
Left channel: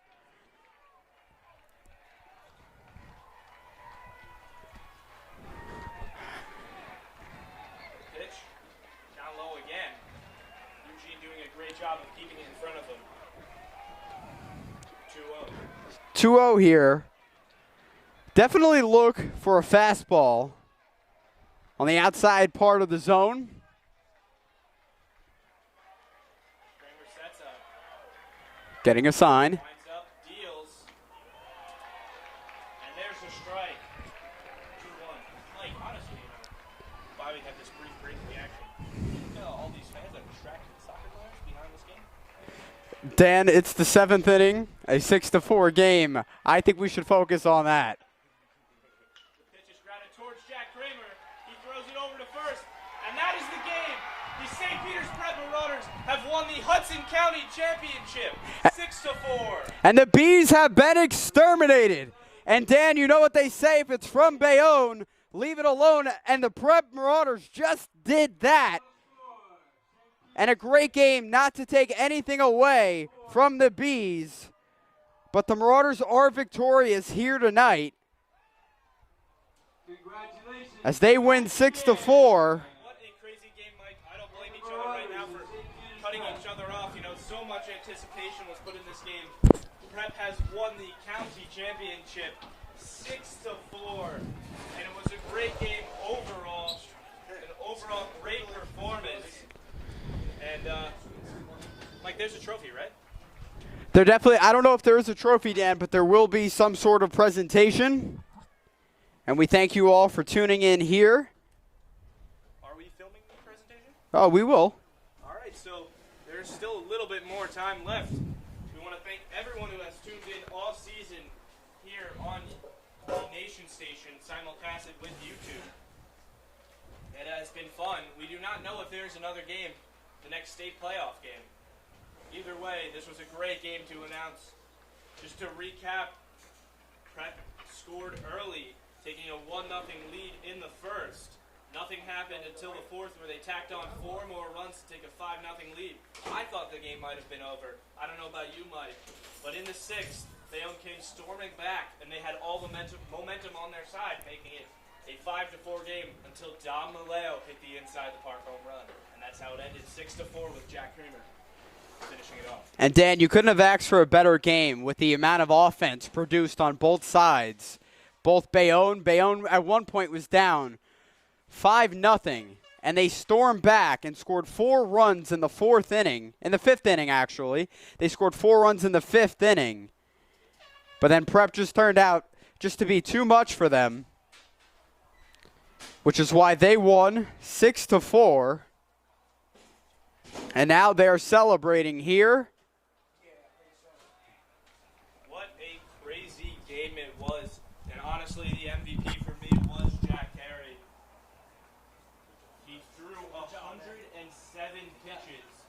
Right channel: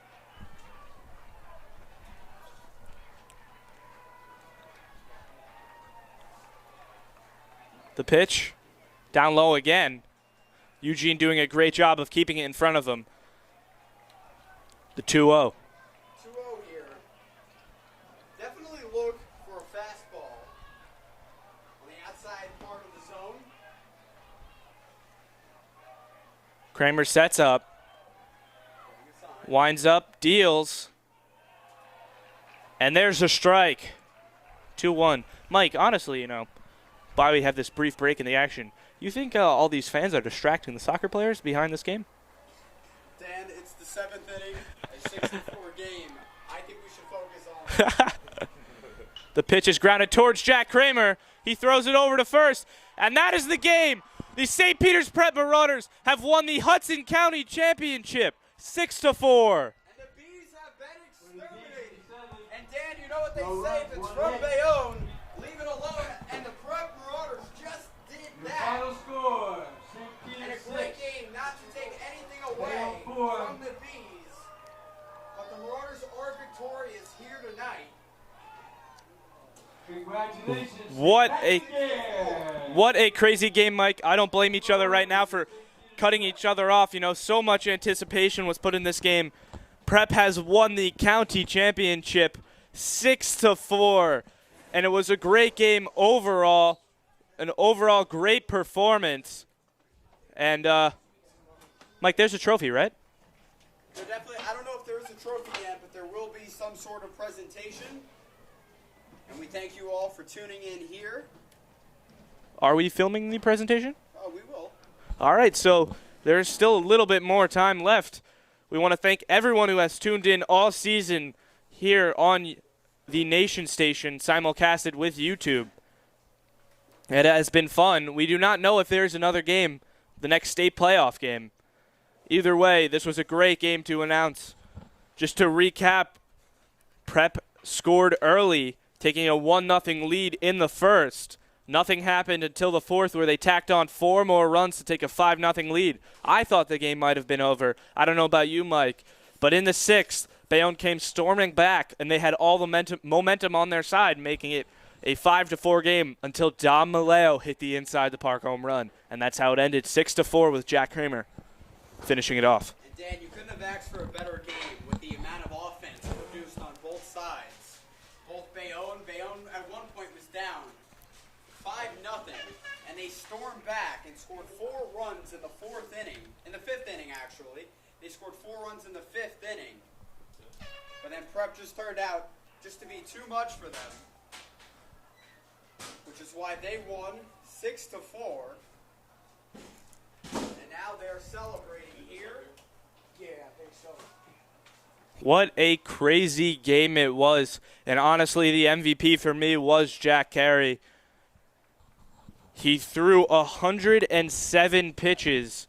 The pitch down low again. Eugene doing a great job of keeping it in front of him. The 2-0. 2-0 here. Definitely look for a fastball on the outside part of the zone. Kramer sets up. Getting a sign. Winds up, deals. And there's a strike. 2-1. Mike, honestly, while we have this brief break in the action, you think all these fans are distracting the soccer players behind this game? Dan, it's the 7th inning, a 6-4 game. I think we should focus on that. The pitch is grounded towards Jack Kramer. He throws it over to first, and that is the game. The St. Peter's Prep Marauders have won the Hudson County Championship, 6-4. And the Bees have been exterminated. And Dan, you know what they say, if it's from Bayonne, leave it alone. And the Prep Marauders just did that. And a great game, not to take anything away from the Bees. But the Marauders are victorious here tonight as they win 6-4. What a crazy game, Mike. I don't blame each other right now for cutting each other off. So much anticipation was put in this game. Prep has won the county championship 6-4. And it was a great game overall. An overall great performance. And, Mike, there's a trophy, right? There definitely, I don't know if there is a trophy, Dan, but there will be some sort of presentation. And we thank you all for tuning in here. Are we filming the presentation? Oh, we will. All right, so there's still a little bit more time left. We want to thank everyone who has tuned in all season here on the Nation Station, simulcasted with YouTube. It has been fun. We do not know if there's another game, the next state playoff game. Either way, this was a great game to announce. Just to recap, Prep scored early, taking a 1-0 lead in the first. Nothing happened until the fourth, where they tacked on 4 more runs to take a 5-0 lead. I thought the game might have been over. I don't know about you, Mike. But in the sixth, Bayonne came storming back, and they had all the momentum on their side, making it a 5-4 game until Dom Maleo hit the inside the park home run. And that's how it ended, 6-4 with Jack Kramer finishing it off. And Dan, you couldn't have asked for a better game with the amount of offense produced on both sides. Both Bayonne at one point was down 5-0, and they stormed back and scored 4 runs in the 4th inning. In the 5th inning, actually. They scored 4 runs in the 5th inning. But then Prep just turned out just to be too much for them, which is why they won 6-4. And now they're celebrating here What a crazy game it was. And honestly, the MVP for me was Jack Carey. He threw 107 pitches,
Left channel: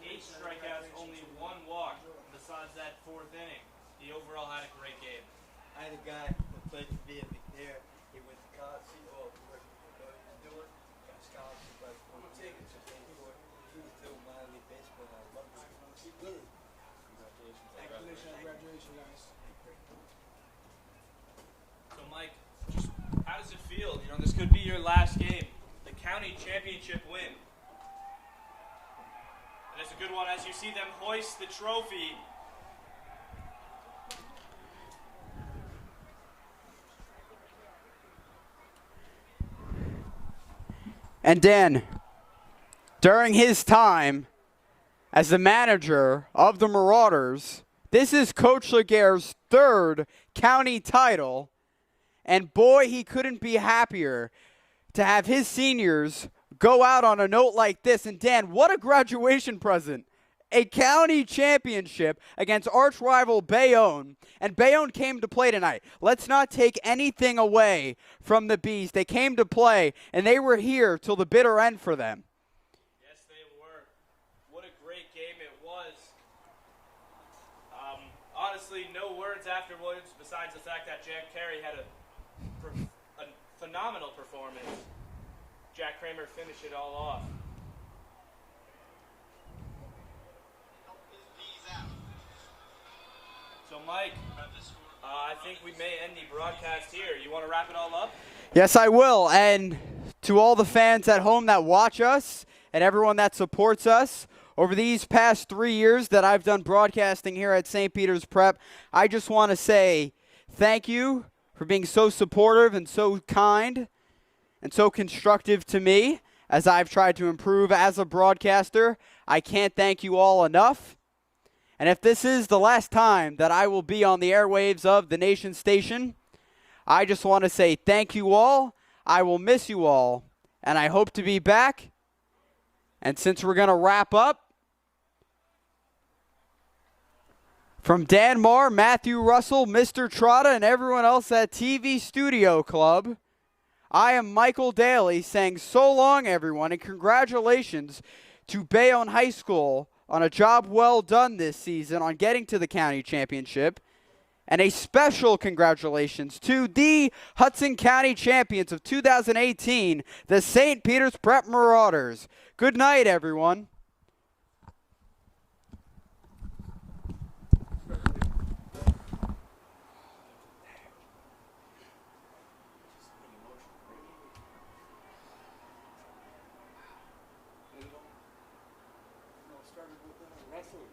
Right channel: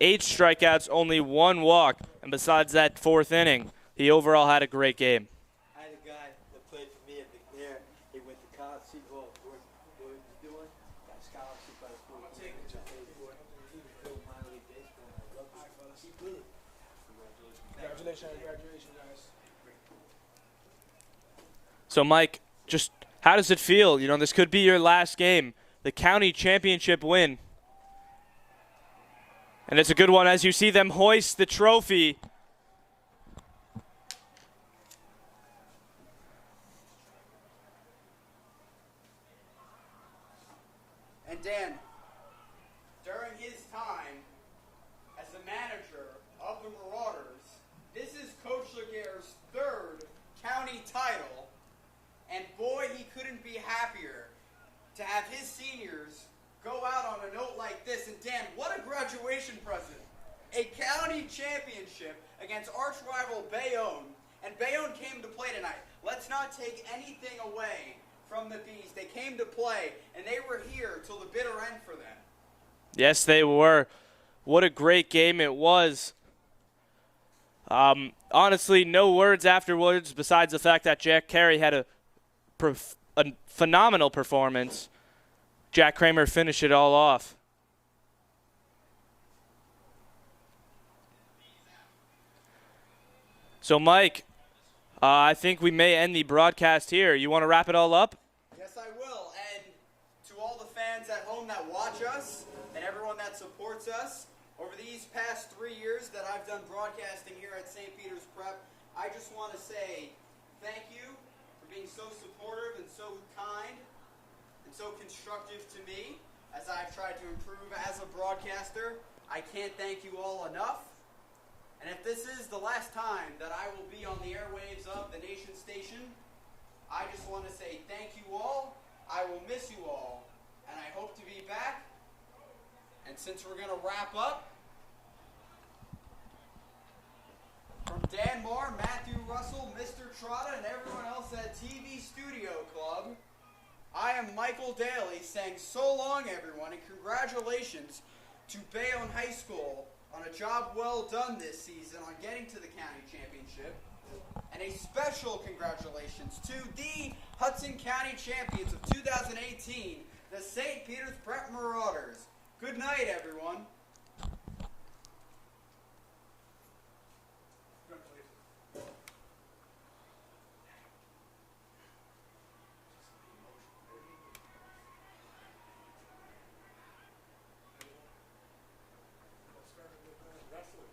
8 strikeouts, only 1 walk. And besides that 4th inning, he overall had a great game. I had a guy that played for me at McNair. He went to college. What he's doing? Got scholarship by 14. He paid for it. He was doing minor league baseball. I love it. Keep with it. Congratulations, guys. So, Mike, just how does it feel? You know, this could be your last game, the county championship win. And it's a good one as you see them hoist the trophy. And Dan, during his time as the manager of the Marauders, this is Coach Laguerre's 3rd county title. And boy, he couldn't be happier to have his seniors go out on a note like this. And Dan, what a graduation present. A county championship against arch rival Bayonne. And Bayonne came to play tonight. Let's not take anything away from the Bees. They came to play, and they were here till the bitter end for them. Yes, they were. What a great game it was. Honestly, no words afterwards besides the fact that Jack Carey had a phenomenal performance. Jack Kramer finished it all off. So, Mike, I think we may end the broadcast here. You want to wrap it all up? Yes, I will. And to all the fans at home that watch us and everyone that supports us, over these past 3 years that I've done broadcasting here at St. Peter's Prep, I just want to say thank you for being so supportive and so kind and so constructive to me as I've tried to improve as a broadcaster. I can't thank you all enough. And if this is the last time that I will be on the airwaves of the Nation Station, I just want to say thank you all. I will miss you all, and I hope to be back. And since we're going to wrap up, from Dan Marr, Matthew Russell, Mr. Trotta, and everyone else at TV Studio Club, I am Michael Daly saying so long, everyone, and congratulations to Bayonne High School on a job well done this season on getting to the county championship. And a special congratulations to the Hudson County champions of 2018, the St. Peter's Prep Marauders. Good night, everyone. Started with wrestling.